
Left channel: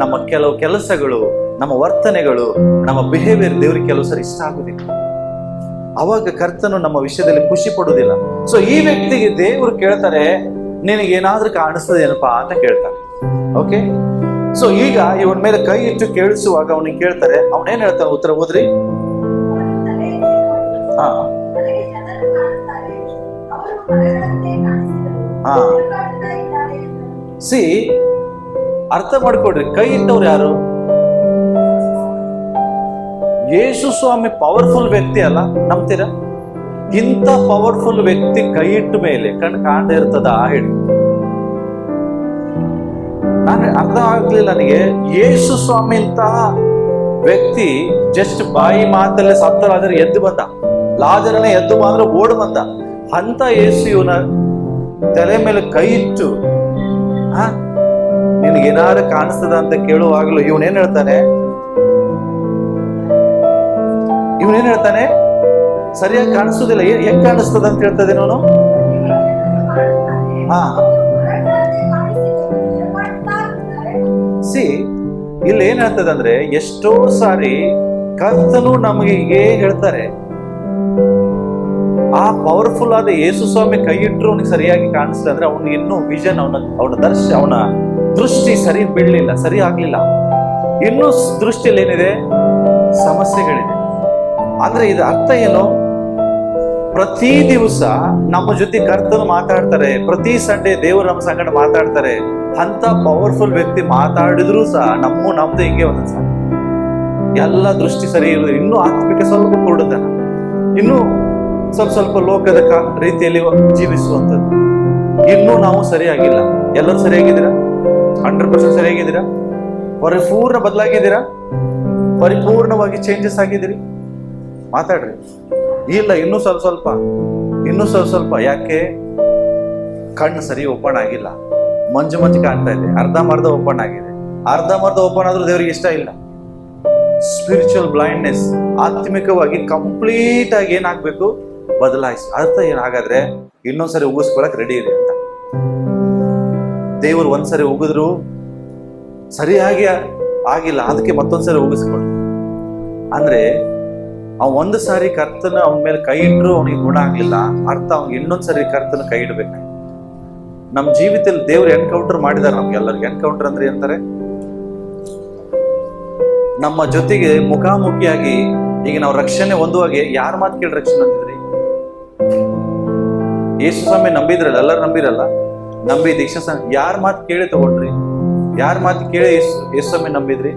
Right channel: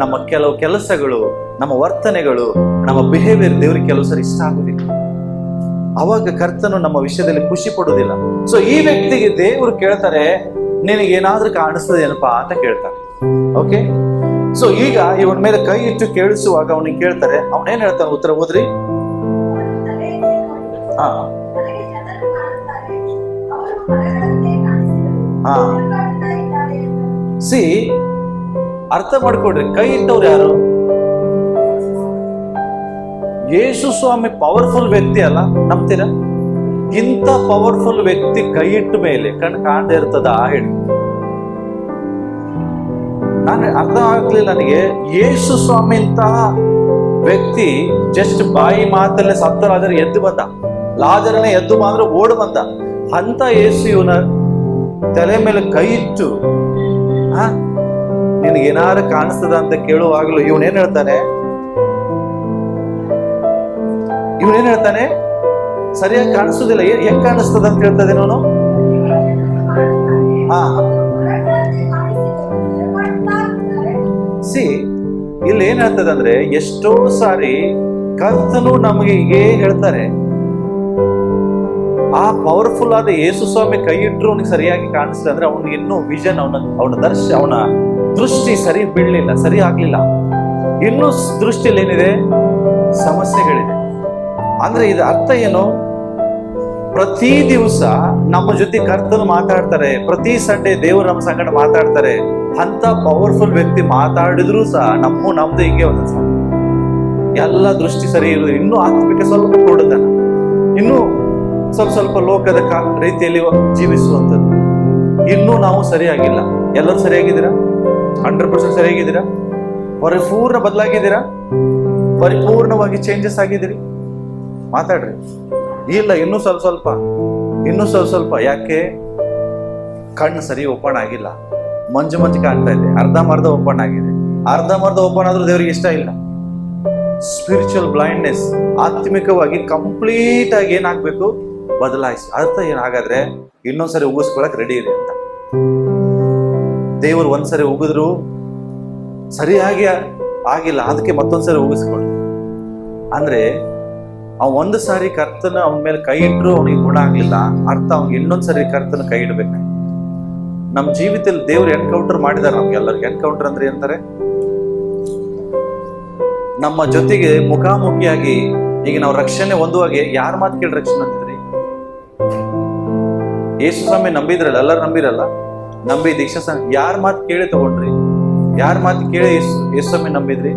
ನಮ್ಮ ಕೆಲವು ಕೆಲಸಗಳು, ನಮ್ಮ ವರ್ತನೆಗಳು, ನಮ್ಮ ಬಿಹೇವಿಯರ್ ದೇವರಿಗೆ ಕೆಲವು ಸರಿ ಇಷ್ಟ ಆಗುದಿಲ್ಲ. ಅವಾಗ ಕರ್ತನು ನಮ್ಮ ವಿಷಯದಲ್ಲಿ ಖುಷಿ ಪಡುವುದಿಲ್ಲ. ಸೊ ಈ ವ್ಯಕ್ತಿಗೆ ದೇವರು ಕೇಳ್ತಾರೆ, ನಿನಗೇನಾದ್ರೂ ಕಾಣಿಸ್ತದೇನಪ್ಪಾ ಅಂತ ಕೇಳ್ತಾರೆ. ಓಕೆ, ಸೊ ಈಗ ಇವನ ಮೇಲೆ ಕೈ ಇಟ್ಟು ಕೇಳಿಸುವಾಗ ಅವನಿಗೆ ಕೇಳ್ತಾರೆ, ಅವನೇನ್ ಹೇಳ್ತಾನೆ? ಉತ್ತರ ಓದ್ರಿ. ಹಾ ಹಾ ಸಿ, ಅರ್ಥ ಮಾಡ್ಕೊಡ್ರಿ. ಕೈ ಇಟ್ಟವ್ರು ಯಾರು? ಯೇಸು ಸ್ವಾಮಿ ಪವರ್ಫುಲ್ ವ್ಯಕ್ತಿ ಅಲ್ಲ, ನಂಬ್ತೀರಾ? ಇಂಥ ಪವರ್ಫುಲ್ ವ್ಯಕ್ತಿ ಕೈ ಇಟ್ಟ ಮೇಲೆ ಕಣ್ಣು ಕಾಣದೇ ಇರ್ತದ? ಹೇಳಿ. ನಾನು ಅರ್ಥ ಆಗ್ಲಿಲ್ಲ ನನಗೆ. ಯೇಸು ಸ್ವಾಮಿ ಇಂತಹ ವ್ಯಕ್ತಿ ಜಸ್ಟ್ ಬಾಯಿ ಮಾತಲ್ಲೇ ಸತ್ತರಾದ್ರೆ ಎದ್ದು ಬಂದ, ಲಾಜರನೇ ಎದ್ದು ಬಂದ್ರೆ ಓಡ್ ಬಂದ. ಅಂತ ಯೇಸು ಇವನ ತಲೆ ಮೇಲೆ ಕೈ ಇಟ್ಟು ನಿನಗೇನಾರು ಕಾಣಿಸ್ತದ ಅಂತ ಕೇಳುವಾಗಲೂ ಇವನೇನ್ ಹೇಳ್ತಾನೆ? ಸರಿಯಾಗಿ ಕಾಣಿಸುದಿಲ್ಲ. ಹೆಂಗ್ ಕಾಣಿಸ್ತದ ಅಂತ ಹೇಳ್ತದೆ ಅವನು. ಹಾ ಸಿ, ಇಲ್ಲಿ ಏನ್ ಹೇಳ್ತದೆ ಅಂದ್ರೆ, ಎಷ್ಟೋ ಸಾರಿ ಕರ್ತನು ನಮಗೆ ಹೀಗೆ ಹೇಳ್ತಾರೆ. ಆ ಪವರ್ಫುಲ್ ಆದ ಯೇಸು ಸ್ವಾಮಿ ಕೈ ಇಟ್ಟರು ಅವನಿಗೆ ಸರಿಯಾಗಿ ಕಾಣಿಸ್ತದೆ ಅಂದ್ರೆ ಅವನಿಗೆ ಇನ್ನೂ ವಿಷನ್, ಅವನ ದೃಷ್ಟಿ ಸರಿ ಬೀಳಲಿಲ್ಲ, ಸರಿ ಆಗ್ಲಿಲ್ಲ. ಇನ್ನೂ ದೃಷ್ಟಿಯಲ್ಲಿ ಏನಿದೆ? ಸಮಸ್ಯೆಗಳಿದೆ. ಅಂದ್ರೆ ಇದು ಅರ್ಥ ಏನು? ಪ್ರತಿ ದಿವಸ ನಮ್ಮ ಜೊತೆ ಕರ್ತನು ಮಾತಾಡ್ತಾರೆ, ಪ್ರತಿ ಸಂಡೇ ದೇವರು ನಮ್ಮ ಸಂಗಡ ಮಾತಾಡ್ತಾರೆ. ಅಂತ ಪವರ್ಫುಲ್ ವ್ಯಕ್ತಿ ಮಾತಾಡಿದ್ರು ಸಹ ನಮ್ದು ಹಿಂಗೆ ಒಂದೊಂದು ಸಹ ಎಲ್ಲ ದೃಷ್ಟಿ ಸರಿ ಇರುವುದು. ಇನ್ನೂ ಆತ್ಮಿಕ ಸ್ವಲ್ಪ ಕೂಡದನ, ಇನ್ನೂ ಸ್ವಲ್ಪ ಲೋಕದ ರೀತಿಯಲ್ಲಿ ಜೀವಿಸುವಂಥದ್ದು ಇನ್ನೂ ನಾವು ಸರಿಯಾಗಿಲ್ಲ. ಎಲ್ಲರೂ ಸರಿಯಾಗಿದ್ದೀರಾ? 100% ಸರಿಯಾಗಿದ್ದೀರಾ? ಪರಿಪೂರ್ಣ ಬದಲಾಗಿದ್ದೀರಾ? ಪರಿಪೂರ್ಣವಾಗಿ ಚೇಂಜಸ್ ಆಗಿದ್ದೀರಿ? ಮಾತಾಡ್ರಿ. ಇಲ್ಲ, ಇನ್ನೂ ಸ್ವಲ್ಪ. ಯಾಕೆ? ಕಣ್ಣು ಸರಿ ಓಪನ್ ಆಗಿಲ್ಲ, ಮಂಜು ಕಾಣ್ತಾ ಇದೆ. ಅರ್ಧಂಬರ್ಧ ಓಪನ್ ಆಗಿದೆ. ಅರ್ಧಂಬರ್ಧ ಓಪನ್ ಆದ್ರೂ ದೇವರಿಗೆ ಇಷ್ಟ ಇಲ್ಲ. ಸ್ಪಿರಿಚುವಲ್ ಬ್ಲೈಂಡ್ನೆಸ್, ಆತ್ಮಿಕವಾಗಿ ಕಂಪ್ಲೀಟ್ ಆಗಿ ಏನಾಗ್ಬೇಕು? ಬದಲಾಯಿಸಿ. ಅರ್ಥ ಏನಾಗಾದ್ರೆ ಇನ್ನೊಂದ್ಸರಿ ಉಗಿಸ್ಕೊಳಕ್ ರೆಡಿ ಇದೆ ಅಂತ. ದೇವರು ಒಂದ್ಸರಿ ಉಗಿದ್ರು ಸರಿಯಾಗಿ ಆಗಿಲ್ಲ, ಅದಕ್ಕೆ ಮತ್ತೊಂದ್ಸರಿ ಉಗಿಸ್ಕೊಳ್ರಿ. ಅಂದ್ರೆ ಒಂದು ಸಾರಿ ಕರ್ತನ ಅವನ ಮೇಲೆ ಕೈ ಇಟ್ರು ಅವನಿಗೆ ಗುಣ ಆಗ್ಲಿಲ್ಲ, ಅರ್ಥ ಅವ್ನಿಗೆ ಇನ್ನೊಂದ್ಸರಿ ಕರ್ತನ ಕೈ ಇಡ್ಬೇಕಾಯ್ತು. ನಮ್ಮ ಜೀವಿತದಲ್ಲಿ ದೇವ್ರು ಎನ್ಕೌಂಟರ್ ಮಾಡಿದಾರೆ ನಮ್ಗೆಲ್ಲರಿಗೆ. ಎನ್ಕೌಂಟರ್ ಅಂದ್ರೆ ಏನಂತಾರೆ? ನಮ್ಮ ಜೊತೆಗೆ ಮುಖಾಮುಖಿಯಾಗಿ. ಈಗ ನಾವು ರಕ್ಷಣೆ ಹೊಂದುವಾಗೆ ಯಾರ ಮಾತು ಕೇಳಿ ರಕ್ಷಣೆ ಹೊಂದಿದ್ರಿ? ಯೇಸು ಸ್ವಾಮಿ ನಂಬಿದ್ರಲ್ಲ, ಎಲ್ಲರೂ ನಂಬಿರಲ್ಲ. ನಂಬಿ ದೀಕ್ಷಾ ಯಾರ ಮಾತು ಕೇಳಿ ತಗೊಂಡ್ರಿ? ಯಾರ ಮಾತು ಕೇಳಿ ಯೇಸು ಸ್ವಾಮಿ ನಂಬಿದ್ರಿ?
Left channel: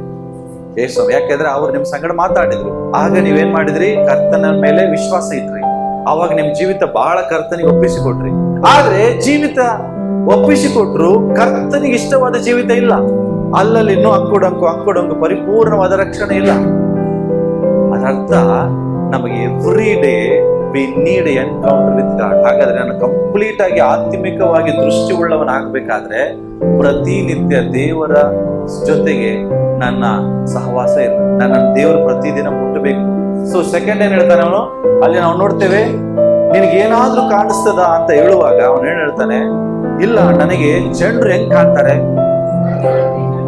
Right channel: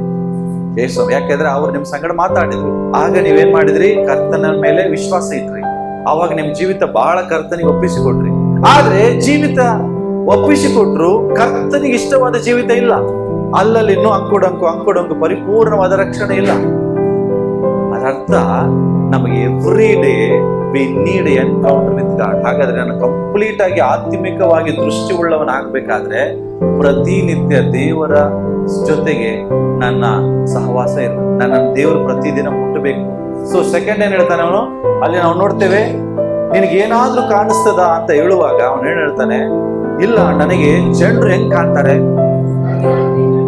ಯೇಸು ಸ್ವಾಮಿ. ಯಾಕೆಂದ್ರೆ ಅವ್ರು ನಿಮ್ ಸಂಗಡ ಮಾತಾಡಿದ್ರು. ಆಗ ನೀವೇನ್ ಮಾಡಿದ್ರಿ? ಕರ್ತನ ಮೇಲೆ ವಿಶ್ವಾಸ ಇಟ್ರಿ. ಅವಾಗ ನಿಮ್ ಜೀವಿತ ಬಹಳ ಕರ್ತನಿಗೆ ಒಪ್ಪಿಸಿಕೊಟ್ರಿ. ಆದ್ರೆ ಜೀವಿತ ಒಪ್ಪಿಸಿಕೊಟ್ರು ಕರ್ತನಿಗೆ ಇಷ್ಟವಾದ ಜೀವಿತ ಇಲ್ಲ. ಅಲ್ಲಲ್ಲಿ ಇನ್ನೂ ಅಂಕುಡೊಂಕು ಪರಿಪೂರ್ಣವಾದ ರಕ್ಷಣೆ ಇಲ್ಲ. ಅದರ್ಥ ನಮಗೆ every day we need encounter with god. ಹಾಗಾದ್ರೆ ನಾನು ಕಂಪ್ಲೀಟ್ ಆಗಿ ಆತ್ಮಿಕವಾಗಿ ದೃಷ್ಟಿ ಉಳ್ಳವನಾಗಬೇಕಾದ್ರೆ ಪ್ರತಿನಿತ್ಯ ದೇವರ ಜೊತೆಗೆ ನನ್ನ ಸಹವಾಸ ಇರಬೇಕು. ನನ್ನನ್ನು ದೇವರು ಪ್ರತಿದಿನ ಮುಟ್ಟಬೇಕು. ಸೊ ಸೆಕೆಂಡ್ ಏನ್ ಹೇಳ್ತಾನೆ ಅವನು, ಅಲ್ಲಿ ನಾವು ನೋಡ್ತೇವೆ, ನಿನಗೇನಾದ್ರೂ ಕಾಣಿಸ್ತದ ಅಂತ ಹೇಳುವಾಗ ಅವನು ಏನ್ ಹೇಳ್ತಾನೆ, ಇಲ್ಲ ನನಗೆ ಜನರು ಹೆಂಗ್ ಕಾಣ್ತಾರೆ,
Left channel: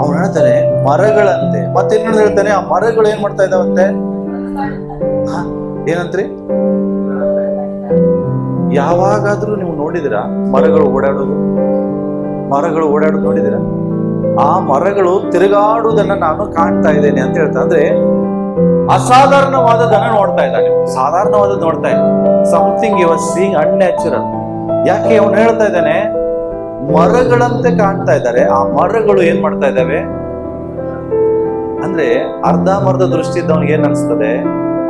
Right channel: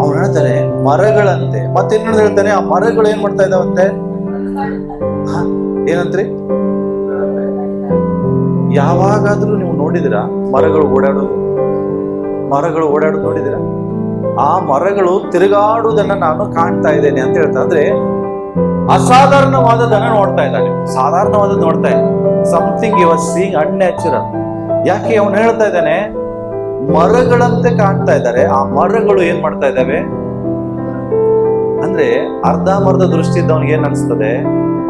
ಅವನು ಹೇಳ್ತಾನೆ ಮರಗಳಂತೆ. ಮತ್ತೇನು ಹೇಳ್ತಾನೆ, ಆ ಮರಗಳು ಏನ್ ಮಾಡ್ತಾ ಇದಾವಂತೆ, ಏನಂತ್ರಿ, ಯಾವಾಗಾದ್ರೂ ನೀವು ನೋಡಿದಿರಾ ಮರಗಳು ಓಡಾಡೋದು ನೋಡಿದಿರಾ? ಆ ಮರಗಳು ತಿರುಗಾಡುವುದನ್ನ ನಾನು ಕಾಣ್ತಾ ಇದ್ದೇನೆ ಅಂತ ಹೇಳ್ತಾ, ಅಂದ್ರೆ ಅಸಾಧಾರಣವಾದದನ್ನ ನೋಡ್ತಾ ಇದ್ದಾನೆ, ಸಾಧಾರಣವಾದದ್ದು ನೋಡ್ತಾ ಇಲ್ಲ. Something you are seeing unnatural. ಯಾಕೆ ಅವನು ಹೇಳ್ತಾ ಇದ್ದಾನೆ, ಮರಗಳಂತೆ ಕಾಣ್ತಾ ಇದ್ದಾರೆ. ಆ ಮರಗಳು ಏನ್ ಮಾಡ್ತಾ ಇದ್ದಾವೆ ಅಂದ್ರೆ, ಅರ್ಧಂಬರ್ಧ ದೃಷ್ಟಿ ಇದ್ದವನಿಗೆ ಏನ್ ಅನ್ಸ್ತದೆ,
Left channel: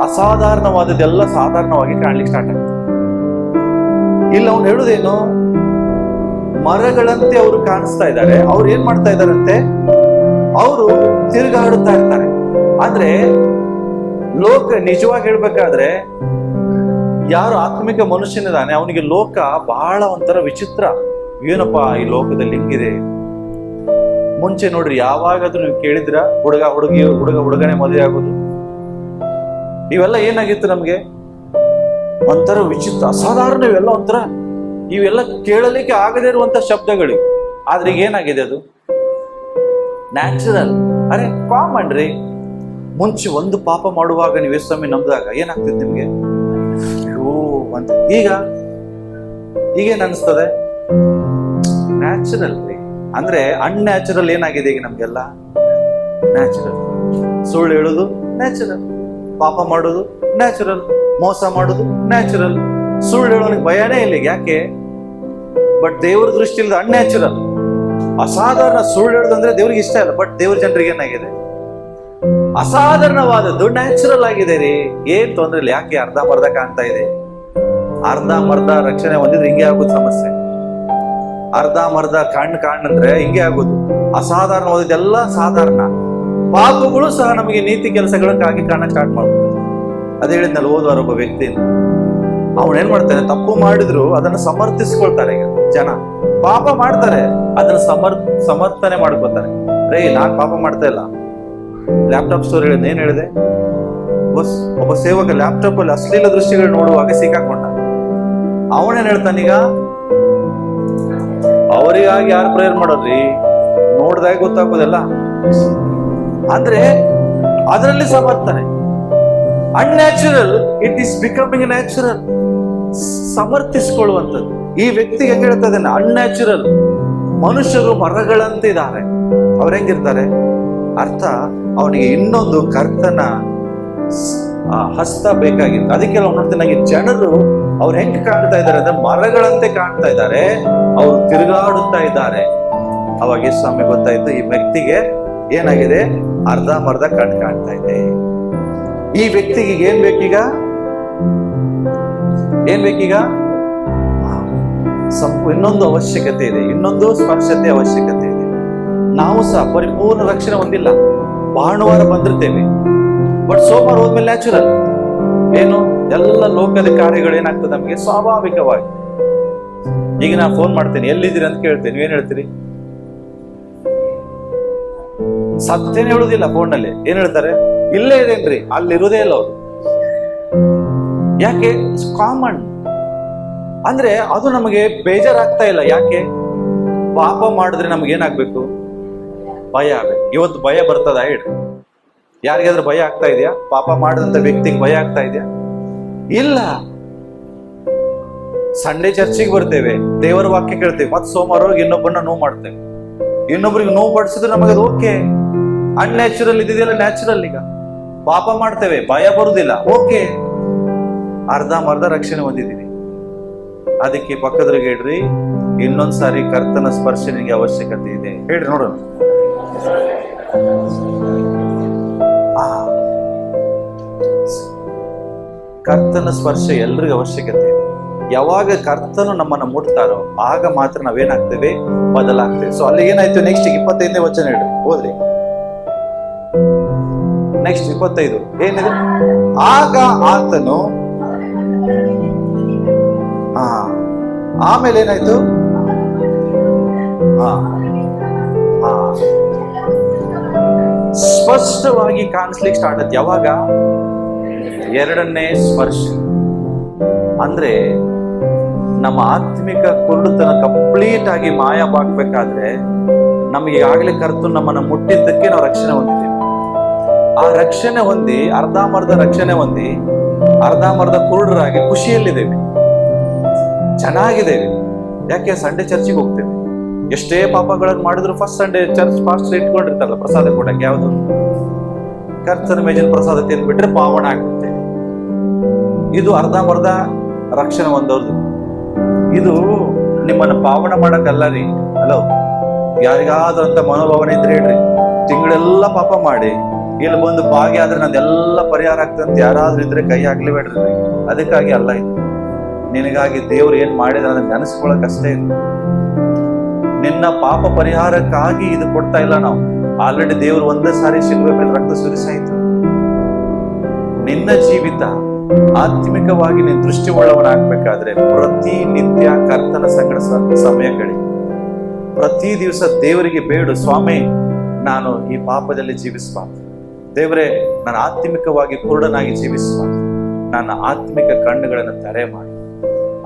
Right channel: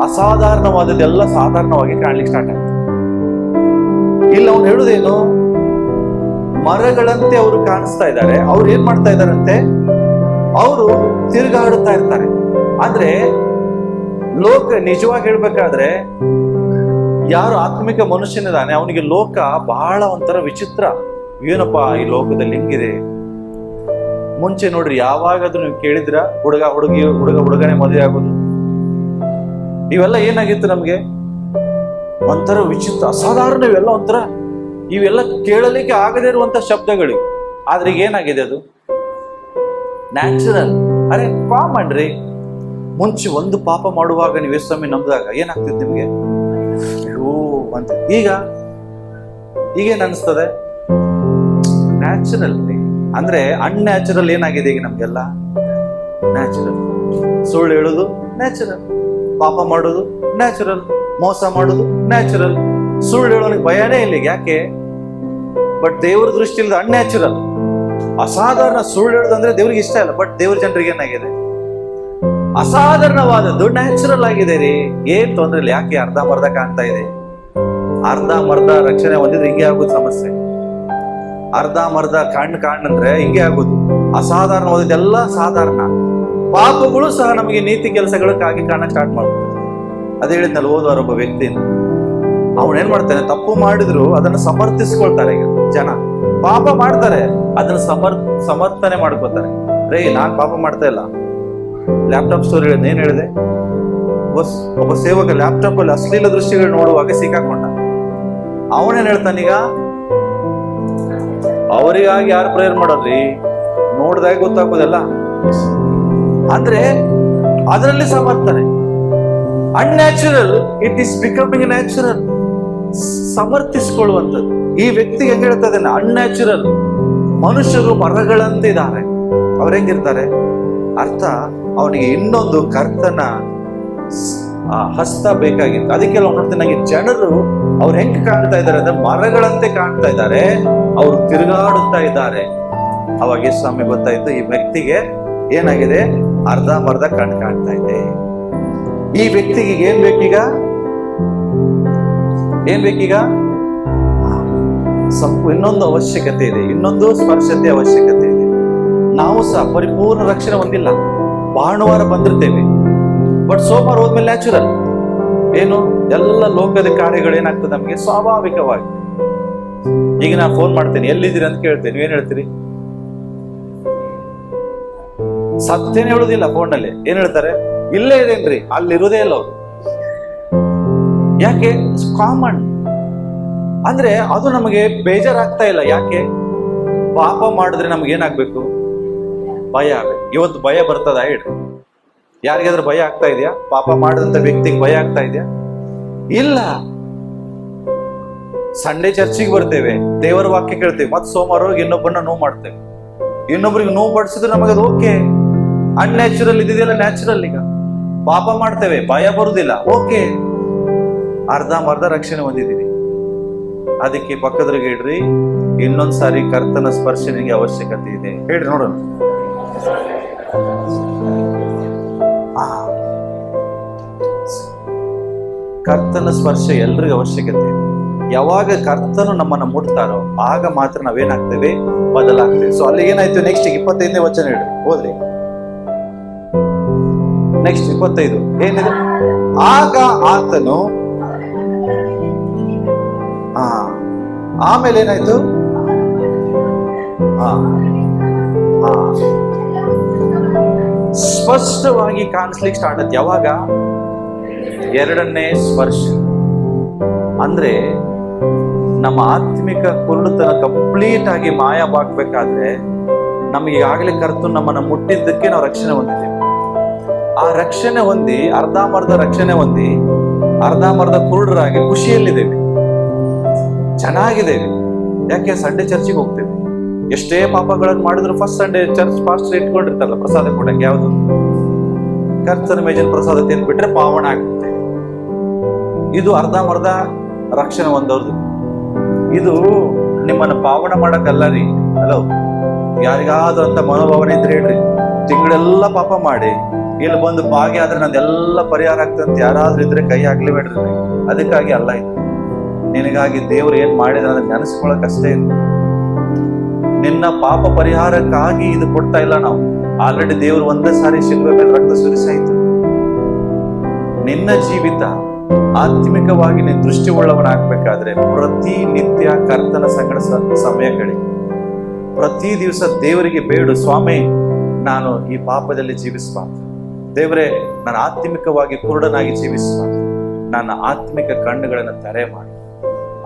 ಅಸಾಧಾರಣವಾದದ್ದೆಲ್ಲ ಸಾಧಾರಣವಾಗಿ ಕಾಣ್ಲಿಕ್ಕೆ ಸ್ಟಾರ್ಟ್ ಆಗ್ತದೆ. ಇಲ್ಲ ಅವನು ಹೇಳುದೇನು, ಮರಗಳಂತೆ ಅವರು ಕಾಣಿಸ್ತಾ ಇದ್ದಾರೆ. ಅವ್ರು ಏನ್ ಮಾಡ್ತಾ ಇದ್ದಾರಂತೆ, ಅವರು ತಿರುಗಾಡುತ್ತಾ ಇರ್ತಾರೆ. ಅಂದ್ರೆ ಲೋಕ, ನಿಜವಾಗಿ ಹೇಳ್ಬೇಕಾದ್ರೆ ಯಾರು ಆತ್ಮಿಕ ಮನುಷ್ಯನಿದ್ದಾನೆ ಅವನಿಗೆ ಲೋಕ ಬಹಳ ಒಂಥರ ವಿಚಿತ್ರ. ಏನಪ್ಪಾ ಈ ಲೋಕದಲ್ಲಿ ಹಿಂಗಿದೆ. ಮುಂಚೆ ನೋಡ್ರಿ, ಯಾವಾಗಾದ್ರೂ ನೀವು ಕೇಳಿದ್ರ ಹುಡುಗನೇ ಮದುವೆ ಆಗೋದು, ಇವೆಲ್ಲ ಏನಾಗಿತ್ತು ನಮ್ಗೆ, ಒಂಥರ ವಿಚಿತ್ರ, ಅಸಾಧಾರಣ. ಇವೆಲ್ಲ ಕೇಳಲಿಕ್ಕೆ ಆಗದೇ ಇರುವಂತ ಶಬ್ದಗಳು. ಆದ್ರೆ ಈಗ ಏನಾಗಿದೆ, ಅದು ನ್ಯಾಚುರಲ್, ಅರೆ ಕಾಮನ್ ರೀ. ಮುಂಚೆ ಒಂದು ಪಾಪ ಮಾಡುವಾಗ ನೀವು ಯೇಸುಸ್ವಾಮಿ ನಂಬಿದಾಗ ಏನಾಗ್ತಿತ್ತು ನಿಮ್ಗೆ, ಅಯ್ಯೋ ಅಂತ. ಈಗೇನ್ ಅನಿಸ್ತದೆ, ನ್ಯಾಚುರಲ್ ರೀ. ಅಂದ್ರೆ ಅನ್ಯಾಚುರಲ್ ಏನಾಗಿದೆ ಈಗ ನಮ್ಗೆಲ್ಲ ನ್ಯಾಚುರಲ್. ಸುಳ್ಳು ಹೇಳೋದು ನ್ಯಾಚುರಲ್, ಪಾಪ ಮಾಡೋದು ನ್ಯಾಚುರಲ್, ಮೋಸ ಮಾಡೋದು ನ್ಯಾಚುರಲ್. ಸುಳ್ಳು ಹೇಳೋನಿಗೆ ಭಯನೇ ಇಲ್ಲ. ಯಾಕೆ? ಬಟ್ ದೇವ್ರ ದೃಷ್ಟಿಯಿಂದ ಅನ್ಯಾಚುರಲ್, ಅಸಾಧಾರಣ. ಸುಳ್ಳು ಹೇಳೋದಂದ್ರೆ ದೇವ್ರಿಗೆ ಇಷ್ಟ ಇಲ್ಲ. ಬಟ್ ದೇವ್ರ ಜನರಿಗೆ ಏನಾಗಿದೆ, ಅಸಾಧಾರಣವಾದದ್ದು ನ್ಯಾಚುರಲ್ ಆಗಿದೆ ರೀ. ಏನ್ ತೊಂದ್ರೆ ಇಲ್ಲ. ಯಾಕೆ? ಅರ್ಧಂಬರ್ಧ ಕಾಣ್ತಾ ಇದೆ. ಅರ್ಧಂಬರ್ಧ ರಕ್ಷಣೆ ಹೊಂದಿದ್ರೆ ಹಿಂಗೆ ಆಗೋದು ಸಮಸ್ಯೆ. ಅರ್ಧಂಬರ್ಧ ಕಾಣಂದ್ರೆ ಹಿಂಗೆ ಆಗೋದು. ಅಸಾಧಾರಣವಾದದ್ದೆಲ್ಲ ಸಾಧಾರಣ. ಪಾಪಗಳು ಸಹ ನಮಗೆ ನೀತಿ ಕೆಲಸಗಳಕ್ಕಾಗಿ ಕಾಣಕ್ ಸ್ಟಾರ್ಟ್ ಮಾಡ್ತಾರೆ. ಅದೇ ಹೇಳಿದ್ನಲ್ಲ ಹೋದ್ವಾರ ಒಬ್ಬ ವ್ಯಕ್ತಿನ, ಅವನೇನ್ ಮಾಡ್ತಾನೆ, ತಪ್ಪು ಮಾಡಿದ್ರು ಅದನ್ನ ಸಮರ್ಥಿಸ್ಕೊಳ್ತಾರೆ. ಈಗ ಜನ ಪಾಪ ಮಾಡ್ತಾರೆ, ಅದನ್ನ ಸಮರ್ಥನೆ ಮಾಡ್ಕೋತಾರೆ. ರೇ ನಾನ್ ಪಾಪ ಮಾಡ್ತಾ ಇಲ್ಲ. ಲ್ಯಾಪ್ಟಾಪ್ ಸ್ಟೋರಿ ಹೇಳಿದ್, ಏನ್ ಹೇಳಿದೆ, ಒಬ್ಬ ಸೇವಕ ಲ್ಯಾಪ್ಟಾಪ್ ಅಲ್ಲಿ ಅಶ್ಲೀಲ ದೃಶ್ಯಗಳು ನೋಡುವಾಗ ಸಿಕ್ಕಾಕೊಂಡ. ಅವನೇನ್ ಹೇಳ್ತಾನೀಗ, ಅವರಿಗಾಗಿ ಯಾರು ಪ್ರೇಯರ್ ಮಾಡೋದ್ರಿ, ನೋಡ್ದಾಗ ಗೊತ್ತಾಗೋದಲ್ಲ. ಅಂದ್ರೆ ಅದರಲ್ಲಿ ಸಮರ್ಥನೆ. Unnatural, it is becoming natural. ಸಮರ್ಥಿಸಿಕೊಳ್ಳುವಂಥದ್ದು. ಈ ವ್ಯಕ್ತಿಗೆ ಹೆಂಗ್ ಹೇಳ್ತಾ ಇದ್ದಾನೆ, ಅನ್ಯಾಚುರಲ್. ಮನುಷ್ಯರು ಮರಗಳಂತೆ ಇದ್ದಾರೆ. ಅವ್ರ ಹೆಂಗಿರ್ತಾರೆ ಅರ್ಥ, ಅವನಿಗೆ ಇನ್ನೊಂದು ಕರ್ತನ ಹಸ್ತ ಬೇಕಾಗಿತ್ತು. ಅದಕ್ಕೆಲ್ಲ ನೋಡ್ತೀನಿ, ನನಗೆ ಜನರು ಅವ್ರು ಹೆಂಗ್ ಕಾಣ್ತಾ ಇದ್ದಾರೆ ಅಂದ್ರೆ ಮರಗಳಂತೆ ಕಾಣ್ತಾ ಇದ್ದಾರೆ, ಅವ್ರು ತಿರುಗಾಡುತ್ತಾ ಇದ್ದಾರೆ. ಅವಾಗ ಯೇಸುಸ್ವಾಮಿ ಗೊತ್ತಾಯ್ತು, ಈ ವ್ಯಕ್ತಿಗೆ ಏನಾಗಿದೆ, ಅರ್ಧಂಬರ್ಧ ಕಾಣ್ತಾ ಇದೆ. ಈ ವ್ಯಕ್ತಿಗೆ ಏನ್ ಬೇಕೀಗ, ಇನ್ನೊಂದು ಅವಶ್ಯಕತೆ ಇದೆ, ಇನ್ನೊಂದು ಸ್ಪರ್ಶತೆ ಅವಶ್ಯಕತೆ ಇದೆ. ನಾವು ಸಹ ಪರಿಪೂರ್ಣ ರಕ್ಷಣೆ ಹೊಂದಿಲ್ಲ. ಭಾನುವಾರ ಬಂದಿರ್ತೇವೆ, ಬಟ್ ಸೋಮವಾರ ಹೋದ್ಮೇಲೆ ನ್ಯಾಚುರಲ್ ಏನು, ಎಲ್ಲ ಲೋಕದ ಕಾರ್ಯಗಳು ಏನಾಗ್ತದೆ ನಮಗೆ ಸ್ವಾಭಾವಿಕವಾಗಿ. ಈಗ ನಾ ಫೋನ್ ಮಾಡ್ತೇನೆ, ಎಲ್ಲಿದ್ದೀರಿ ಅಂತ ಕೇಳ್ತೇನೆ, ನೀವೇನ್ ಹೇಳ್ತೀರಿ? ಸತ್ಯನೇ ಹೇಳುದಿಲ್ಲ. ಫೋನ್ನಲ್ಲಿ ಏನ್ ಹೇಳ್ತಾರೆ, ಇಲ್ಲೇ ಇದೇನ್ರಿ, ಅಲ್ಲಿರುವುದೇ ಇಲ್ಲ ಅವರು. ಯಾಕೆ? ಕಾಮನ್. ಅಂದ್ರೆ ಅದು ನಮಗೆ ಬೇಜಾರಾಗ್ತಾ ಇಲ್ಲ. ಯಾಕೆ? ಪಾಪ ಮಾಡಿದ್ರೆ ನಮ್ಗೆ ಏನಾಗ್ಬೇಕು, ಭಯ ಆಗ್ಬೇಕು. ಇವತ್ತು ಭಯ ಬರ್ತದ ಹೇಳ್ರಿ? ಯಾರಿಗಾದ್ರೂ ಭಯ ಆಗ್ತಾ ಇದೆಯಾ? ಪಾಪ ಮಾಡಿದಂತ ವ್ಯಕ್ತಿಗೆ ಭಯ ಆಗ್ತಾ ಇದೆಯಾ? ಇಲ್ಲ. ಸಂಡೇ ಚರ್ಚಿಗೆ ಬರ್ತೇವೆ, ದೇವರ ವಾಕ್ಯ ಕೇಳ್ತೇವೆ, ಮತ್ತೆ ಸೋಮವಾರ ಹೋಗಿ ಇನ್ನೊಬ್ಬರನ್ನ ನೋವು ಮಾಡ್ತೇವೆ. ಇನ್ನೊಬ್ರಿಗೆ ನೋವು ಪಡಿಸಿದ್ರೆ ನಮಗದು ಓಕೆ. ಅನ್ಯಾಚುರಲ್ ಇದೆಯಲ್ಲ ನ್ಯಾಚುರಲ್. ಈಗ ಪಾಪ ಮಾಡ್ತೇವೆ, ಭಯ ಬರುದಿಲ್ಲ, ಓಕೆ. ಅರ್ಧಂಬರ್ಧ ರಕ್ಷಣೆ ಹೊಂದಿದ್ದೀವಿ. ಅದಕ್ಕೆ ಪಕ್ಕದ್ರಿಗೆ ಹೇಳ್ರಿ, ಇನ್ನೊಂದ್ಸಾರಿ ಕರ್ತನ ಸ್ಪರ್ಶ ನಿಮಗೆ ಅವಶ್ಯಕತೆ ಇದೆ ಹೇಳ್ರಿ, ನೋಡೋಣ. ಕರ್ತನ ಸ್ಪರ್ಶ ಎಲ್ರಿಗೂ ಅವಶ್ಯಕತೆ ಇದೆ. ಯಾವಾಗ ಕರ್ತನು ನಮ್ಮನ್ನ ಮುಟ್ತಾರೋ ಆಗ ಮಾತ್ರ ನಾವೇನಾಗ್ತೇವೆ, ಬದಲಾಗ್ತೇವೆ. ಸೊ ಅಲ್ಲಿ ಏನಾಯ್ತು, ನೆಕ್ಸ್ಟ್ 25ನೇ ವಚನ ಹೇಳ್ರಿ, ಹೋದ್ರಿ. ನೆಕ್ಸ್ಟ್ 25 ಏನಿದೆ, ಆಗ ಆತನು ಆಮೇಲೆ ಏನಾಯ್ತು, ಸ್ಪಷ್ಟವಾಗಿ ಕಾಣಿಸ್ಲಿಕ್ಕೆ ಸ್ಟಾರ್ಟ್ ಆಯ್ತು. ಯಾವಾಗ? ಎರಡನೇ ಸ್ಪರ್ಶ. ಅಂದ್ರೆ ನಮ್ಮ ಆತ್ಮಿಕ ಕುರುಡುತನ ಕಂಪ್ಲೀಟ್ ಆಗಿ ಮಾಯವಾಗಬೇಕಾದ್ರೆ ನಮ್ಗೆ ಈಗಾಗಲೇ ಕರೆತು ನಮ್ಮನ್ನ ಮುಟ್ಟಿದ್ದಕ್ಕೆ ನಾವು ರಕ್ಷಣೆ ಹೊಂದಿದ್ದೇವೆ. ಆ ರಕ್ಷಣೆ ಹೊಂದಿ ಅರ್ಧಂಬರ್ಧ ರಕ್ಷಣೆ ಹೊಂದಿ ಅರ್ಧಂಬರ್ಧ ಕುರುಡರಾಗಿ ಖುಷಿಯಲ್ಲಿದ್ದೇವೆ, ಚೆನ್ನಾಗಿದ್ದೇವೆ. ಯಾಕೆ? ಸಂಡೇ ಚರ್ಚಿಗೆ ಹೋಗ್ತೇವೆ. ಎಷ್ಟೇ ಪಾಪಗಳನ್ನು ಮಾಡಿದ್ರು ಫಸ್ಟ್ ಸಂಡೇ ಚರ್ಚ್ ಪಾಸ್ಟರ್ ಇಟ್ಕೊಂಡಿರ್ತಾರಲ್ಲ ಪ್ರಸಾದ ಕೊಡಕ್ಕೆ, ಯಾವುದು? ಕರ್ತನ ಮೇಜಿನ ಪ್ರಸಾದ ತಿಂದ್ಬಿಟ್ರೆ ಪಾವನ ಆಗ್ಬಿಡ್ತೇವೆ. ಇದು ಅರ್ಧಂಬರ್ಧ ರಕ್ಷಣೆ ಹೊಂದೋದು. ಇದು ನಿಮ್ಮನ್ನ ಪಾವನ ಮಾಡಕ್ಕಲ್ಲ ರೀ. ಹಲೋ, ಯಾರಿಗಾದ್ರೂ ಅಂತ ಮನೋಭಾವನೆ ಇದ್ರೆ ಹೇಳ್ರಿ, ತಿಂಗಳೆಲ್ಲ ಪಾಪ ಮಾಡಿ ಇಲ್ಲಿ ಬಂದು ಭಾಗ್ಯ ಆದ್ರೆ ನಂದೆಲ್ಲ ಪರಿಹಾರ ಆಗ್ತಂತ ಯಾರಾದ್ರೂ ಇದ್ರೆ ಕೈ ಹಾಕ್ಲೇಬೇಡ್ರಿ. ಅದಕ್ಕಾಗಿ ಅಲ್ಲ ಇದು. ನಿನಗಾಗಿ ದೇವ್ರು ಏನ್ ಮಾಡಿದ ಅದನ್ನ ನೆನೆಸ್ಕೊಳಕ್ ಅಷ್ಟೇ ಇದು. ನಿನ್ನ ಪಾಪ ಪರಿಹಾರಕ್ಕಾಗಿ ಇದು ಕೊಡ್ತಾ ಇಲ್ಲ ನಾವು. ಆಲ್ರೆಡಿ ದೇವ್ರು ಒಂದೇ ಸಾರಿ ಶಿಲ್ವೆ ಮೇಲೆ ರಕ್ತ ಸುರಿಸಾಯಿತು. ನಿನ್ನ ಜೀವಿತ ಆತ್ಮಿಕವಾಗಿ ನೀನು ದೃಷ್ಟಿ ಉಳ್ಳವನಾಗ್ಬೇಕಾದ್ರೆ ಪ್ರತಿನಿತ್ಯ ಕರ್ತನ ಸಂಗಡ ಸಮಯಗಳಿ, ಪ್ರತಿ ದಿವಸ ದೇವರಿಗೆ ಬೇಡು, ಸ್ವಾಮಿ ನಾನು ಈ ಪಾಪದಲ್ಲಿ ಜೀವಿಸಬಾರ್ದು, ದೇವರೇ ನಾನು ಆತ್ಮಿಕವಾಗಿ ಕುರುಡನಾಗಿ ಜೀವಿಸಬಾರ್ದು, ನನ್ನ ಆತ್ಮಿಕ ಕಣ್ಣುಗಳನ್ನು ತೆರೆ ಮಾಡು,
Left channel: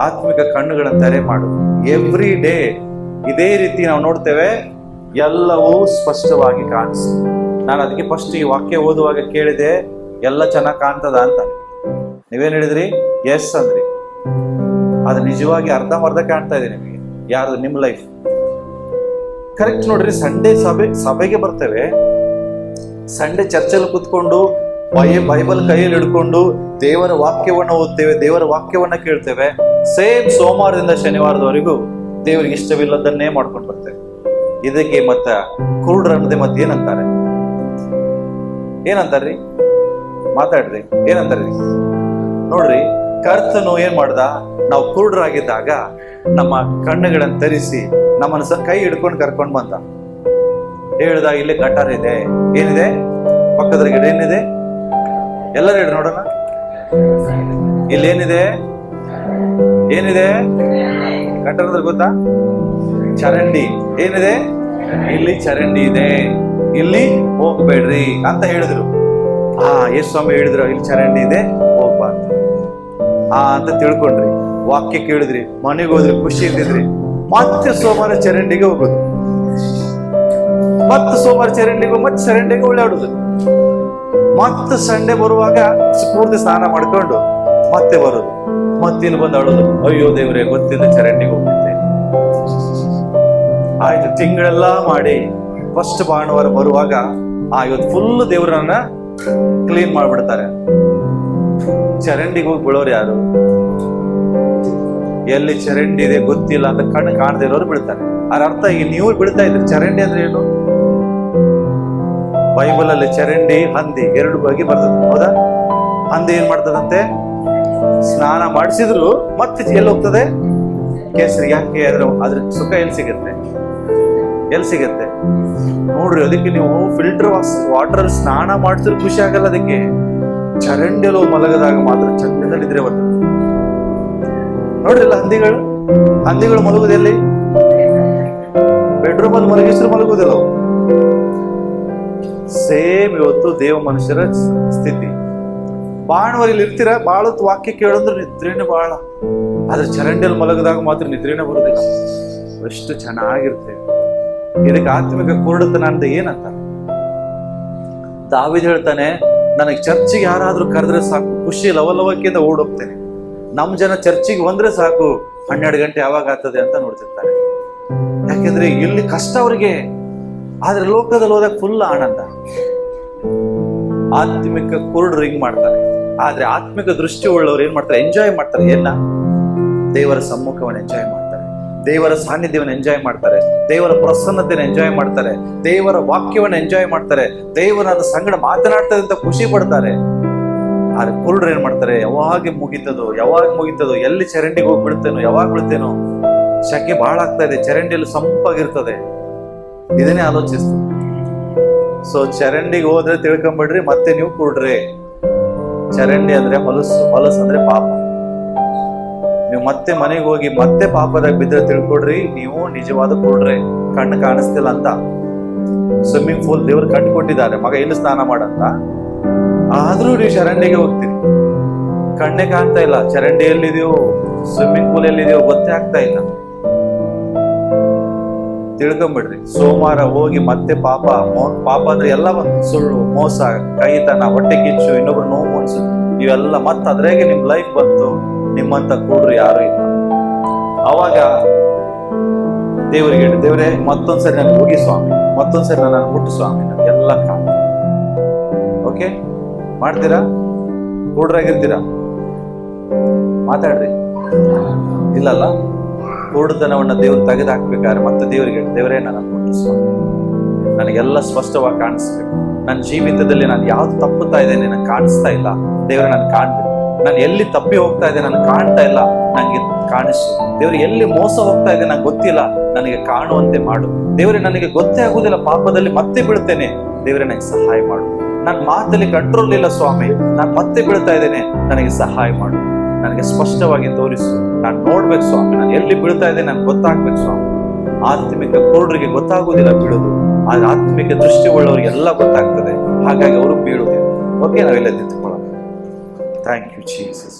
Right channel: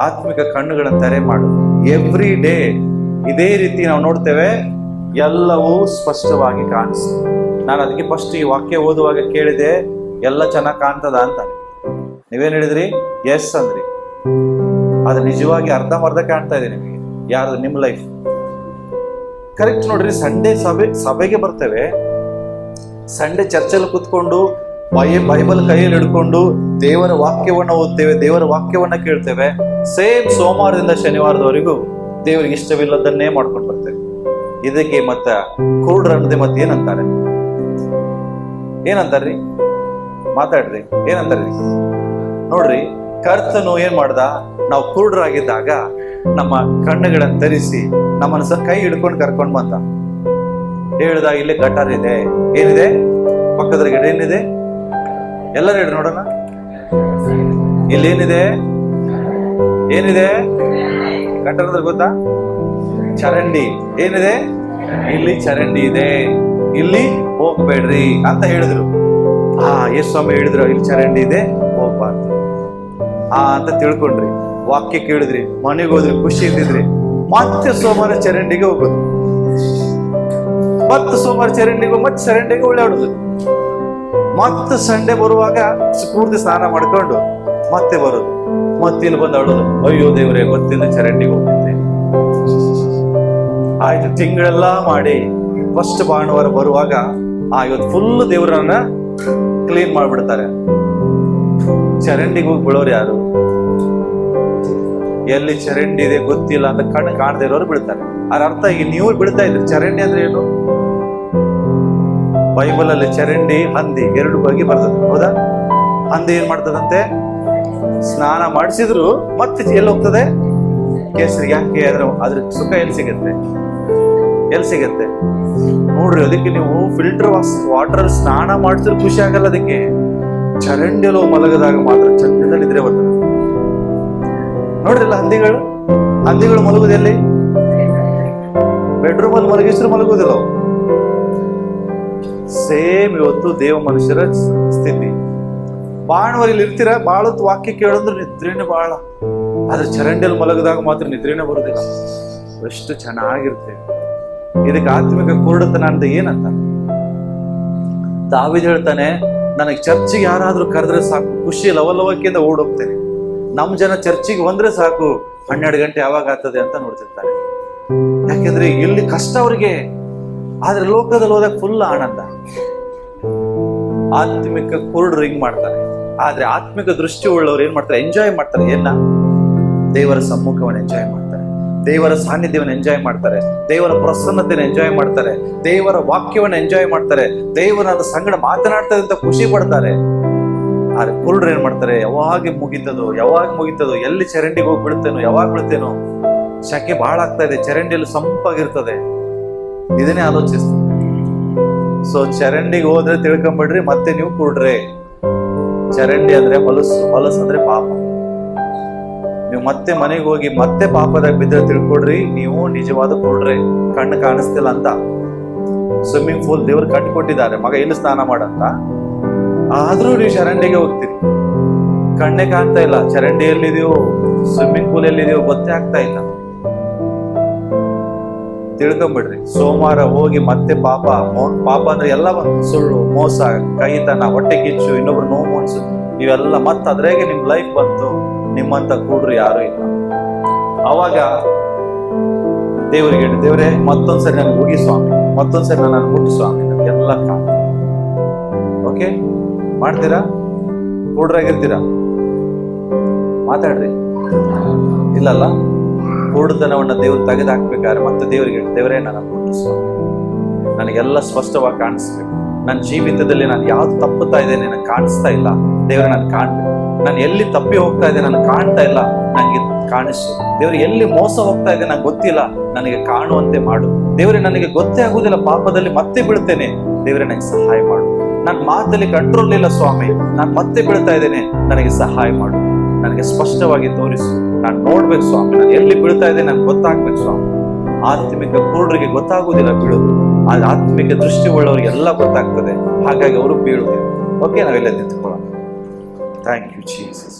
ಆತ್ಮಿಕ ಕಣ್ಣುಗಳನ್ನು ತೆರೆ ಮಾಡು. ಎವ್ರಿ ಡೇ ಇದೇ ರೀತಿ ನಾವು ನೋಡ್ತೇವೆ, ಎಲ್ಲವೂ ಸ್ಪಷ್ಟವಾಗಿ ಕಾಣಿಸ್ತದೆ. ನಾನು ಅದಕ್ಕೆ ಫಸ್ಟ್ ಈ ವಾಕ್ಯ ಓದುವಾಗ ಕೇಳಿದೆ, ಎಲ್ಲ ಚೆನ್ನಾಗಿ ಕಾಣ್ತದ ಅಂತ. ನೀವೇನ್ ಹೇಳಿದ್ರಿ? ಎಸ್ ಅಂದ್ರಿ. ಅದು ನಿಜವಾಗಿ ಅರ್ಧಂಬರ್ಧ ಕಾಣ್ತಾ ಇದೆ ನಿಮಗೆ. ಯಾರ್ದು? ನಿಮ್ಮ ಲೈಫ್ ಕರೆಕ್ಟ್. ನೋಡ್ರಿ, ಸಂಡೇ ಸಭೆಗೆ ಬರ್ತೇವೆ, ಸಂಡೇ ಚರ್ಚಲ್ಲಿ ಕೂತ್ಕೊಂಡು ಬೈಬಲ್ ಕೈಯಲ್ಲಿ ಹಿಡ್ಕೊಂಡು ದೇವರ ವಾಕ್ಯವನ್ನ ಓದ್ತೇವೆ, ದೇವರ ವಾಕ್ಯವನ್ನ ಕೇಳ್ತೇವೆ. ಸೇಮ್ ಸೋಮವಾರದಿಂದ ಶನಿವಾರದವರೆಗೂ ದೇವರಿಗೆ ಇಷ್ಟವಿಲ್ಲದನ್ನೇ ಮಾಡ್ಕೊಂಡು ಬರ್ತೇವೆ. ಇದಕ್ಕೆ ಮತ್ತ ಕುರುಡ್ರ ಅನ್ನದೆ ಮತ್ತೆ ಏನಂತಾರ್ರಿ? ಮಾತಾಡ್ರಿ, ಏನಂತಾರ್ರಿ? ನೋಡ್ರಿ, ಕರ್ತನು ಏನ್ ಮಾಡ್ದ? ನಾವು ಕುರುಡ್ರಾಗಿದ್ದಾಗ ನಮ್ಮ ಕಣ್ಣುಗಳನ್ನು ತರಿಸಿ ನಮ್ಮನ್ನ ಕೈ ಹಿಡ್ಕೊಂಡು ಕರ್ಕೊಂಡು ಬಂದ. ಹೇಳ್ದ, ಇಲ್ಲಿ ಗಟಾರ್ ಇದೆ. ಏನಿದೆ? ಪಕ್ಕದ ಗಿಡ ಏನಿದೆ? ಎಲ್ಲರೂ ಹೇಳಿ ನೋಡೋಣ. ಇಲ್ಲೇನಿದೆ? ಏನಿದೆ? ಗಟಾರ್ ಅಂದ್ರೆ ಗೊತ್ತಾ? ಚರಂಡಿ. ಏನಿದೆ? ಇಲ್ಲಿ ಚರಂಡಿ ಇದೆ, ಇಲ್ಲಿ ಹೋಗ್ಬೇಡ್ರಿ ಅಂತ ಹೇಳಿದ್ರು. ಯೇಸು ಸ್ವಾಮಿ ಹೇಳಿದ್ರು, ಇಲ್ಲಿ ಚರಂಡಿ ಇದೆ, ಹೋಗ್ಬಾರ್ದು ಅಂತ ತಿಳ್ಕೊಂಡ್ರಿ. ವಾಕ್ಯ ಕೇಳಿದ್ರಿ, ಮನೆಗೆ ಹೋದ್ರಿ, ಖುಷಿ ಇದ್ದಿದ್ರಿ. ಮತ್ತೆ ಸೋಮವಾರ ಚರಂಡಿಗೆ ಹೋಗೋದು, ಮತ್ತೆ ಸೋಮವಾರ ಚರಂಡಿಗೆ ಮತ್ತೆ ಚರಂಡಿಗೆ ಓಡಾಡೋದು. ಮತ್ತೆ ಸಂಡೆ ಬರುವಾಗ ಪೂರ್ತಿ ಸ್ನಾನ ಮಾಡ್ಕೊಂಡು ಮತ್ತೆ ಬರೋದು, ಮತ್ತೆ ಇಲ್ಲಿ ಬಂದು ಅಳೋದು, ಅಯ್ಯೋ ದೇವರೇ ಗೊತ್ತಿಲ್ಲ ಚರಂಡಿಗೆ ಹೋಗಿದ್ದೆ. ಆಯ್ತು, ತಿಂಗಳೆಲ್ಲ ಮಾಡಿ ಫಸ್ಟ್ ಭಾನುವಾರ ಬರುವಾಗ ಇವತ್ತು ಫುಲ್ ದೇವರನ್ನ ಕ್ಲೀನ್ ಮಾಡ್ಬಿಡ್ತಾರೆ. ಚರಂಡಿಗೆ ಹೋಗಿ ಬೀಳೋರು ಯಾರು? ಎಲ್ಲಿ ಚರಂಡಿ ಇದೆ ಗೊತ್ತಿಲ್ಲ ಅಂತ ಕಣ್ಣು ಕಾಣದೇ ಇರೋರು ಬೀಳ್ತಾರೆ. ಅದ್ರ ಅರ್ಥ ಈಗ ನೀವು ಬೀಳ್ತಾ ಇದ್ರಿ. ಚರಂಡಿ ಅಂದ್ರೆ ಏನು? ಬೈಬಲ್ ಅಲ್ಲಿ ಚರಂಡಿ, ಹಂದಿ ಎರಡು ಬಗ್ಗೆ ಬರ್ತದೆ, ಹೌದಾ? ಹಂದಿ ಏನ್ ಮಾಡ್ತದಂತೆ? ಸ್ನಾನ ಮಾಡಿಸಿದ್ರು ಮತ್ತೆ ಎಲ್ಲಿ ಹೋಗ್ತದೆ? ಕೇಸರಿ. ಯಾಕೆ? ಅದ್ರ ಸುಖ ಎಲ್ಲಿ ಸಿಗತ್ತೆ? ನೋಡ್ರಿ, ಅದಕ್ಕೆ ನೀವು ಫಿಲ್ಟರ್ ವಾಟರ್ ಅಲ್ಲಿ ಸ್ನಾನ ಮಾಡಿಸಿದ್ರು ಖುಷಿ ಆಗಲ್ಲ. ಅದಕ್ಕೆ ಚರಂಡಿಯಲ್ಲೋ ಮಲಗದಾಗ ಮಾತ್ರ ಚಂದ ನಿದ್ರೆ ಬರ್ತದೆ. ನೋಡ್ರಿಲ್ಲ, ಹಂದಿಗಳು ಮಲಗುದೆಲ್ಲಿ? ಬೆಡ್ರೂಮ್ ಅಲ್ಲಿ ಮಲಗಿಸಿದ್ರು ಮಲಗುವುದಿಲ್ಲ. ಸೇಮ್ ಇವತ್ತು ದೇವ ಮನುಷ್ಯರ ಸ್ಥಿತಿ. ಬಾಣವರಲ್ಲಿ ಇರ್ತೀರ, ಬಾಳತ್ ವಾಕ್ಯ ಕೇಳಿದ್ರೆ ನಿದ್ರೇನೆ ಬಾಳ. ಆದ್ರೆ ಚರಂಡಿಯಲ್ಲಿ ಮಲಗದಾಗ ಮಾತ್ರ ನಿದ್ರೇನೆ ಬರುದಿಲ್ಲ. ಎಷ್ಟು ಚೆನ್ನಾಗಿರ್ತೇವೆ. ಇದಕ್ಕೆ ಆತ್ಮಿಕ ಕುರುಡತನ ಅಂತ ಏನಂತ ದಾವೀದ ಹೇಳ್ತಾನೆ, ನನಗೆ ಚರ್ಚಿಗೆ ಯಾರಾದ್ರೂ ಕರೆದ್ರೆ ಸಾಕು, ಖುಷಿ ಲವಲವಕ್ಕಿಂದ ಓಡೋಗ್ತೇನೆ. ನಮ್ ಜನ ಚರ್ಚಿಗೆ ಬಂದ್ರೆ ಸಾಕು, 12 ಗಂಟೆ ಯಾವಾಗ ಆಗ್ತದೆ ಅಂತ ನೋಡ್ತಿರ್ತಾರೆ. ಯಾಕೆಂದ್ರೆ ಇಲ್ಲಿ ಕಷ್ಟ ಅವ್ರಿಗೆ, ಆದ್ರೆ ಲೋಕದಲ್ಲಿ ಹೋದಾಗ ಫುಲ್ ಆನಂದ. ಆತ್ಮಿಕ ಕುರುಡರು ಹಿಂಗ್ ಮಾಡ್ತಾರೆ. ಆದ್ರೆ ಆತ್ಮಿಕ ದೃಷ್ಟಿ ಉಳ್ಳವ್ರು ಏನ್ ಮಾಡ್ತಾರೆ? ಎಂಜಾಯ್ ಮಾಡ್ತಾರೆ. ಏನ? ದೇವರ ಸಮ್ಮುಖವನ್ನು ಎಂಜಾಯ್ ಮಾಡ್ತಾರೆ, ದೇವರ ಸಾನ್ನಿಧ್ಯವನ್ನು ಎಂಜಾಯ್ ಮಾಡ್ತಾರೆ, ದೇವರ ಪ್ರಸನ್ನತೆಯನ್ನು ಎಂಜಾಯ್ ಮಾಡ್ತಾರೆ, ದೇವರ ವಾಕ್ಯವನ್ನು ಎಂಜಾಯ್ ಮಾಡ್ತಾರೆ, ದೇವರನ್ನ ಸಂಗಡ ಮಾತನಾಡ್ತಾರೆ ಅಂತ ಖುಷಿ ಪಡ್ತಾರೆ. ಆದ್ರೆ ಕುರುಡ್ರು ಏನ್ ಮಾಡ್ತಾರೆ? ಯಾವಾಗ ಮುಗಿತದೋ, ಎಲ್ಲಿ ಚರಂಡಿಗೆ ಹೋಗಿ ಬಿಡ್ತೇನೋ, ಯಾವಾಗ ಬಿಡ್ತೇನೋ, ಶಕೆ ಬಹಳ ಆಗ್ತಾ ಇದೆ, ಚರಂಡಿಯಲ್ಲಿ ಸಂಪಾಗಿರ್ತದೆ, ಇದನ್ನೇ ಆಲೋಚಿಸ್ತಾರೆ. ಸೊ ಚರಂಡಿಗೆ ಹೋದ್ರೆ ತಿಳ್ಕೊಂಬಿಡ್ರಿ, ಮತ್ತೆ ನೀವು ಕುರುಡ್ರೆ. ಚರಂಡಿ ಅಂದ್ರೆ ಹೊಲಸು ಅಂದ್ರೆ ಪಾಪ. ನೀವು ಮತ್ತೆ ಮನೆಗೆ ಹೋಗಿ ಮತ್ತೆ ಪಾಪದಾಗ ಬಿದ್ದರೆ ತಿಳ್ಕೊಡ್ರಿ, ನೀವು ನಿಜವಾದ ಕುರುಡ್ರೆ, ಕಣ್ಣು ಕಾಣಿಸ್ತಿಲ್ಲ ಅಂತ. ಸ್ವಿಮ್ಮಿಂಗ್ ಪೂಲ್ ದೇವ್ರು ಕಟ್ಟಿ ಕೊಟ್ಟಿದ್ದಾರೆ, ಮಗ ಇಲ್ಲಿ ಸ್ನಾನ ಮಾಡಂತ. ಆದ್ರೂ ನೀವು ಚರಂಡಿಗೆ ಹೋಗ್ತೀರಿ. ಕಣ್ಣೆ ಕಾಣ್ತಾ ಇಲ್ಲ, ಚರಂಡಿ ಎಲ್ಲಿದೆಯೋ ಸ್ವಿಮ್ಮಿಂಗ್ ಪೂಲ್ ಎಲ್ಲಿದೆಯೋ ಗೊತ್ತೇ ಆಗ್ತಾ ಇಲ್ಲ. ತಿಳ್ಕೊಂಬಿಡ್ರಿ, ಸೋಮವಾರ ಹೋಗಿ ಮತ್ತೆ ಪಾಪ ಅಂದ್ರೆ ಎಲ್ಲ ಬಂತು. ಸುಳ್ಳು, ಮೋಸ, ಕೈತನ, ಹೊಟ್ಟೆ ಕಿಚ್ಚು, ಇನ್ನೊಬ್ರು ನೋವು ಮುನ್ಸು, ಇವೆಲ್ಲ ಮತ್ತೆ ಅದ್ರಾಗೆ ನಿಮ್ ಲೈಫ್ ಬಂತು. ನಿಮ್ಮಂತ ಕೂಡ್ರು ಯಾರು ಇಲ್ಲ. ಅವಾಗ ದೇವರಿಗೆ ಹೇಳಿ, ದೇವರೇ ಮತ್ತೊಂದ್ಸರಿ ನನಗೆ ಹೋಗಿ ಸ್ವಾಮಿ, ಮತ್ತೊಂದ್ಸರಿ ನನ್ನ ಮುಟ್ಟು ಸ್ವಾಮಿ, ನನಗೆಲ್ಲ ಕಾಣ. ಓಕೆ, ಮಾಡ್ತೀರಾ? ಕೂಡ್ರಾಗಿರ್ತೀರಾ? ಮಾತಾಡ್ರಿ. ಇಲ್ಲಲ್ಲ, ಕೂಡತನವನ್ನ ದೇವ್ರು ತೆಗೆದು ಹಾಕ್ಬೇಕಾದ್ರೆ ಮತ್ತೆ ದೇವರಿಗೆ, ದೇವರೇ ನನ್ನ ಮುಟ್ಟು ಸ್ವಾಮಿ, ನನಗೆಲ್ಲ ಸ್ಪಷ್ಟವಾಗಿ ಕಾಣಿಸ್ಬೇಕು. ನನ್ನ ಜೀವಿತದಲ್ಲಿ ನಾನು ಯಾವ್ದು ತಪ್ಪುತ್ತಾ ಇದ್ದೇನೆ ನನಗೆ ಕಾಣಿಸ್ತಾ ಇಲ್ಲ. ದೇವರೇ ನಾನು ಕಾಣ್ಬೇಕು. ನಾನು ಎಲ್ಲಿ ತಪ್ಪಿ ಹೋಗ್ತಾ ಇದೆ ನನಗೆ ಕಾಣ್ತಾ ಇಲ್ಲ, ನನಗೆ ಕಾಣಿಸು. ದೇವ್ರೆ, ಎಲ್ಲಿ ಮೋಸ ಹೋಗ್ತಾ ಇದೆ ನಂಗೆ ಗೊತ್ತಿಲ್ಲ, ನನಗೆ ಕಾಣುವಂತೆ ಮಾಡು. ದೇವರೇ, ನನಗೆ ಗೊತ್ತೇ ಆಗುದಿಲ್ಲ, ಪಾಪದಲ್ಲಿ ಮತ್ತೆ ಬೀಳ್ತೇನೆ. ದೇವರೇ, ನನಗೆ ಸಹಾಯ ಮಾಡು. ನನ್ನ ಮಾತಲ್ಲಿ ಕಂಟ್ರೋಲ್ ಇಲ್ಲ ಸ್ವಾಮಿ, ನಾನು ಮತ್ತೆ ಬೀಳ್ತಾ ಇದ್ದೇನೆ, ನನಗೆ ಸಹಾಯ ಮಾಡು. ನನಗೆ ಸ್ಪಷ್ಟವಾಗಿ ತೋರಿಸು, ನಾನು ನೋಡ್ಬೇಕು ಸ್ವಾಮಿ, ನಾನು ಎಲ್ಲಿ ಬೀಳ್ತಾ ಇದ್ದೇನೆ ನನಗೆ ಗೊತ್ತಾಗ್ಬೇಕು ಸ್ವಾಮಿ. ಆತ್ಮಿಕ ಕುರುಡರಿಗೆ ಗೊತ್ತಾಗುವುದಿಲ್ಲ ಬೀಳೋದು, ಆದ್ರೆ ಆತ್ಮಿಕ ದೃಷ್ಟಿ ಉಳ್ಳವರಿಗೆಲ್ಲ ಗೊತ್ತಾಗ್ತದೆ. ಹಾಗಾಗಿ ಅವರು ಬೀಳುವುದಿಲ್ಲ. ಓಕೆ, ನಾವೆಲ್ಲ ನಿಂತ್ಕೊಳ್ಳೋಣ. Thank you Jesus.